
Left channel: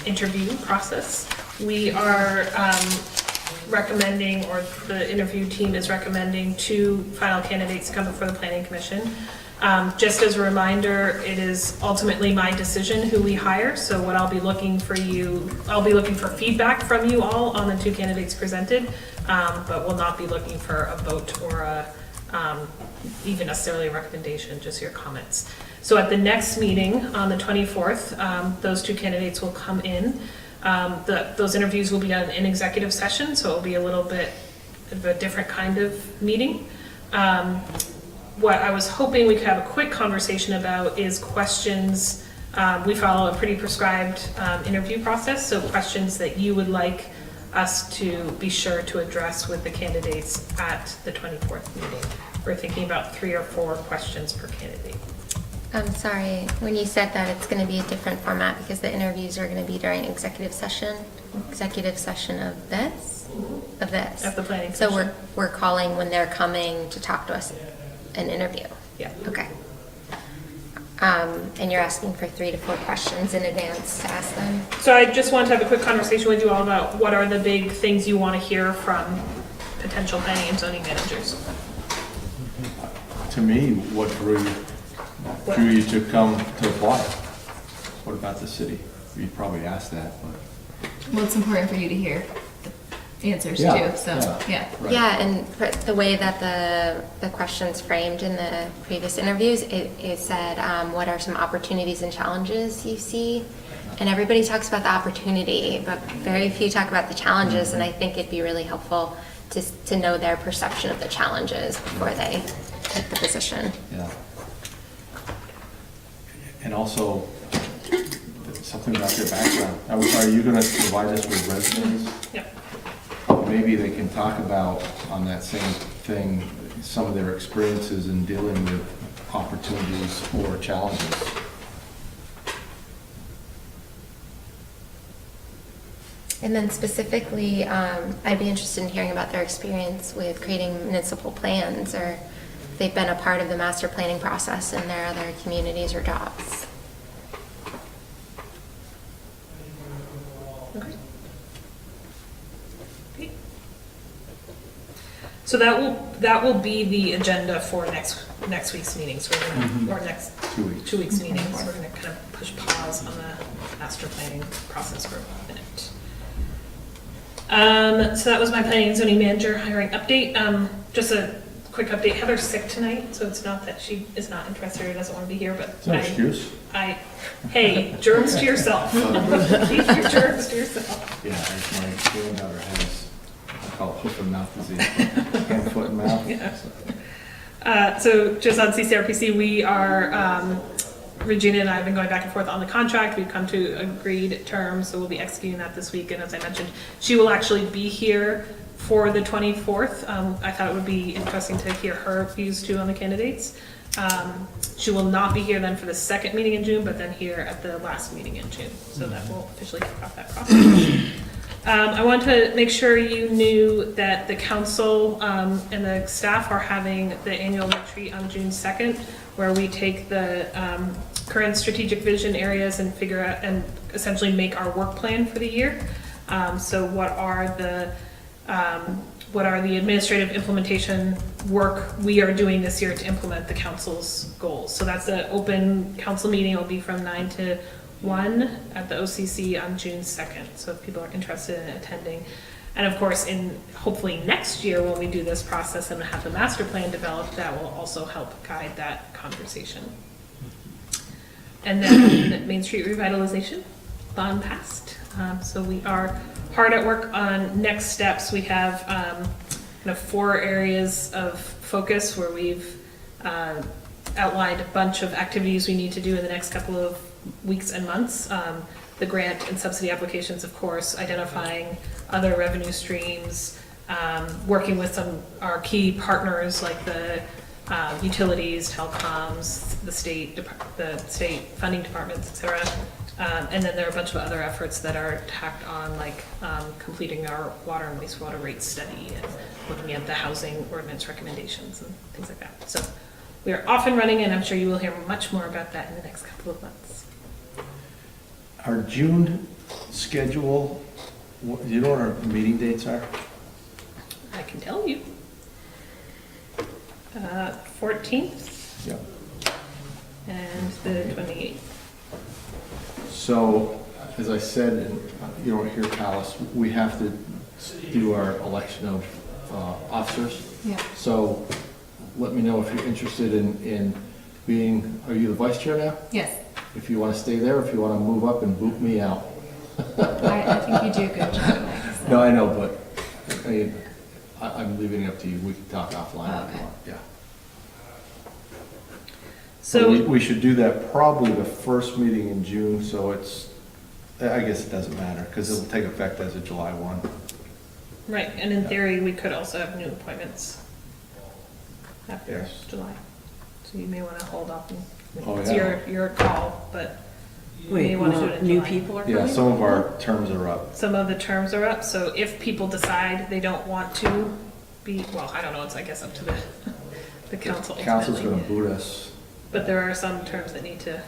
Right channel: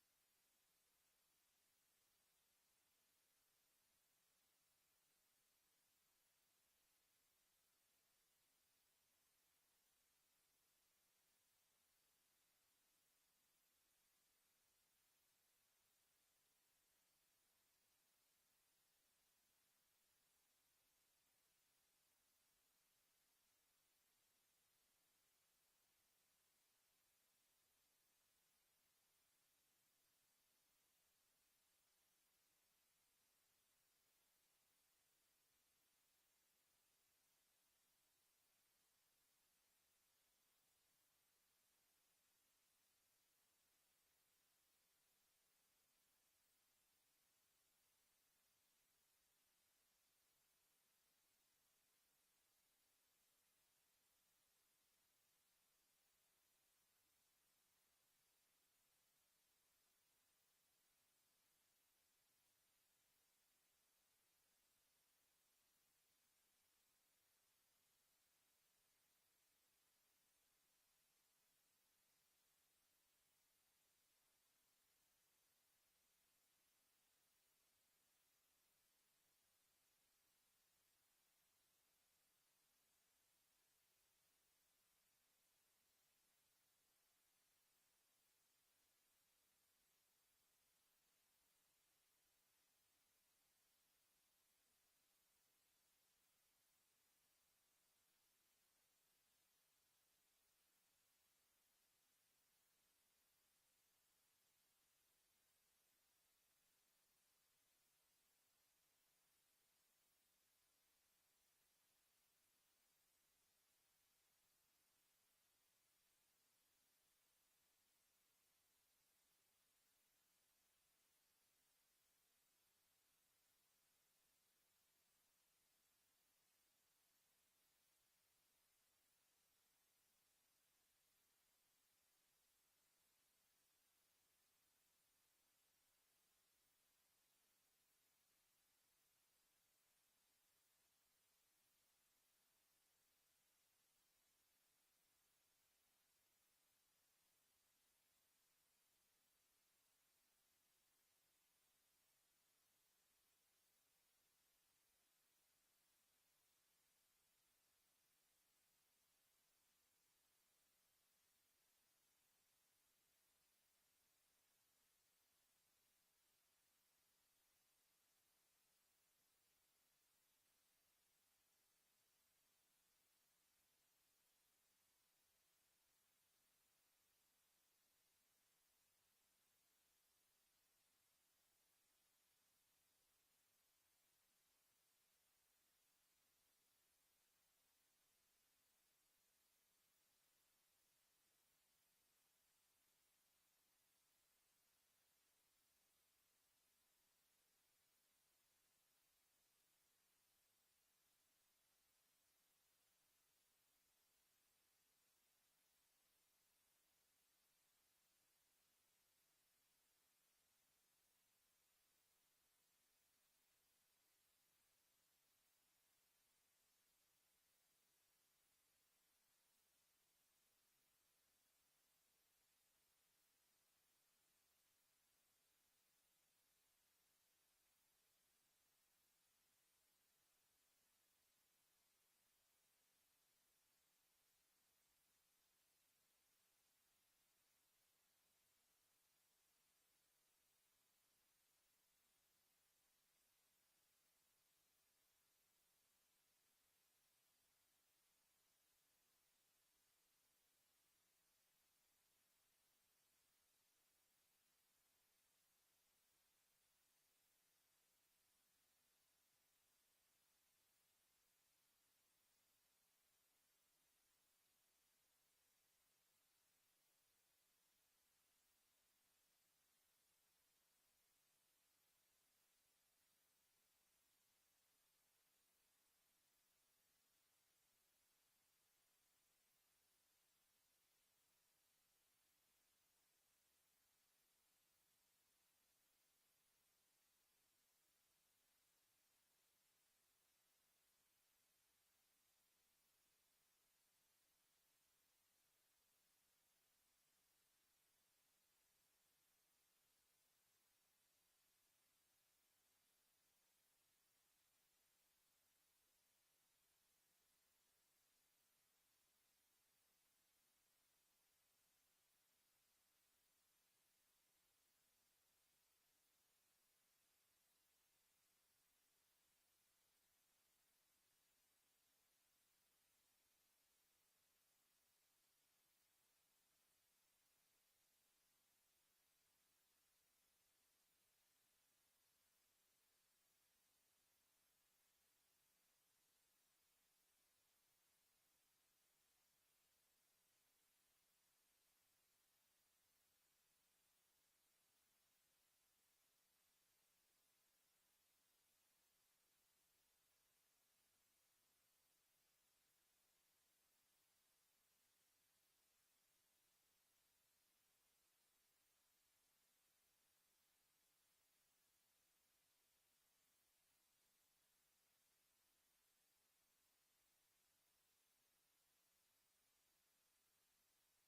interview process. We are recommending, or the interview team is recommending 2 final candidates to come before the planning commission. Just as a reminder, it is ultimately my decision who we hire, so what I'll be looking for feedback from you all on the 2 candidates presented, but will not be looking for a vote or even necessarily a recommendation, just your comments. So at the next meeting on the 24th, those 2 candidates will come in. Those interviews will be done in executive session, so it'll be a little bit of a different kind of meeting. What I was hoping we could have a quick conversation about is questions. We follow a pretty prescribed interview process, so questions that you would like us to be sure to address with the candidates at the 24th meeting. We're thinking about 3 or 4 questions per candidate. I'm sorry, when you said that it's gonna be a different format because the interviews are gonna be during executive session of this? Of this? At the planning So commission. we're calling when they're coming to talk to us, an interview? Yeah. Okay. And you're asking for 3 to 4 questions in advance to ask them? So I just wanted to have a quick conversation with you all about what are the big things you want to hear from potential planning and zoning managers. To me, what drew you to come to apply? What about the city? You probably asked that, but. Well, it's important for you to hear the answers Yeah, too, so, yeah. yeah. Right. Yeah, and the way that the questions framed in the previous interviews, it said, what are some opportunities and challenges you see? And everybody talks about the opportunity, but very few talk about the challenges, and I think it'd be really helpful to know their perception of the challenges before they take the position. Yeah. And also, something about their background. Are you gonna provide us with resumes? Yeah. Maybe they can talk about, on that same thing, some of their experiences in dealing with opportunities or challenges. And then specifically, I'd be interested in hearing about their experience with creating municipal plans, or if they've been a part of the master planning process in their other communities or jobs. Okay. Okay. So that will be the agenda for next week's meetings. We're gonna, or next 2 weeks. 2 weeks meetings. We're gonna kind of push pause on the master planning process for a minute. So that was my planning and zoning manager hiring update. Just a quick update. Heather's sick tonight, so it's not that she is not interested or doesn't want to be here, but It's no excuse. hey, germs to yourself. Keep your germs to yourself. Yeah, my granddaughter has, I call it hoof and mouth disease, hand, foot, and mouth. Yeah. So just on CCRPC, we are, Regina and I have been going back and forth on the contract. We've come to agreed terms, so we'll be executing that this week. And as I mentioned, she will actually be here for the 24th. I thought it would be interesting to hear her views too on the candidates. She will not be here then for the second meeting in June, but then here at the last meeting in June. So that will officially kick off that process. I want to make sure you knew that the council and the staff are having the annual retreat on June 2nd, where we take the current strategic vision areas and figure out and essentially make our work plan for the year. So what are the administrative implementation work we are doing this year to implement the council's goals? So that's an open council meeting. It'll be from 9 to 1 at the OCC on June 2nd. So if people are interested in attending. And of course, hopefully next year when we do this process and have the master plan developed, that will also help guide that conversation. And then Main Street revitalization, bond passed. So we are hard at work on next steps. We have kind of 4 areas of focus where we've outlined a bunch of activities we need to do in the next couple of weeks and months. The grant and subsidy applications, of course, identifying other revenue streams, working with our key partners like the utilities, telecoms, the state funding departments, etc. And then there are a bunch of other efforts that are tacked on, like completing our water and wastewater rate study and looking at the housing ordinance recommendations and things like that. So we are off and running, and I'm sure you will hear much more about that in the next couple of months. Our June schedule, do you know what our meeting dates are? I can tell you. 14th. Yep. And the 28th. So, as I said, and you don't hear Palace, we have to do our election of officers. Yeah. So, let me know if you're interested in being, are you the vice chair now? Yes, If you want to stay there, if you want to move up and boot me out. I think you do a good job, Mike. So. No, I know, but I mean, I'm leaving it up to you. We can talk offline if Okay. you want. Yeah. So We should do that probably the first meeting in June, so I guess it doesn't matter, because it'll take effect as of July 1. right, and in theory, we could also have new appointments after Yes. July. So you may want to hold off and Oh, It's yeah. your call, but Wait, you wanna do it in new July. people are Yeah, coming? some of our terms are up. Some of the terms are up, so if people decide they don't want to be, well, I don't know, it's, I guess, up to the council Council's gonna ultimately. boot us. But there are some terms that need to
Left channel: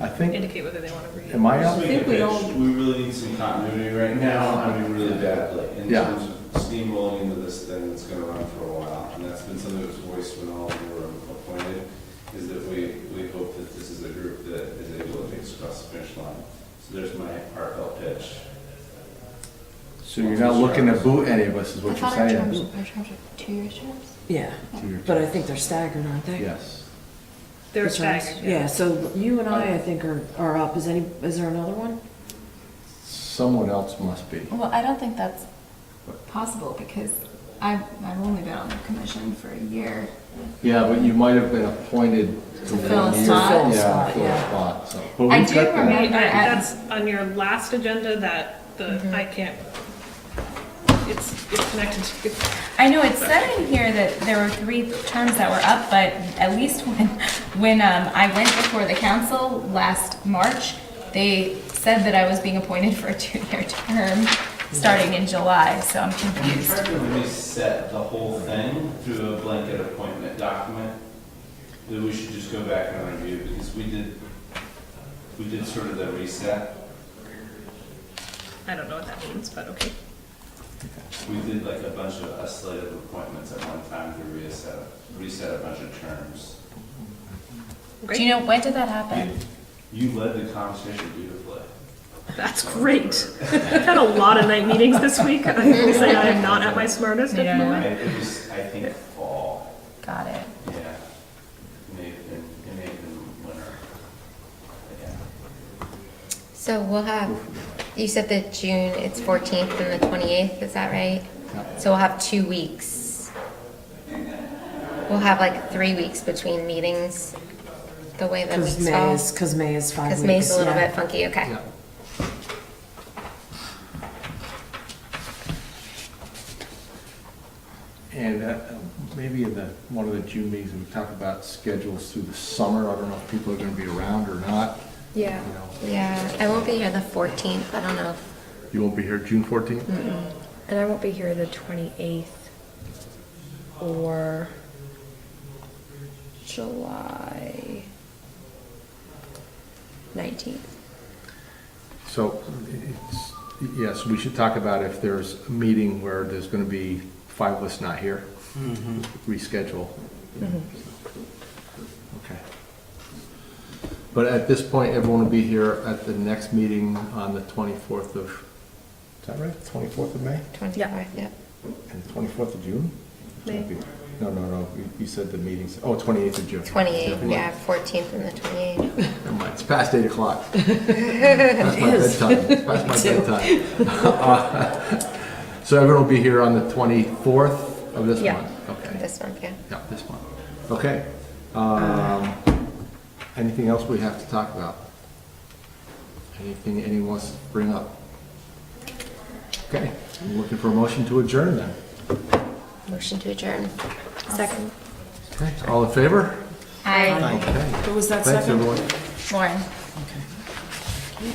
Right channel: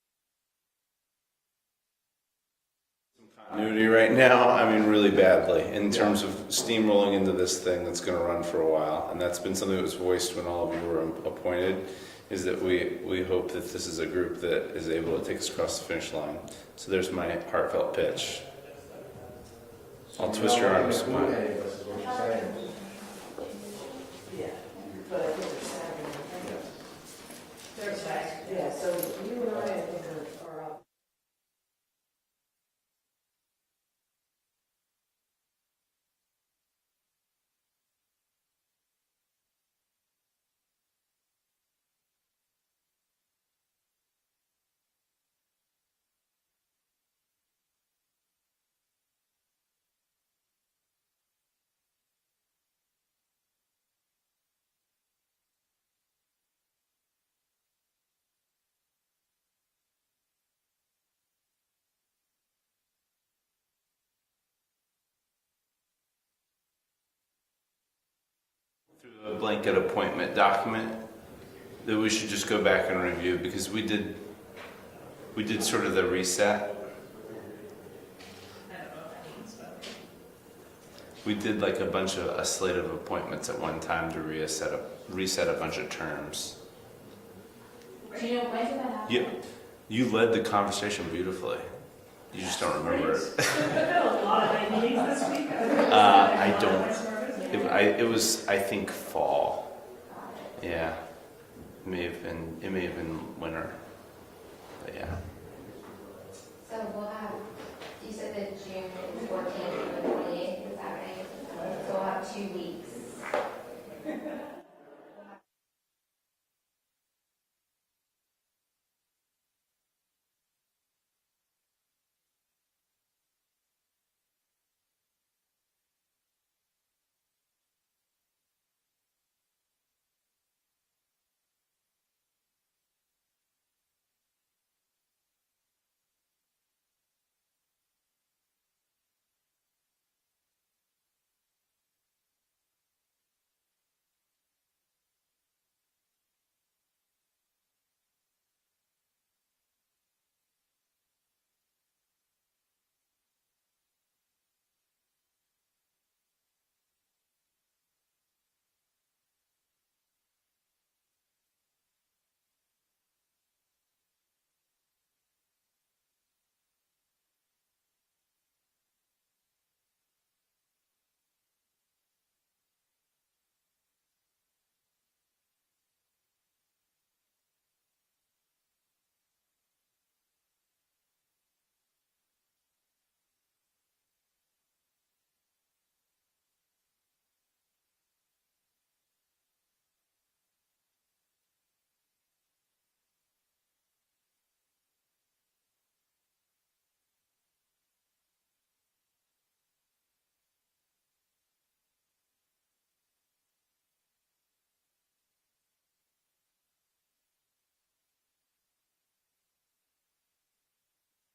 I think, indicate whether they wanna read. am I Just up? make a think we pitch. all- We really need some continuity right now, I mean, really badly, in Yeah. terms of steamrolling into this thing that's gonna run for a while. And that's been something that was voiced when all of you were appointed, is that we hope that this is a group that is able to take us across the finish line. So there's my heartfelt pitch. So you're not looking to boot any of us, is what you're saying? Our terms are 2 years. Yeah, but I think they're staggered, aren't they? Yes. They're The terms? staggered, Yeah, so you and I think are up. Is there another one? Someone else must be. Well, I don't think that's possible because I've only been on the commission for a year. Yeah, but you might have been appointed to To fill a one year. spot? Fill a Yeah, spot, fill a yeah. spot, so. But I we've do got that. remember- That's on your last agenda that Mm-hmm. I can't, it's connected to. I know it said in here that there were 3 terms that were up, but at least when I went before the council last March, they said that I was being appointed for a 2-year term starting in July, so I'm We confused. tried to reset the whole thing through a blanket appointment document that we should just go back and review, because we did sort of the reset. I don't know what that means, but okay. We did like a slate of appointments at one time to reset a bunch of terms. Do you know, when did that happen? You led the conversation beautifully. I That's just don't great. remember. I've had a lot of night meetings this week. I will say I'm not at my smartest at the Yeah. moment. It was, I think, fall. Got it. Yeah. It may have been winter. But yeah. So we'll have, you said that June, it's 14th and the 28th, is that right? So we'll have 2 weeks. We'll have like 3 weeks between meetings, the way that Because weeks fall. Because May is 5 weeks. Because May's a little yeah. bit funky, okay. Yeah. And maybe in one of the June meetings, we talk about schedules through the summer. I don't know if people are gonna be around or not, Yeah. you know. Yeah, I won't be here the 14th, I don't know. You won't be here June 14th? And I won't be here the 28th or July 19th. So, yes, we should talk about if there's a meeting where there's gonna be 5 of us not here, reschedule. Okay. But at this point, everyone will be here at the next meeting on the 24th of, is that right? 24th of May? 24th, yep. And 24th of June? May. No, you said the meetings, 28th of June. 28th, yeah, 14th and the 28th. Never mind, it's past 8 o'clock. Past my bedtime, it's past my Me too. bedtime. So everyone will be here on the 24th of this Yeah. month? Okay, This month, yeah. yeah, this month. Okay. Anything else we have to talk about? Anything anyone wants to bring up? Okay, I'm looking for a motion to adjourn then. Motion to adjourn. Second. Okay, all in favor? I, Okay, Who was that thanks, second? everyone. Lauren. Okay.